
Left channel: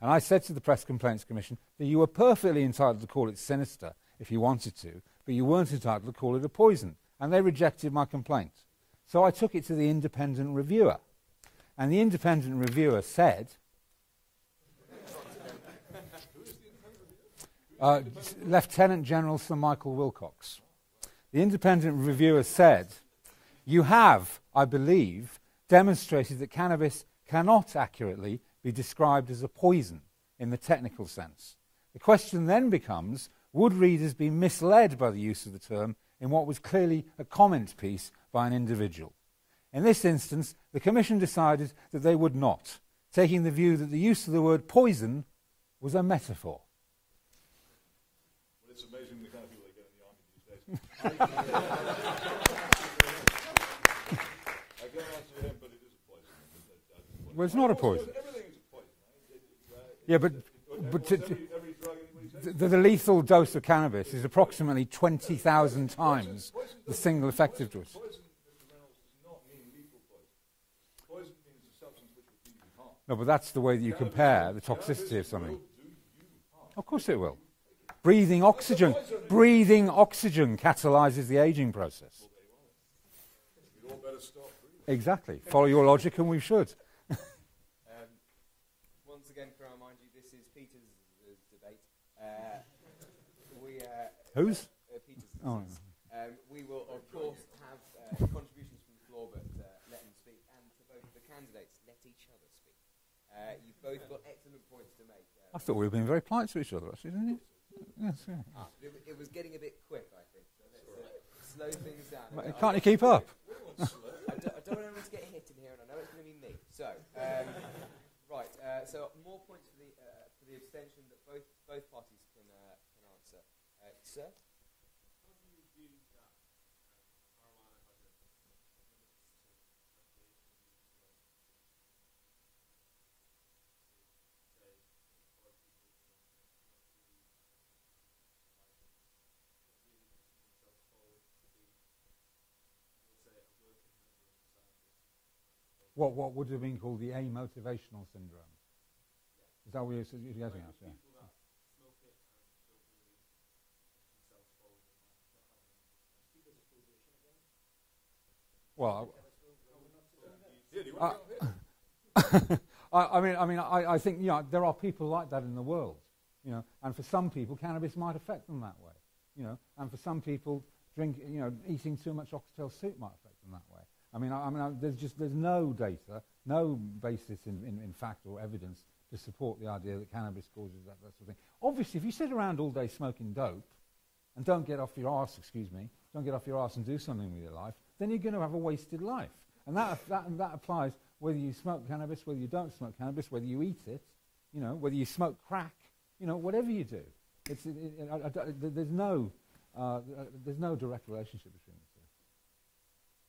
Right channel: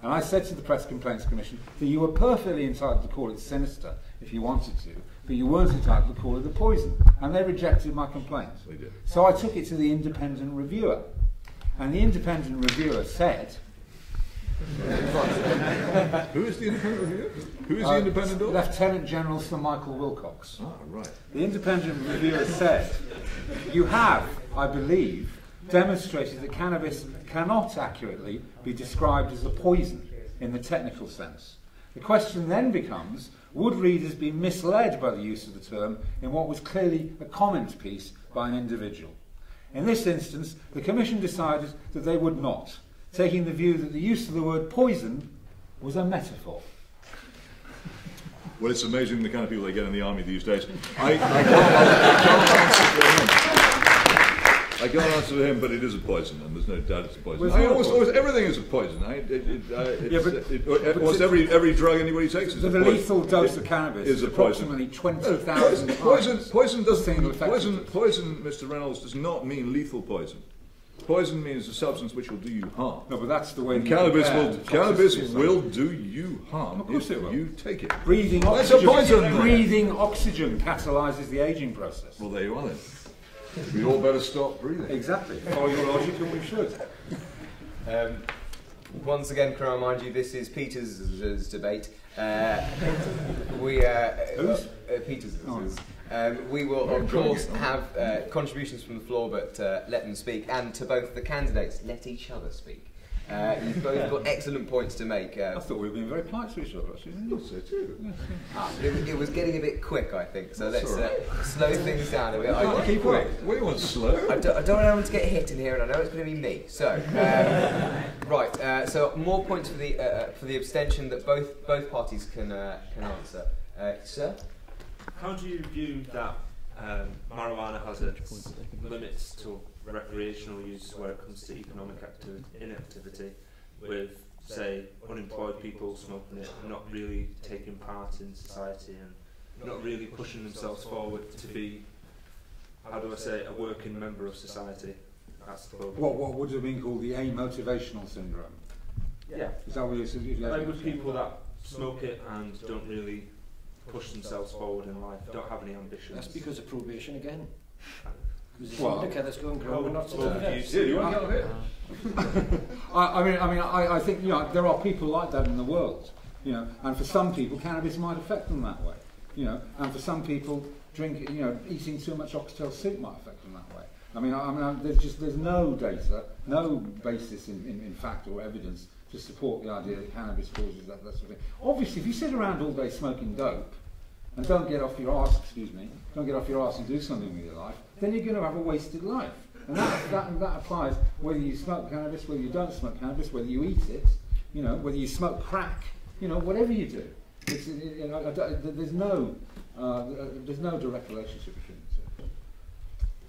And I said to the Press Complaints Commission that you were perfectly entitled to call it sinister if you wanted to, but you weren't entitled to call it a poison. And they rejected my complaint. They did. So I took it to the independent reviewer. And the independent reviewer said... Who is the independent reviewer? Who is the independent author? Lieutenant General Sir Michael Wilcox. Ah, right. The independent reviewer said, you have, I believe, demonstrated that cannabis cannot accurately be described as a poison in the technical sense. The question then becomes, would readers be misled by the use of the term in what was clearly a comment piece by an individual? In this instance, the Commission decided that they would not, taking the view that the use of the word poison was a metaphor. Well, it's amazing the kind of people they get in the army these days. I can't answer to him, but it is a poison, and there's no doubt it's a poison. Almost everything is a poison. Almost every drug anybody takes is a poison. The lethal dose of cannabis is approximately 20,000 times. Poison, Mr. Reynolds, does not mean lethal poison. Poison means a substance which will do you harm. No, but that's the way cannabis will do you harm. Of course it will. You take it. Breathing oxygen catalyses the aging process. Well, there you are then. We all better stop breathing. Exactly. Follow your logic, and we should. Once again, can I remind you, this is Peter's debate. Whose? Peter's. Oh. We will, of course, have contributions from the floor, but let them speak. And to both the candidates, let each other speak. You've both got excellent points to make. I thought we were being very polite to each other, actually. So too. Yes, it was getting a bit quick, I think, so let's slow things down a bit. Can't keep up. What do you want, slow? I don't want anyone to get hit in here, and I know it's going to be me. So, right, so more points for the abstention that both parties can answer. Sir? How do you view that marijuana has its limits to recreational use where it comes to economic inactivity, with, say, unemployed people smoking it, not really taking part in society and not really pushing themselves forward to be, how do I say, a working member of society? What would have been called the amotivational syndrome? Yeah. Is that what you're saying? Like with people that smoke it and don't really push themselves forward in life, don't have any ambitions. That's because of probation again. Well, that's going growing, not I think there are people like that in the world, and for some people cannabis might affect them that way, and for some people eating too much oxtail soup might affect them that way. There's no data, no basis in fact or evidence to support the idea that cannabis causes that sort of thing. Obviously, if you sit around all day smoking dope and don't get off your arse, and do something with your life, then you're going to have a wasted life. And that applies whether you smoke cannabis, whether you don't smoke cannabis, whether you eat it, whether you smoke crack, whatever you do. There's no direct relationship between the two.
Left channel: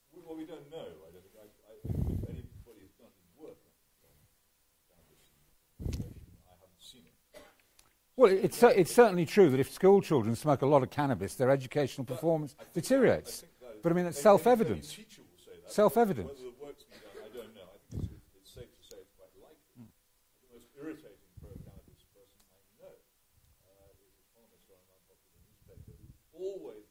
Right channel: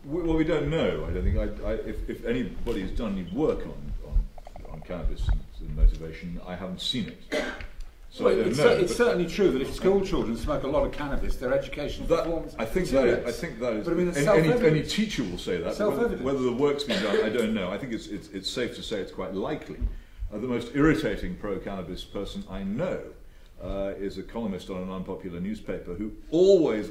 Well, we don't know. I don't think. If anybody's done any work on cannabis and motivation, I haven't seen it. So well, it's certainly true that if school children smoke a lot of cannabis, their education performance deteriorates. I think that is. But it's any teacher will say that. Self-evident. Whether the work's been done, I don't know. I think it's safe to say it's quite likely. The most irritating pro-cannabis person I know is a columnist on an unpopular newspaper who always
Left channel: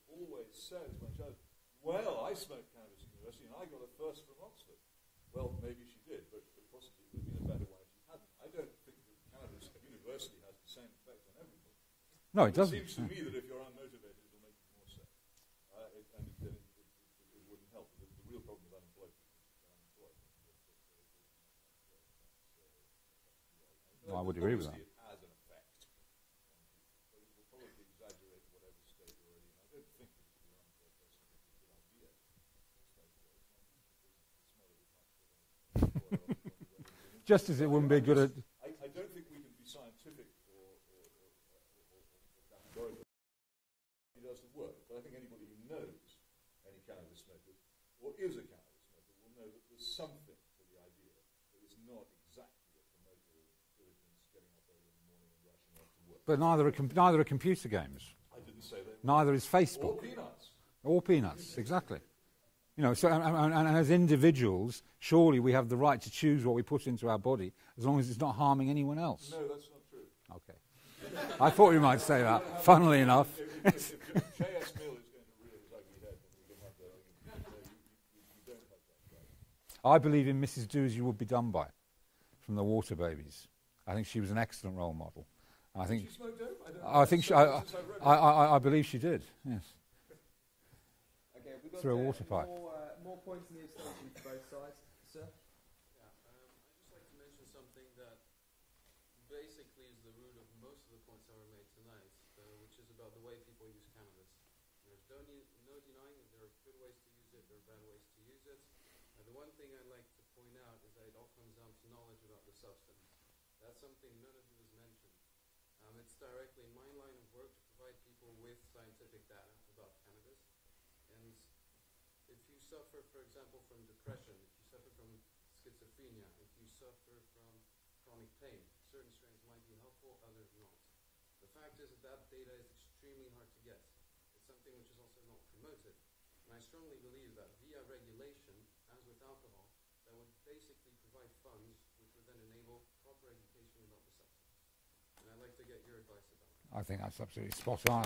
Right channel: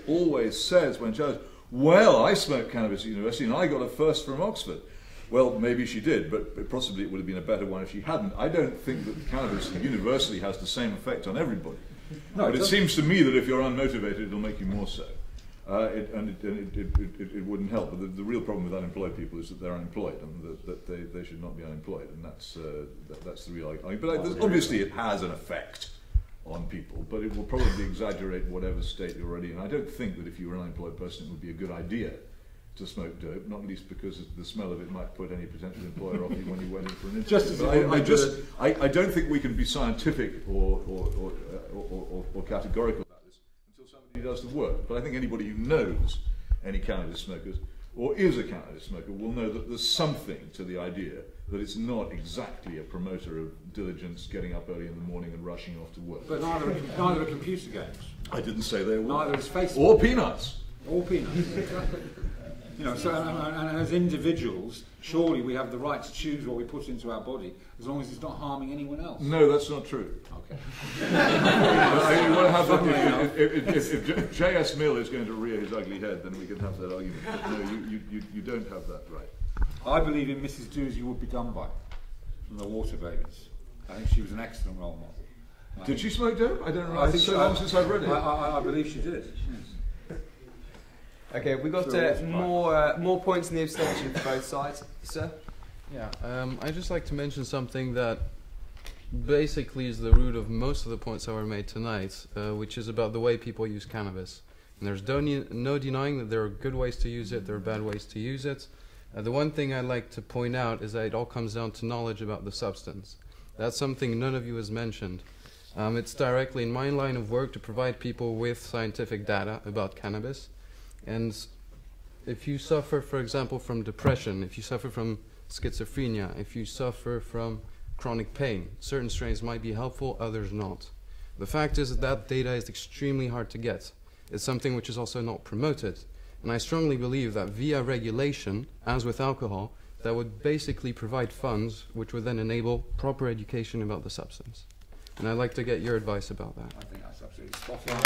says when challenged, "Well, I smoked cannabis at university and I got a first from Oxford." Well, maybe she did, but possibly it would have been a better one if she hadn't. I don't think that cannabis universally has the same effect on everybody. No, but it seems to me that if you're unmotivated, it'll make you more so. It wouldn't help. But the real problem with unemployed people is that they're unemployed and that they should not be unemployed. And that's the real argument. But obviously it has an effect on people, but it will probably exaggerate whatever state you're already in. I don't think that if you were an unemployed person, it would be a good idea to smoke dope, not least because the smell of it might put any potential employer off you when you went in for an interview. Just as I don't think we can be scientific or categorical about this until somebody does the work. But I think anybody who knows any cannabis smokers or is a cannabis smoker will know that there's something to the idea that it's not exactly a promoter of diligence, getting up early in the morning and rushing off to work. But neither are computer games. I didn't say they were. Neither is Facebook. Or peanuts. Or peanuts, exactly. You know, so and as individuals, surely we have the right to choose what we put into our body, as long as it's not harming anyone else. No, that's not true. If J.S. Mill is going to rear his ugly head, then we can have that argument. But no, you don't have that right. I believe in Mrs. Do As You Would Be Done By, from the Water Babies. I think she was an excellent role model. Did she smoke dope? I don't know. I think so long since I've read it. I believe she did. Yes. Okay, we've got more points in the abstention for both sides, sir. Yeah, I'd just like to mention something that basically is the root of most of the points that were made tonight, which is about the way people use cannabis. And there's no denying that there are good ways to use it, there are bad ways to use it. The one thing I'd like to point out is that it all comes down to knowledge about the substance. That's something none of you has mentioned. It's directly in my line of work to provide people with scientific data about cannabis. And if you suffer, for example, from depression, if you suffer from schizophrenia, if you suffer from chronic pain, certain strains might be helpful, others not. The fact is that data is extremely hard to get. It's something which is also not promoted. And I strongly believe that via regulation, as with alcohol, that would basically provide funds which would then enable proper education about the substance. And I'd like to get your advice about that. I think that's absolutely spot on.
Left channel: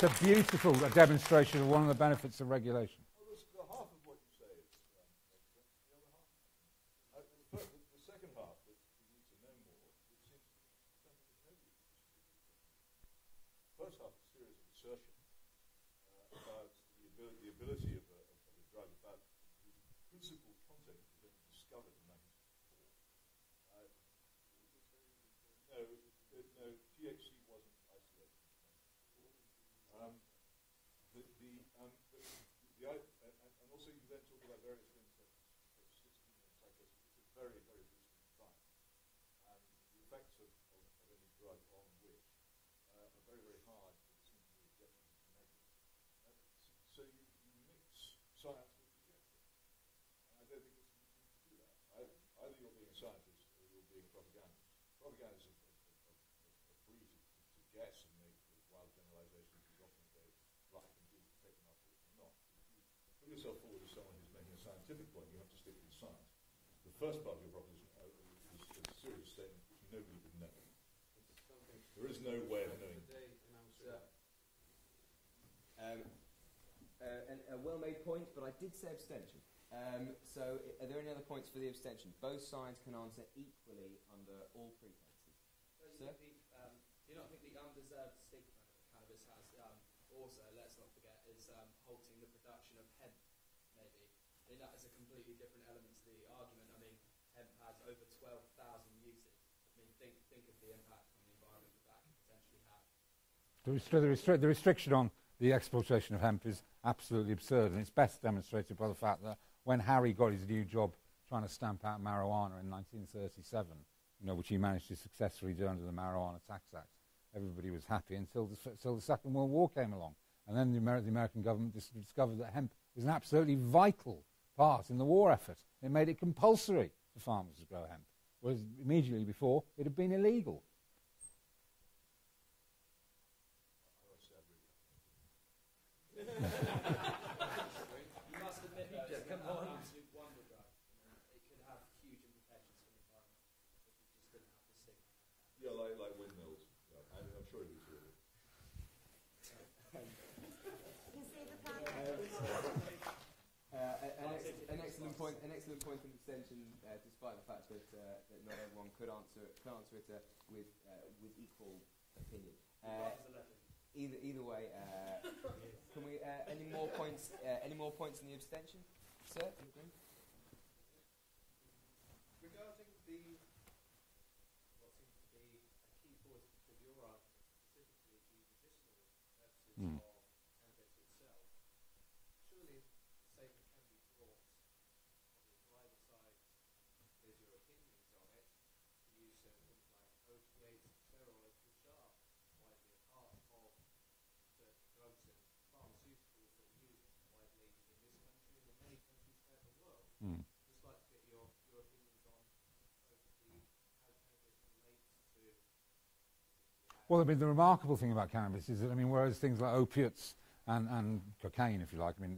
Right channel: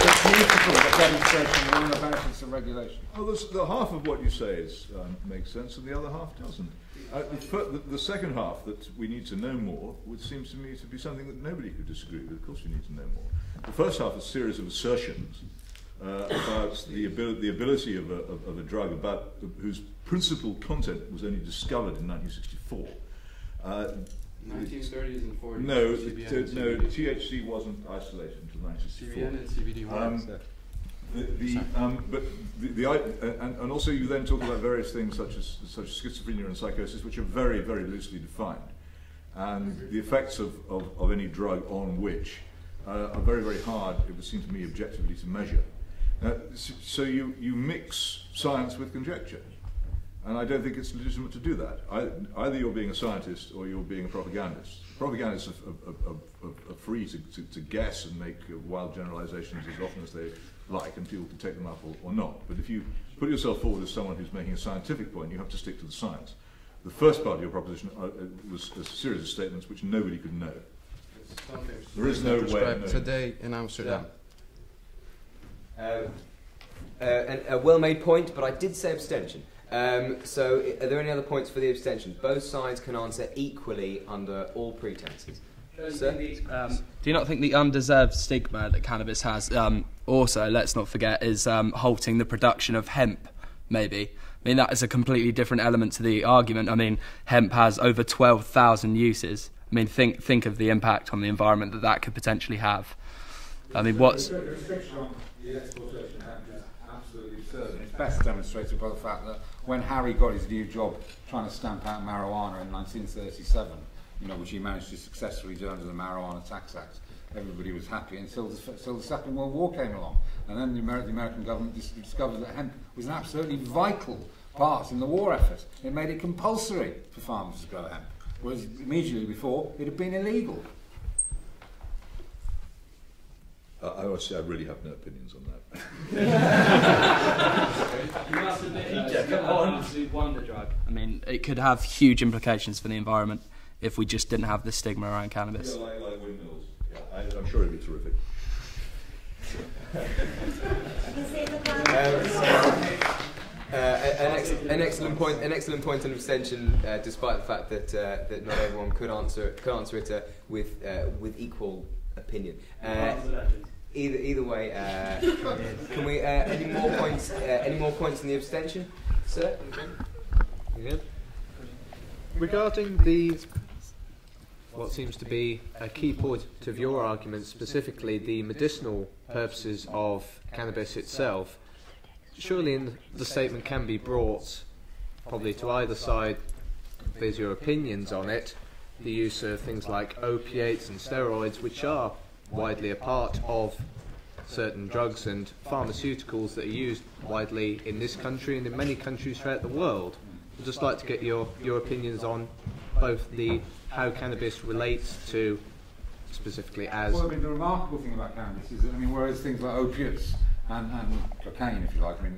It's beautiful, the demonstration of one of the benefits of regulation. Well, the half of what you say makes sense, and the other half doesn't. The second half, that we need to know more, which seems to me to be something that nobody could disagree with. Of course we need to know more. The first half is a series of assertions about the ability of a drug whose principal content was only discovered in 1964. 1930s and 40s. No, THC wasn't isolated until 1964. CBN and CBD and also you then talk about various things such as schizophrenia and psychosis, which are very, very loosely defined, and the effects of any drug on which are very, very hard, it would seem to me, objectively to measure. So you mix science with conjecture. And I don't think it's legitimate to do that. Either you're being a scientist or you're being a propagandist. Propagandists are free to guess and make wild generalizations as often as they like, and people can take them up or not. But if you put yourself forward as someone who's making a scientific point, you have to stick to the science. The first part of your proposition was a series of statements which nobody could know. There is no way of knowing. Today in Amsterdam. A well-made point, but I did say abstention. So, are there any other points for the abstention? Both sides can answer equally under all pretenses. Sir? Do you not think the undeserved stigma that cannabis has, also, let's not forget, is halting the production of hemp, maybe? I mean, that is a completely different element to the argument. I mean, hemp has over 12,000 uses. I mean, think of the impact on the environment that could potentially have. I mean, the restriction on the exploitation of hemp is absolutely absurd, and it's best demonstrated by the fact that when Harry got his new job trying to stamp out marijuana in 1937, which he managed to successfully do under the Marijuana Tax Act, everybody was happy until the Second World War came along, and then the American government discovered that hemp was an absolutely vital part in the war effort. It made it compulsory for farmers to grow hemp, whereas immediately before it had been illegal. I really have no opinions on that. Wonder drug. I mean, it could have huge implications for the environment if we just didn't have the stigma around cannabis. Yeah, like windmills. Yeah, I'm sure it'd be terrific. An excellent point on abstention, despite the fact that not everyone could answer it with equal opinion. Either way, can we any more points in the abstention, sir? You good? Regarding what seems to be a key point of your argument, specifically the medicinal purposes of cannabis itself, surely the statement can be brought probably to either side. There's your opinions on it. The use of things like opiates and steroids, which are widely a part of certain drugs and pharmaceuticals that are used widely in this country and in many countries throughout the world. I'd just like to get your opinions on both how cannabis relates to specifically as... Well, I mean, the remarkable thing about cannabis is that, I mean, whereas things like opiates and cocaine, if you like, I mean,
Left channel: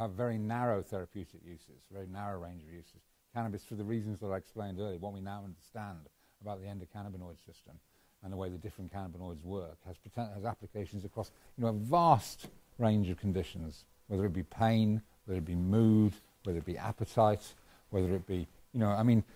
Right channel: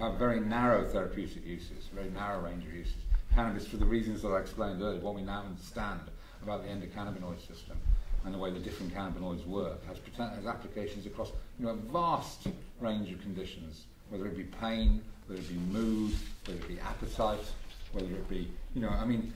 have very narrow therapeutic uses, very narrow range of uses. Cannabis, for the reasons that I explained earlier, what we now understand about the endocannabinoid system and the way the different cannabinoids work, has applications across a vast range of conditions, whether it be pain, whether it be mood, whether it be appetite, whether it be, I mean,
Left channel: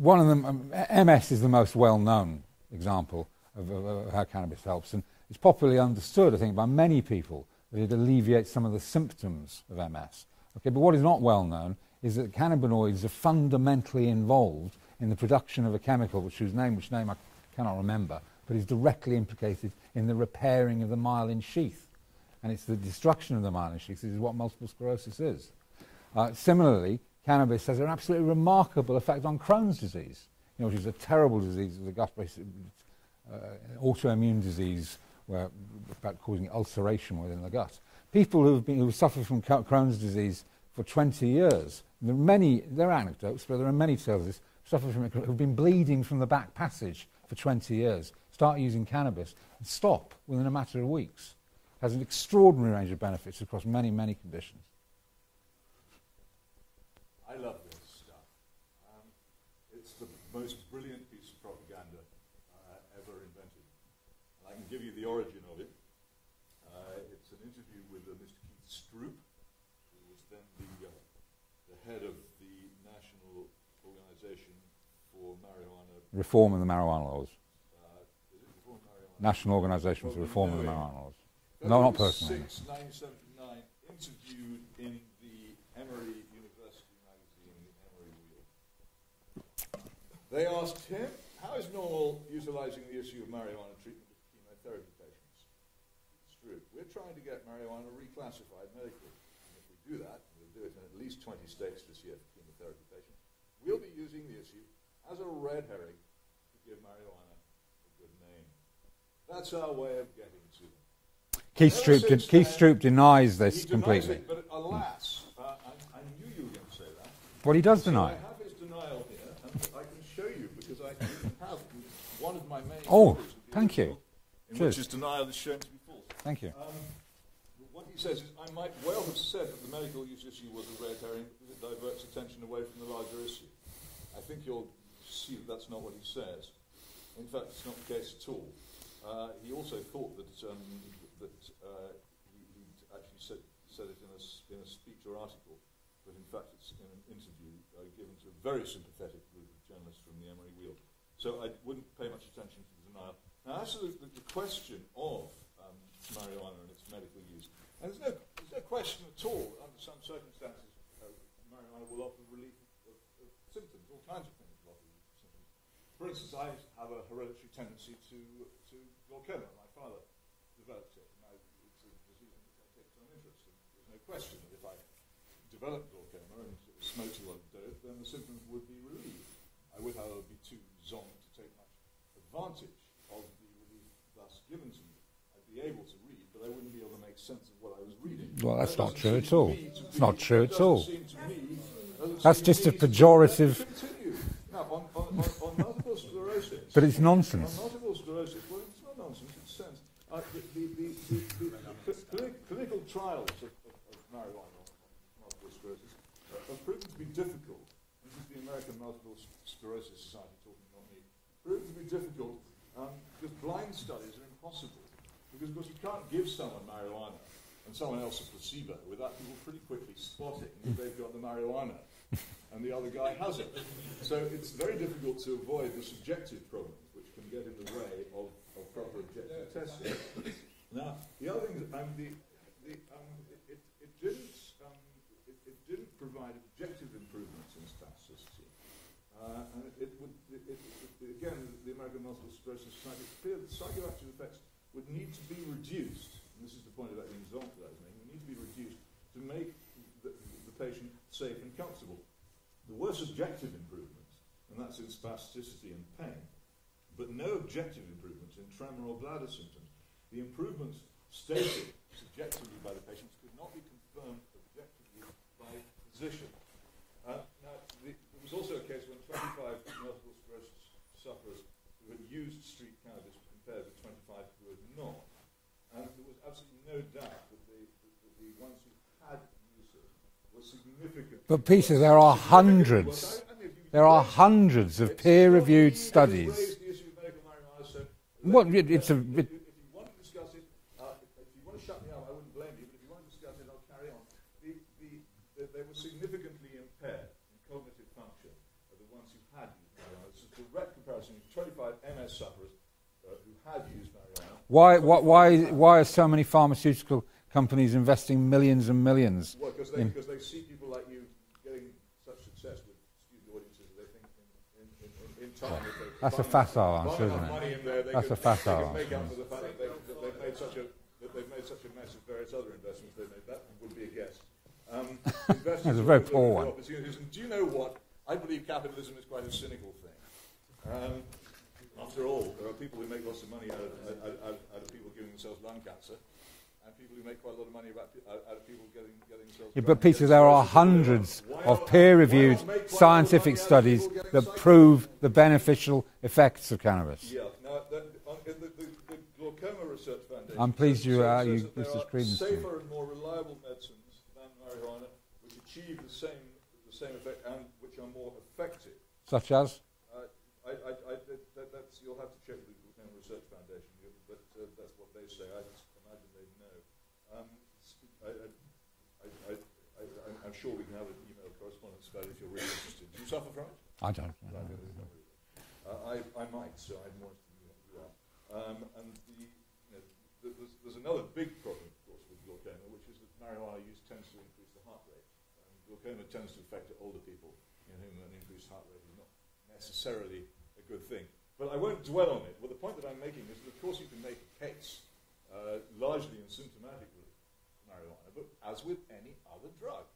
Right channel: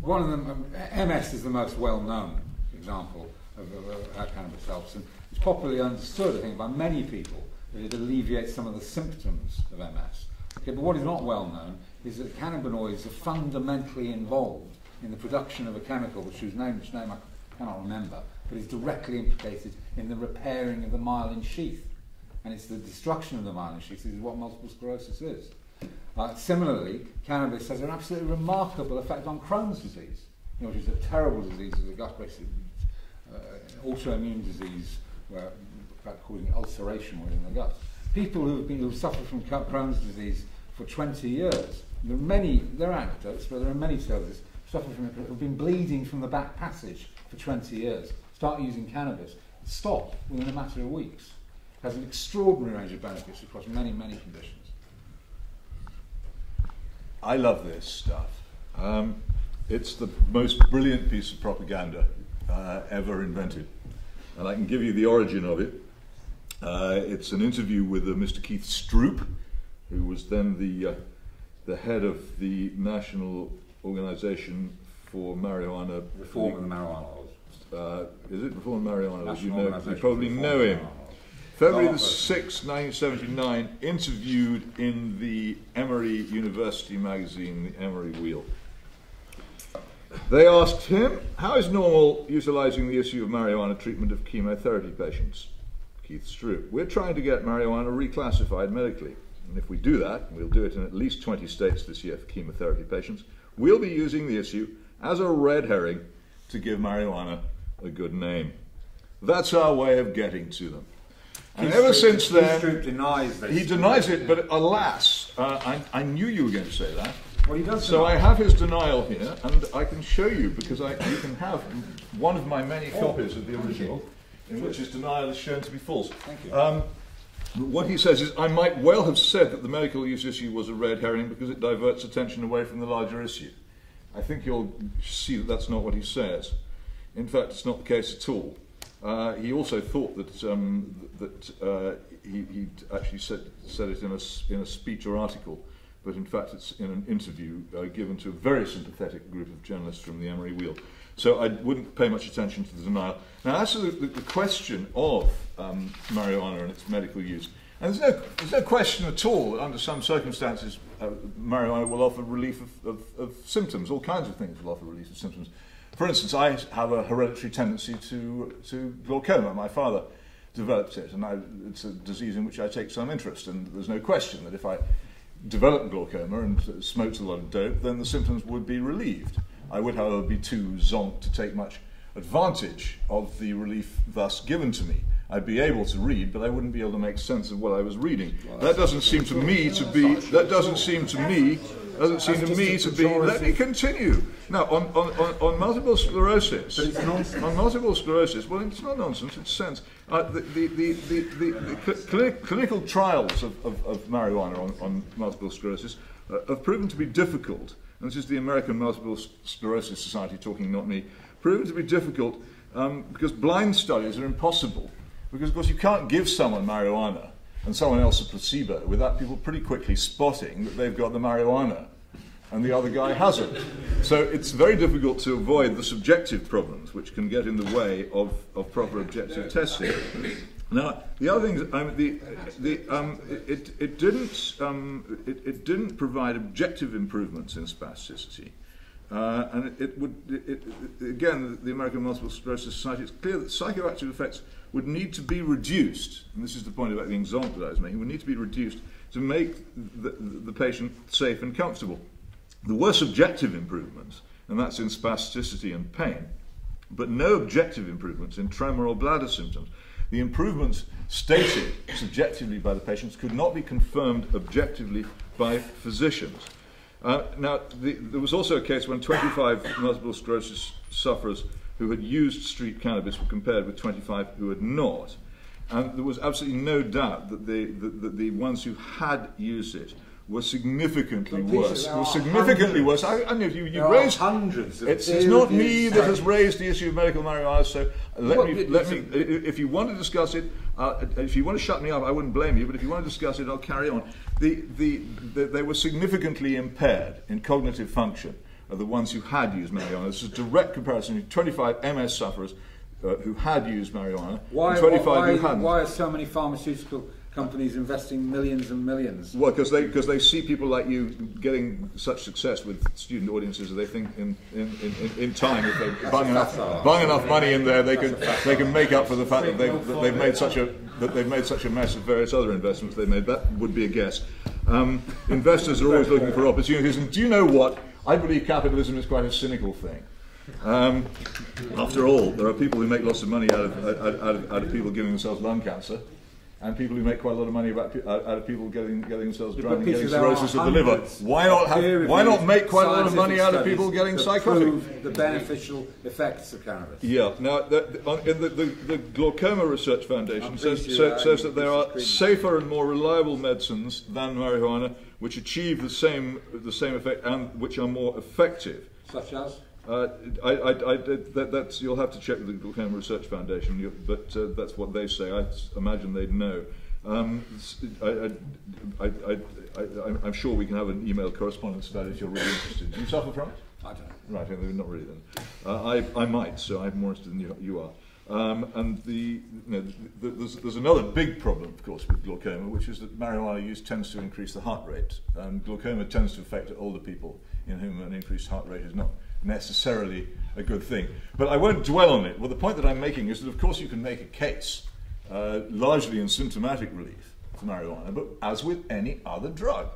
one of them, MS is the most well-known example of how cannabis helps, and it's popularly understood, I think, by many people that it alleviates some of the symptoms of MS. Okay, but what is not well known is that cannabinoids are fundamentally involved in the production of a chemical whose name I cannot remember, but is directly implicated in the repairing of the myelin sheath. And it's the destruction of the myelin sheath is what multiple sclerosis is. Similarly, cannabis has an absolutely remarkable effect on Crohn's disease, which is a terrible disease of the gut-based autoimmune disease, where causing ulceration within the gut. People who've suffered from Crohn's disease for 20 years, there are anecdotes, but there are many survivors suffered from it who've been bleeding from the back passage for 20 years, start using cannabis, and stop within a matter of weeks. It has an extraordinary range of benefits across many, many conditions. I love this stuff. It's the most brilliant piece of propaganda ever invented. And I can give you the origin of it. It's an interview with Mr. Keith Stroop, who was then the head of the National Organisation for Marijuana... Reform of the Marijuana Laws. Is it Reform of Marijuana? National Organisation. You probably know him. February the 6th, 1979, interviewed in the Emory University magazine, The Emory Wheel. They asked him, how is normal utilising the issue of marijuana treatment of chemotherapy patients? Keith Stroop, we're trying to get marijuana reclassified medically. And if we do that, we'll do it in at least 20 states this year for chemotherapy patients, we'll be using the issue as a red herring to give marijuana a good name. That's our way of getting to them. Keith Stroop denies this. He denies it, but alas, I knew you were going to say that. Well, he does deny. So I have his denial here, and I can show you, because you can have one of my many copies of the original, in which his denial is shown to be false. Thank you. What he says is, I might well have said that the medical use issue was a red herring because it diverts attention away from the larger issue. I think you'll see that that's not what he says. In fact, it's not the case at all. He also thought that he actually said it in a speech or article, but in fact it's in an interview given to a very sympathetic group of journalists from the Emory Wheel. So I wouldn't pay much attention to the denial. Now, as to the question of marijuana and its medical use, and there's no question at all that under some circumstances marijuana will offer relief of symptoms. All kinds of things will offer relief of symptoms. For instance, I have a hereditary tendency to glaucoma. My father developed it, and it's a disease in which I take some interest, and there's no question that if I developed glaucoma and smoked a lot of dope, then the symptoms would be relieved. I would, however, be too zonked to take much advantage of the relief thus given to me. I'd be able to read, but I wouldn't be able to make sense of what I was reading. Well, that doesn't seem to me to be. That doesn't seem to me. Doesn't seem to me to be. Let me continue. Now, on multiple sclerosis. But it's nonsense. On multiple sclerosis, well, it's not nonsense. It's sense. The clinical trials of marijuana on multiple sclerosis have proven to be difficult. And this is the American Multiple Sclerosis Society talking, not me. Proven to be difficult because blind studies are impossible. Because, of course, you can't give someone marijuana and someone else a placebo without people pretty quickly spotting that they've got the marijuana and the other guy hasn't. So it's very difficult to avoid the subjective problems which can get in the way of proper objective testing. Now, the other thing is, it didn't provide objective improvements in spasticity. And again, the American Multiple Sclerosis Society, it's clear that psychoactive effects would need to be reduced, and this is the point about being zonked that I was making, would need to be reduced to make the patient safe and comfortable. There were subjective improvements, and that's in spasticity and pain, but no objective improvements in tremor or bladder symptoms. The improvements stated subjectively by the patients could not be confirmed objectively by physicians. Now, there was also a case when 25 multiple sclerosis sufferers who had used street cannabis were compared with 25 who had not. And there was absolutely no doubt that the ones who had used it were significantly but Peter, worse. there are significantly hundreds. worse. I know you There are raised, hundreds of it's peer-reviewed not me that has studies. raised the issue of medical marijuana, so if you want to discuss it, if you want to shut me up, I wouldn't blame you, but if you want to discuss it, I'll carry on. They were significantly impaired in cognitive function of the ones who had used marijuana. This is a direct comparison of 25 MS sufferers who had used marijuana. Why are so many pharmaceutical companies investing millions and millions? Well, because they see people like you getting such success with student audiences that they think in time, if they bung enough money in there, they can make up for the fact that they've made such a mess of various other investments they made. That would be a guess. Investors are always looking for opportunities, and do you know what? I believe capitalism is quite a cynical thing. After all, there are people who make lots of money out of people giving themselves lung cancer, and people who make quite a lot of money out of people getting themselves drunk and getting cirrhosis of the liver. Why not make quite a lot of money out of people getting psychotic? Prove the beneficial effects of cannabis. Yeah. Now, the Glaucoma Research Foundation says that there are safer and more reliable medicines than marijuana, which achieve the same effect and which are more effective. Such as? You'll have to check with the Glaucoma Research Foundation, but that's what they say. I imagine they'd know. I'm sure we can have an email correspondence about it if you're really interested. Do you suffer from it? I don't. Right, not really then. I might, so I'm more interested than you are. And there's another big problem, of course, with glaucoma, which is that marijuana use tends to increase the heart rate. And glaucoma tends to affect older people in whom an increased heart rate is not necessarily a good thing. But I won't dwell on it. Well, the point that I'm making is that, of course, you can make a case, largely in symptomatic relief for marijuana, but as with any other drug,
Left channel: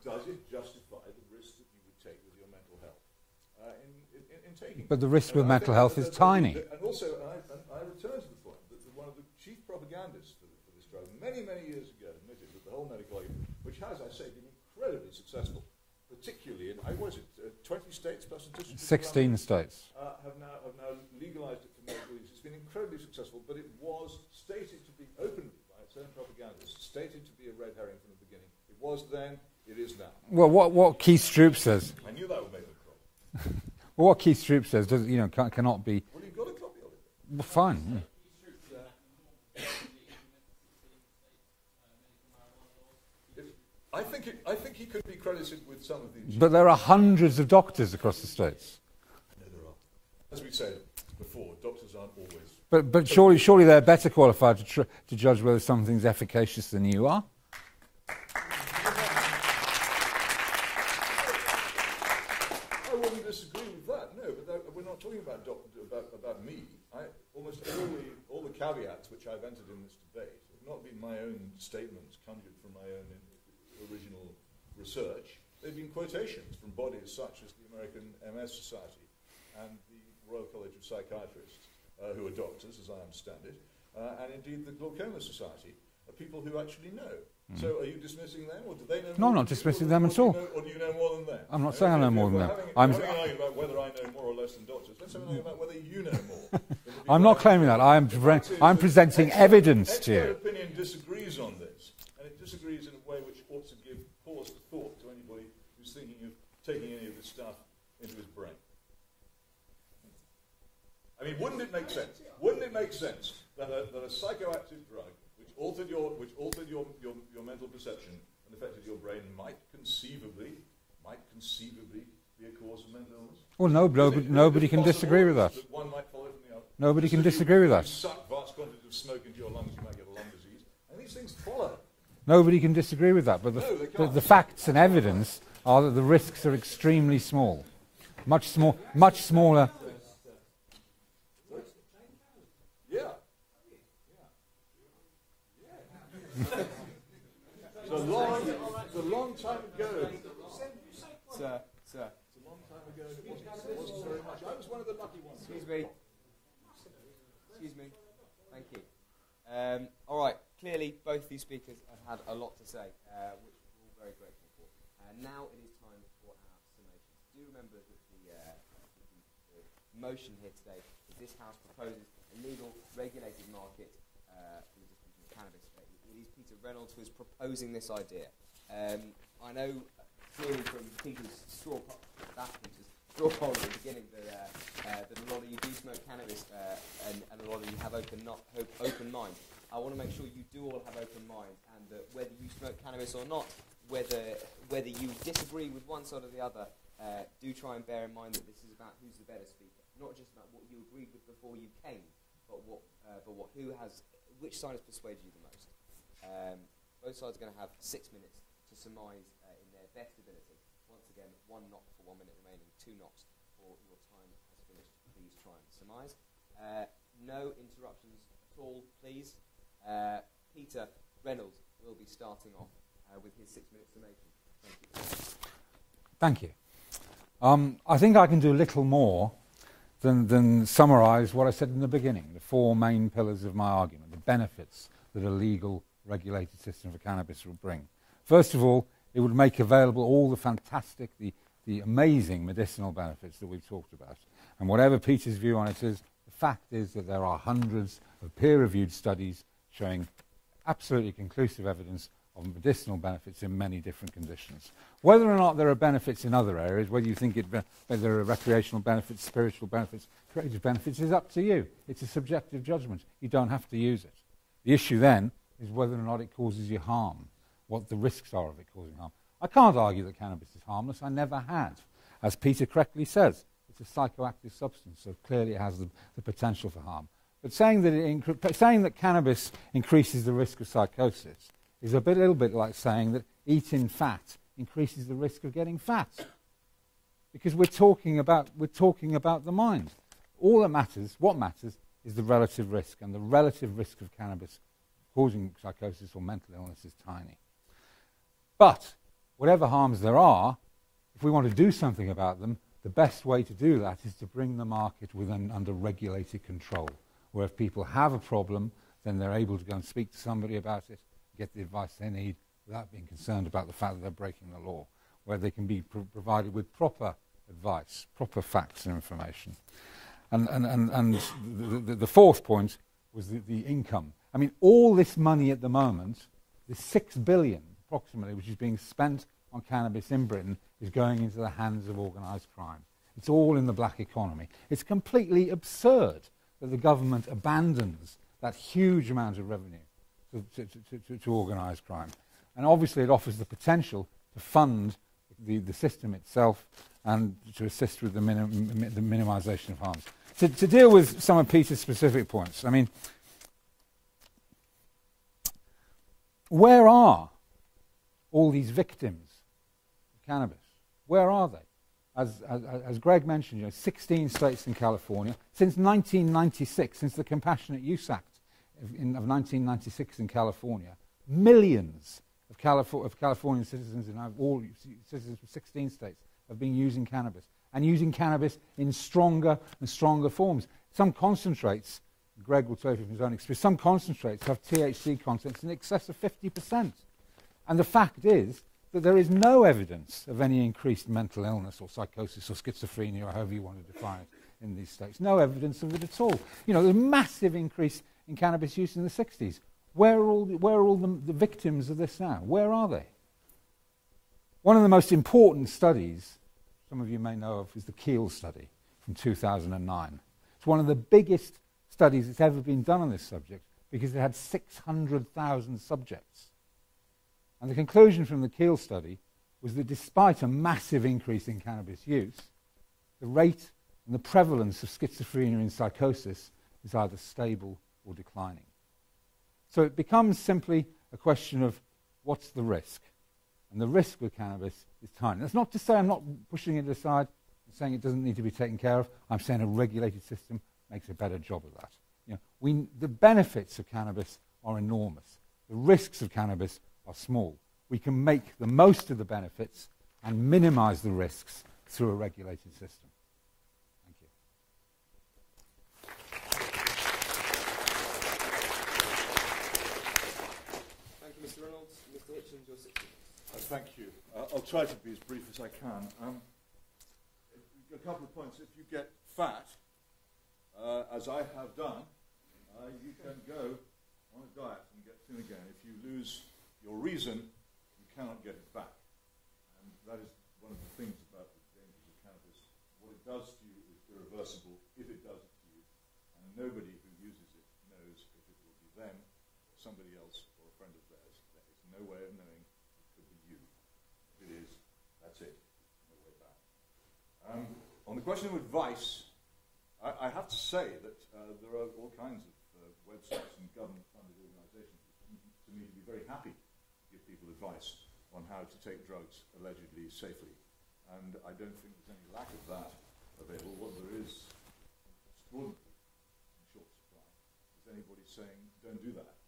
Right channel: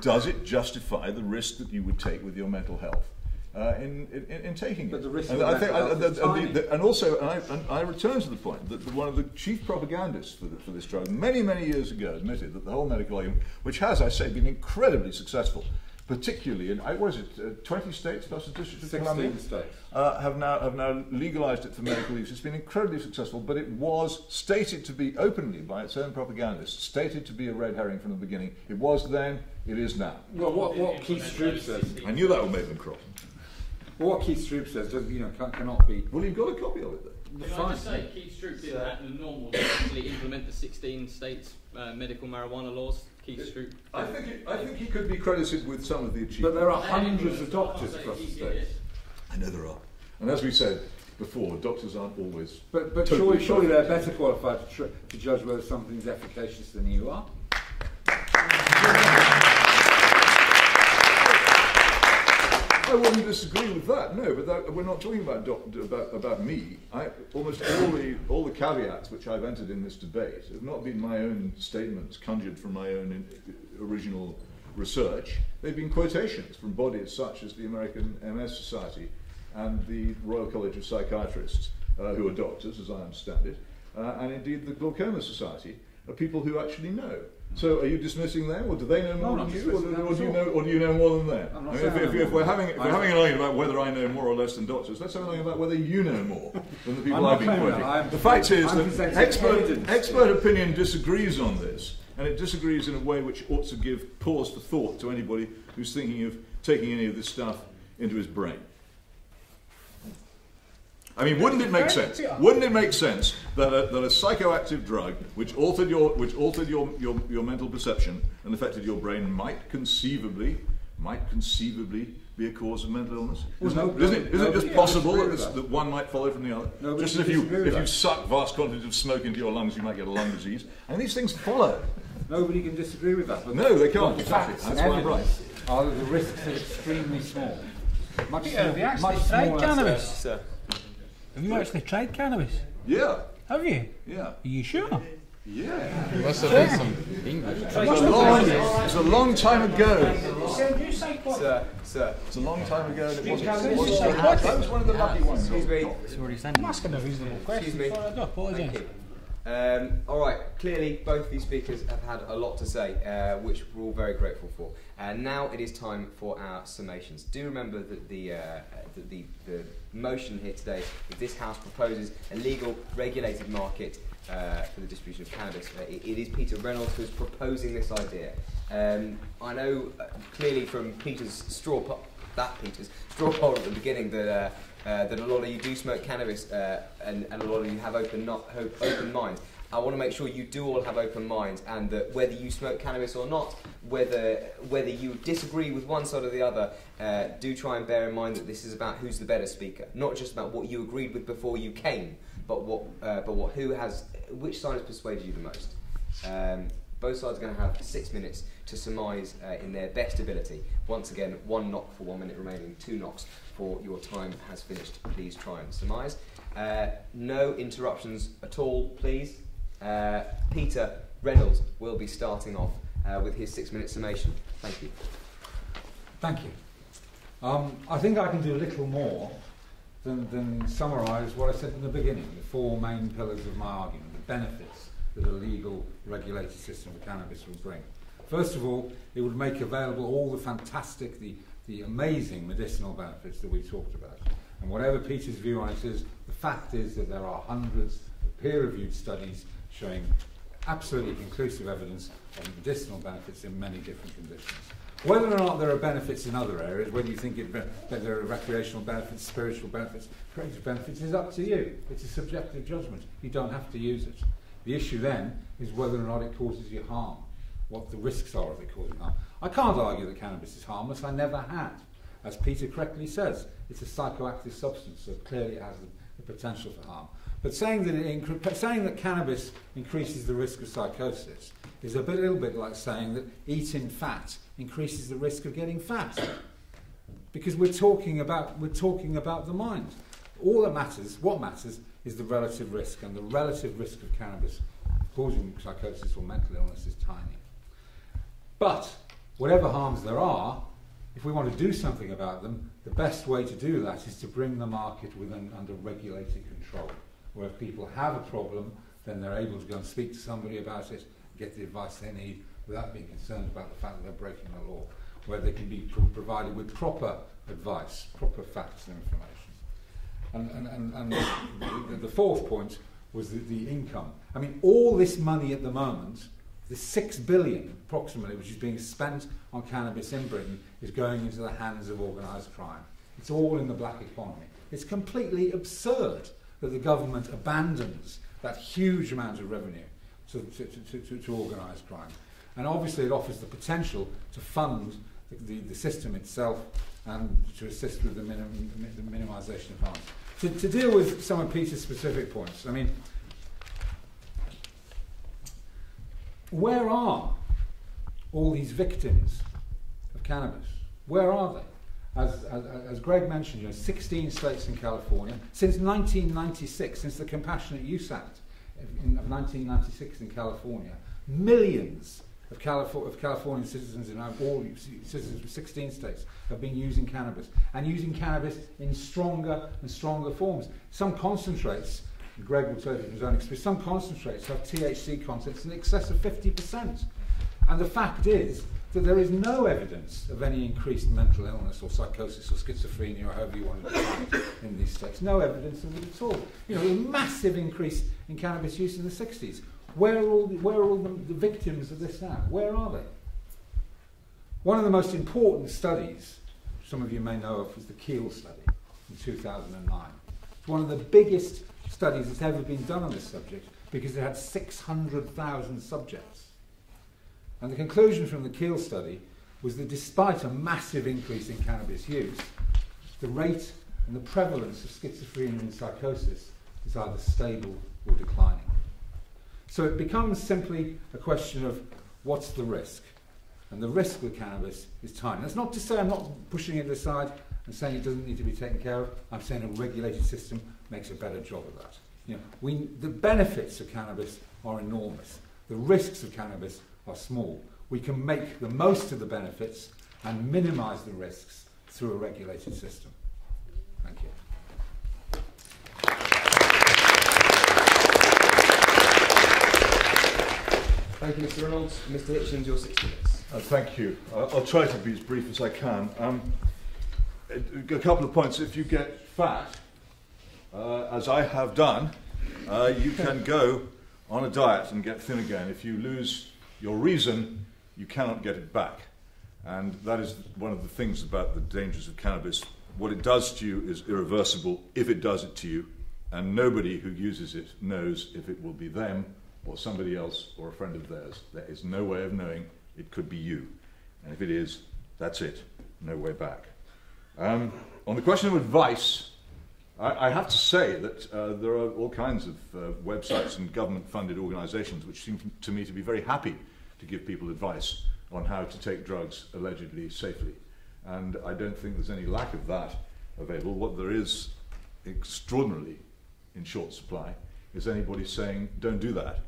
does it justify the risk that you would take with your mental health in taking it? But the risk with mental health is tiny. And also, I return to the point that one of the chief propagandists for this drug many, many years ago admitted that the whole medical argument, which has, I say, been incredibly successful, particularly in, 20 states plus the District of Columbia? 16 states. Have now legalized it for medical use. It's been incredibly successful, but it was stated to be openly by its own propagandists, stated to be a red herring from the beginning. It was then, it is now. Well, what Keith Stroop says. I knew that would make them cross. Well, what Keith Stroop says cannot be. Well, you've got a copy of it then. Well, fine. Say Keith Stroop did that in the normal to actually implement the 16 states medical marijuana laws. I think he could be credited with some of the achievements. But there are hundreds of doctors across the states. I know there are. And as we said before, doctors aren't always... But surely they're better qualified to judge whether something's efficacious than you are. I wouldn't disagree with that, no, but we're not talking about me. Almost all the caveats which I've entered in this debate have not been my own statements conjured from my own original research. They've been quotations from bodies such as the American MS Society and the Royal College of Psychiatrists, who are doctors, as I understand it, and indeed the Glaucoma Society, are people who actually know. So are you dismissing them, or do they know more? No, I'm not dismissing them at all. Or do you know more than them? I'm not saying I know more than them. If we're having an argument about whether I know more or less than doctors, let's have an argument about whether you know more than the people I'm not claiming that. I'm presenting evidence. Expert opinion disagrees on this, and it disagrees in a way which ought to give pause for thought to anybody who's thinking of taking any of this stuff into his brain. I mean, wouldn't it make sense? Wouldn't it make sense that a psychoactive drug which altered your mental perception and affected your brain might conceivably be a cause of mental illness? Well, nobody can disagree with that. That one might follow from the other. Nobody can disagree with that. If you suck vast quantities of smoke into your lungs, you might get a lung disease. And these things follow. Nobody can disagree with that. But no, they can't. The facts and evidence are that the risks are extremely small. Much smaller. Cannabis, sir. Have you actually tried cannabis? Yeah. Have you? Yeah. Are you sure? Yeah. You must have done some English. It's a long time ago. Sir. It's a long time ago. And it wasn't. That was one of the lucky ones. Excuse me. I'm asking a reasonable question. Excuse me. I apologise. Thank you. All right. Clearly, both of these speakers have had a lot to say, which we're all very grateful for. And now it is time for our summations. Do remember that the motion here today is this House proposes a legal, regulated market for the distribution of cannabis. It is Peter Reynolds who's proposing this idea. I know clearly from Peter's straw poll at the beginning that a lot of you do smoke cannabis and a lot of you have open minds. I want to make sure you do all have open minds, and that whether you smoke cannabis or not, whether you disagree with one side or the other, do try and bear in mind that this is about who's the better speaker, not just about what you agreed with before you came, but which side has persuaded you the most. Both sides are going to have 6 minutes to surmise in their best ability. Once again, 1 knock for 1 minute remaining, 2 knocks for your time has finished. Please try and surmise. No interruptions at all, please. Peter Reynolds will be starting off with his 6 minute summation. Thank you. Thank you. I think I can do a little more than summarise what I said in the beginning, the 4 main pillars of my argument, the benefits that a legal, regulated system for cannabis would bring. First of all, it would make available all the fantastic, the amazing medicinal benefits that we talked about. And whatever Peter's view on it is, the fact is that there are hundreds of peer-reviewed studies showing absolutely conclusive evidence of medicinal benefits in many different conditions. Whether or not there are benefits in other areas, whether you think whether there are recreational benefits, spiritual benefits, creative benefits, is up to you. It's a subjective judgment. You don't have to use it. The issue then is whether or not it causes you harm, what the risks are of it causing harm. I can't argue that cannabis is harmless. I never had. As Peter correctly says, it's a psychoactive substance, so clearly it has the potential for harm. But saying that cannabis increases the risk of psychosis is a little bit like saying that eating fat increases the risk of getting fat, because we're talking about the mind. What matters is the relative risk, and the relative risk of cannabis causing psychosis or mental illness is tiny. But whatever harms there are, if we want to do something about them, the best way to do that is to bring the market under regulated control, where if people have a problem, then they're able to go and speak to somebody about it, get the advice they need, without being concerned about the fact that they're breaking the law, where they can be provided with proper advice, proper facts and information. And the fourth point was the income. I mean, all this money at the moment, the 6 billion approximately, which is being spent on cannabis in Britain, is going into the hands of organised crime. It's all in the black economy. It's completely absurd that the government abandons that huge amount of revenue to organised crime. And obviously it offers the potential to fund the system itself and to assist with the minimisation of harms. To deal with some of Peter's specific points, I mean, where are all these victims of cannabis? Where are they? As Greg mentioned, 16 states in California. Since 1996, since the Compassionate Use Act of 1996 in California, millions of Californian citizens in all citizens of 16 states have been using cannabis, and using cannabis in stronger and stronger forms. Some concentrates, Greg will tell you from his own experience, some concentrates have THC contents in excess of 50%. And the fact is that there is no evidence of any increased mental illness or psychosis or schizophrenia or however you want to define it in these states. No evidence of it at all. You know, the massive increase in cannabis use in the 60s. Where are all the victims of this now? Where are they? One of the most important studies, some of you may know of, was the Keel study in 2009. It's one of the biggest studies that's ever been done on this subject because it had 600,000 subjects. And the conclusion from the Keel study was that despite a massive increase in cannabis use, the rate and the prevalence of schizophrenia and psychosis is either stable or declining. So it becomes simply a question of what's the risk? And the risk with cannabis is tiny. That's not to say I'm not pushing it aside and saying it doesn't need to be taken care of. I'm saying a regulated system makes a better job of that. You know, the benefits of cannabis are enormous. The risks of cannabis are small. We can make the most of the benefits and minimise the risks through a regulated system. Thank you. Thank you, Mr. Reynolds. Mr. Hitchens, your 6 minutes. Thank you. I'll try to be as brief as I can. A couple of points. If you get fat, as I have done, you can go on a diet and get thin again. If you lose your reason, you cannot get it back. And that is one of the things about the dangers of cannabis. What it does to you is irreversible if it does it to you, and nobody who uses it knows if it will be them or somebody else or a friend of theirs. There is no way of knowing. It could be you. And if it is, that's it. No way back. On the question of advice, I have to say that there are all kinds of websites and government-funded organisations which seem to me to be very happy to give people advice on how to take drugs allegedly safely. And I don't think there's any lack of that available. What there is extraordinarily in short supply is anybody saying, don't do that.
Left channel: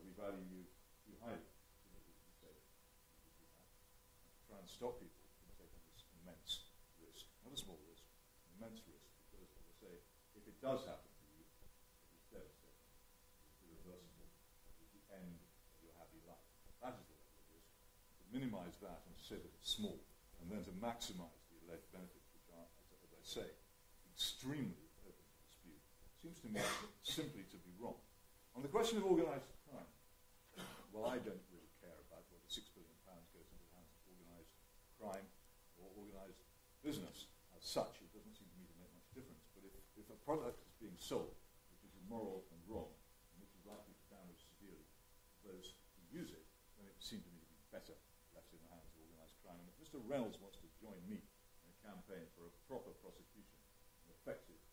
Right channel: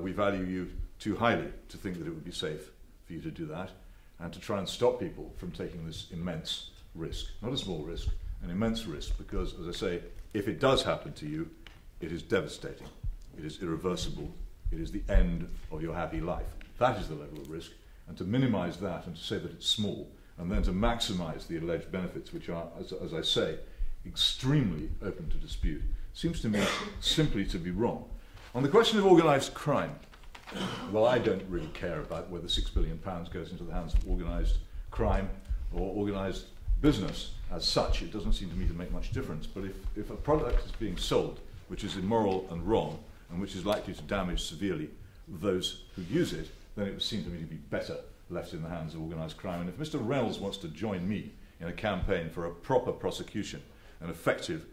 We value you too highly to think that it would be safe for you to do that, and to try and stop people from taking this immense risk. Not a small risk, an immense risk, because, as I say, if it does happen to you, it is devastating. It is irreversible. It is the end of your happy life. That is the level of risk. And to minimise that and to say that it's small, and then to maximise the alleged benefits, which are, as I say, extremely open to dispute, seems to me simply to be wrong. On the question of organised crime, well, I don't really care about whether £6 billion goes into the hands of organised crime or organised business as such. It doesn't seem to me to make much difference. But if a product is being sold which is immoral and wrong, and which is likely to damage severely those who use it, then it would seem to me to be better left in the hands of organised crime. And if Mr. Reynolds wants to join me in a campaign for a proper prosecution, an effective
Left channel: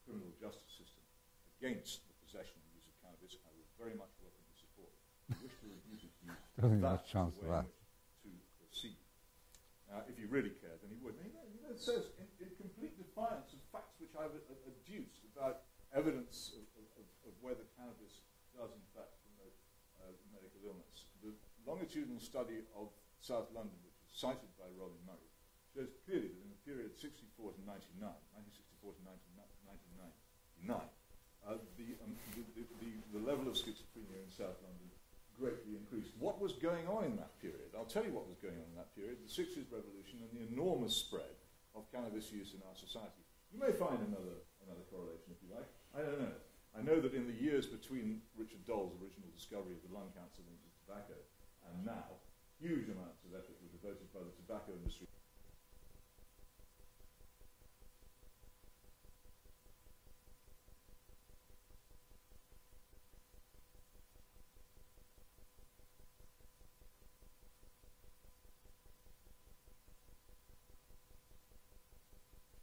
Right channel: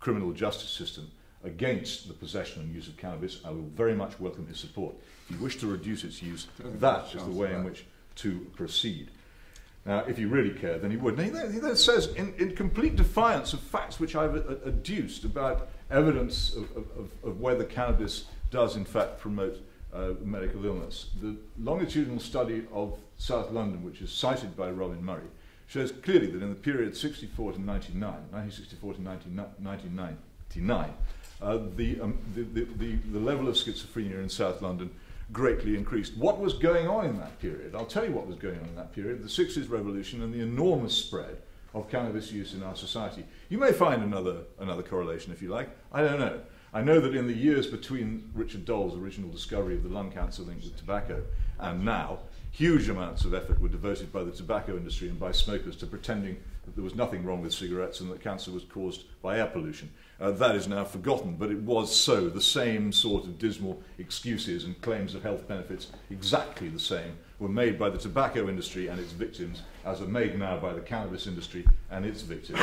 criminal justice system against the possession and use of cannabis, I will very much welcome his support. If you wish to reduce its use, that is the way in which to proceed. Now, if you really care, then he would. Now, he then says, in complete defiance of facts which I've adduced about evidence of whether cannabis does in fact promote medical illness, the longitudinal study of South London, which is cited by Robin Murray, shows clearly that in the period 1964 to 1999, the level of schizophrenia in South London greatly increased. What was going on in that period? I'll tell you what was going on in that period: the 60s revolution and the enormous spread of cannabis use in our society. You may find another correlation if you like. I don't know. I know that in the years between Richard Doll's original discovery of the lung cancer link with tobacco and now, huge amounts of effort were devoted by the tobacco industry and by smokers to pretending that there was nothing wrong with cigarettes and that cancer was caused by air pollution. That is now forgotten, but it was so. The same sort of dismal excuses and claims of health benefits, exactly the same, were made by the tobacco industry and its victims as are made now by the cannabis industry and its victims.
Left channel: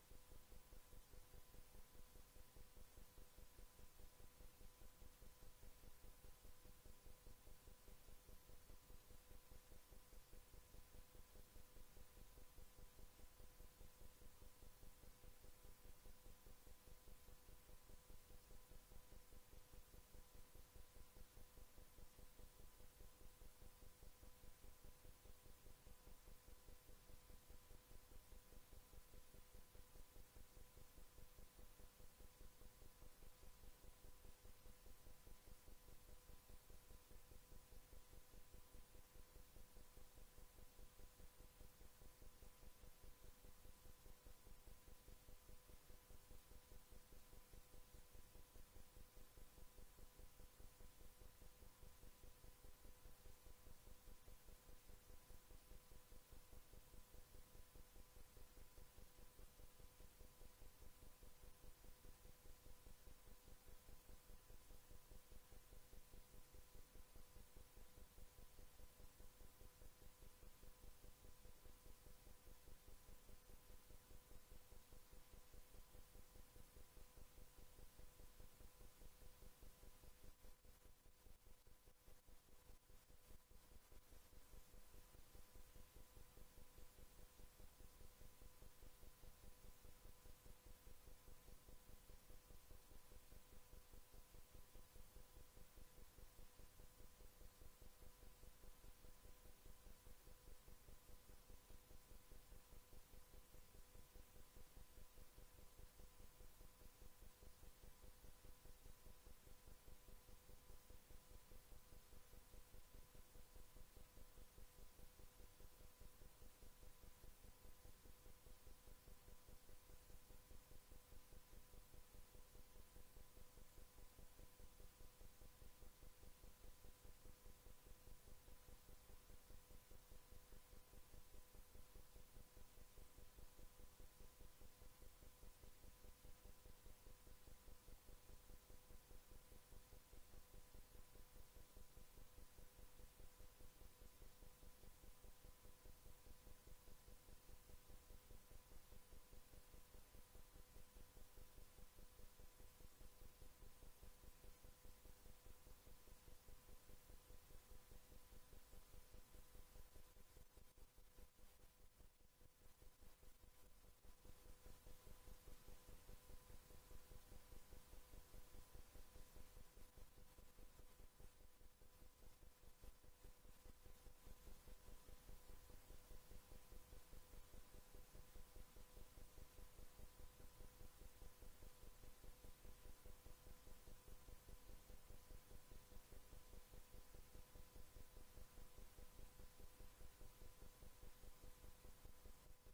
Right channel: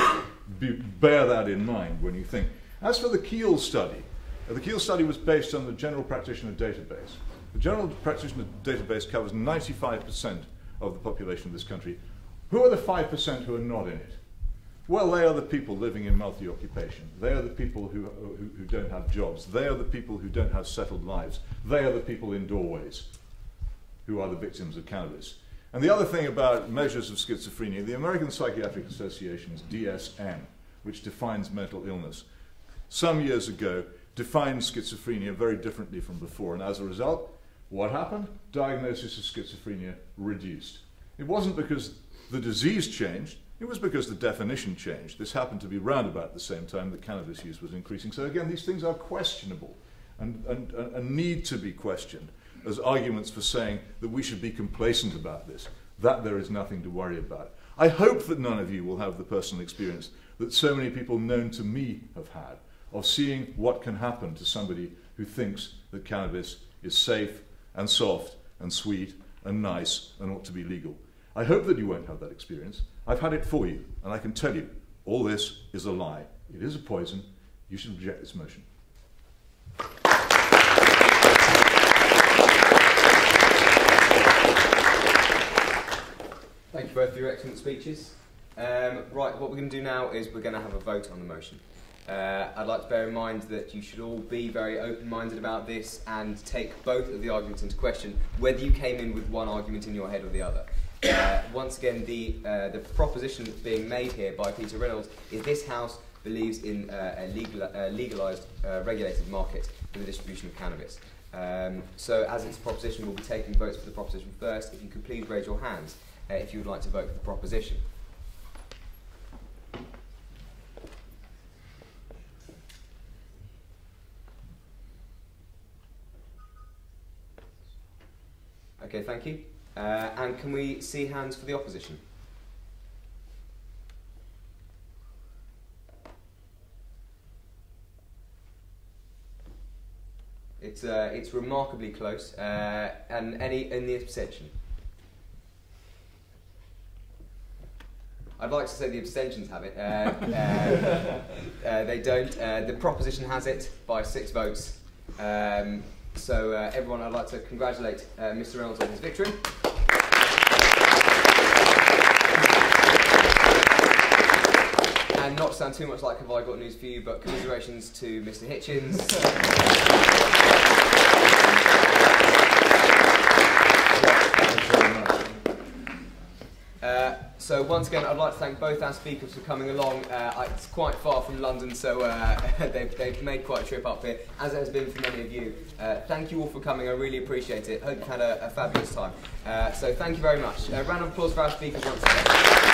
Bear that in mind when you think. As for the Keele study was based on the General Practitioner Database. The General Practitioner Database covers 95% of the population of this country. Who are the 5% who are not in it? Well, they are the people living in multi-occupation. They are the people who don't have jobs. They are the people who don't have settled lives. They are the people in doorways who are the victims of cannabis. And the other thing about measures of schizophrenia, the American Psychiatric Association's DSM, which defines mental illness, some years ago defined schizophrenia very differently from before. And as a result, what happened? Diagnosis of schizophrenia reduced. It wasn't because the disease changed. It was because the definition changed. This happened to be round about the same time that cannabis use was increasing. So again, these things are questionable and need to be questioned as arguments for saying that we should be complacent about this, that there is nothing to worry about. I hope that none of you will have the personal experience that so many people known to me have had of seeing what can happen to somebody who thinks that cannabis is safe and soft and sweet and nice and ought to be legal. I hope that you won't have that experience. I've had it for you, and I can tell you, all this is a lie. It is a poison. You should reject this motion. Thank you both for your excellent speeches. Right, what we're going to do now is we're going to have a vote on the motion. I'd like to bear in mind that you should all be very open-minded about this and take both of the arguments into question, whether you came in with one argument in your head or the other. Once again, the proposition that's being made here by Peter Reynolds is this House believes in a legalised, regulated market for the distribution of cannabis. So as it's a proposition, we'll be taking votes for the proposition first. If you could please raise your hands if you would like to vote for the proposition. Okay, thank you. And can we see hands for the opposition? It's remarkably close. And in the abstention? I'd like to say the abstentions have it. They don't. The proposition has it by 6 votes. So everyone, I'd like to congratulate Mr. Reynolds on his victory. And not to sound too much like have I got news for you, but commiserations to Mr. Hitchens. So once again, I'd like to thank both our speakers for coming along. It's quite far from London, so they've made quite a trip up here, as it has been for many of you. Thank you all for coming. I really appreciate it. Hope you've had a fabulous time. So thank you very much. Round of applause for our speakers once again.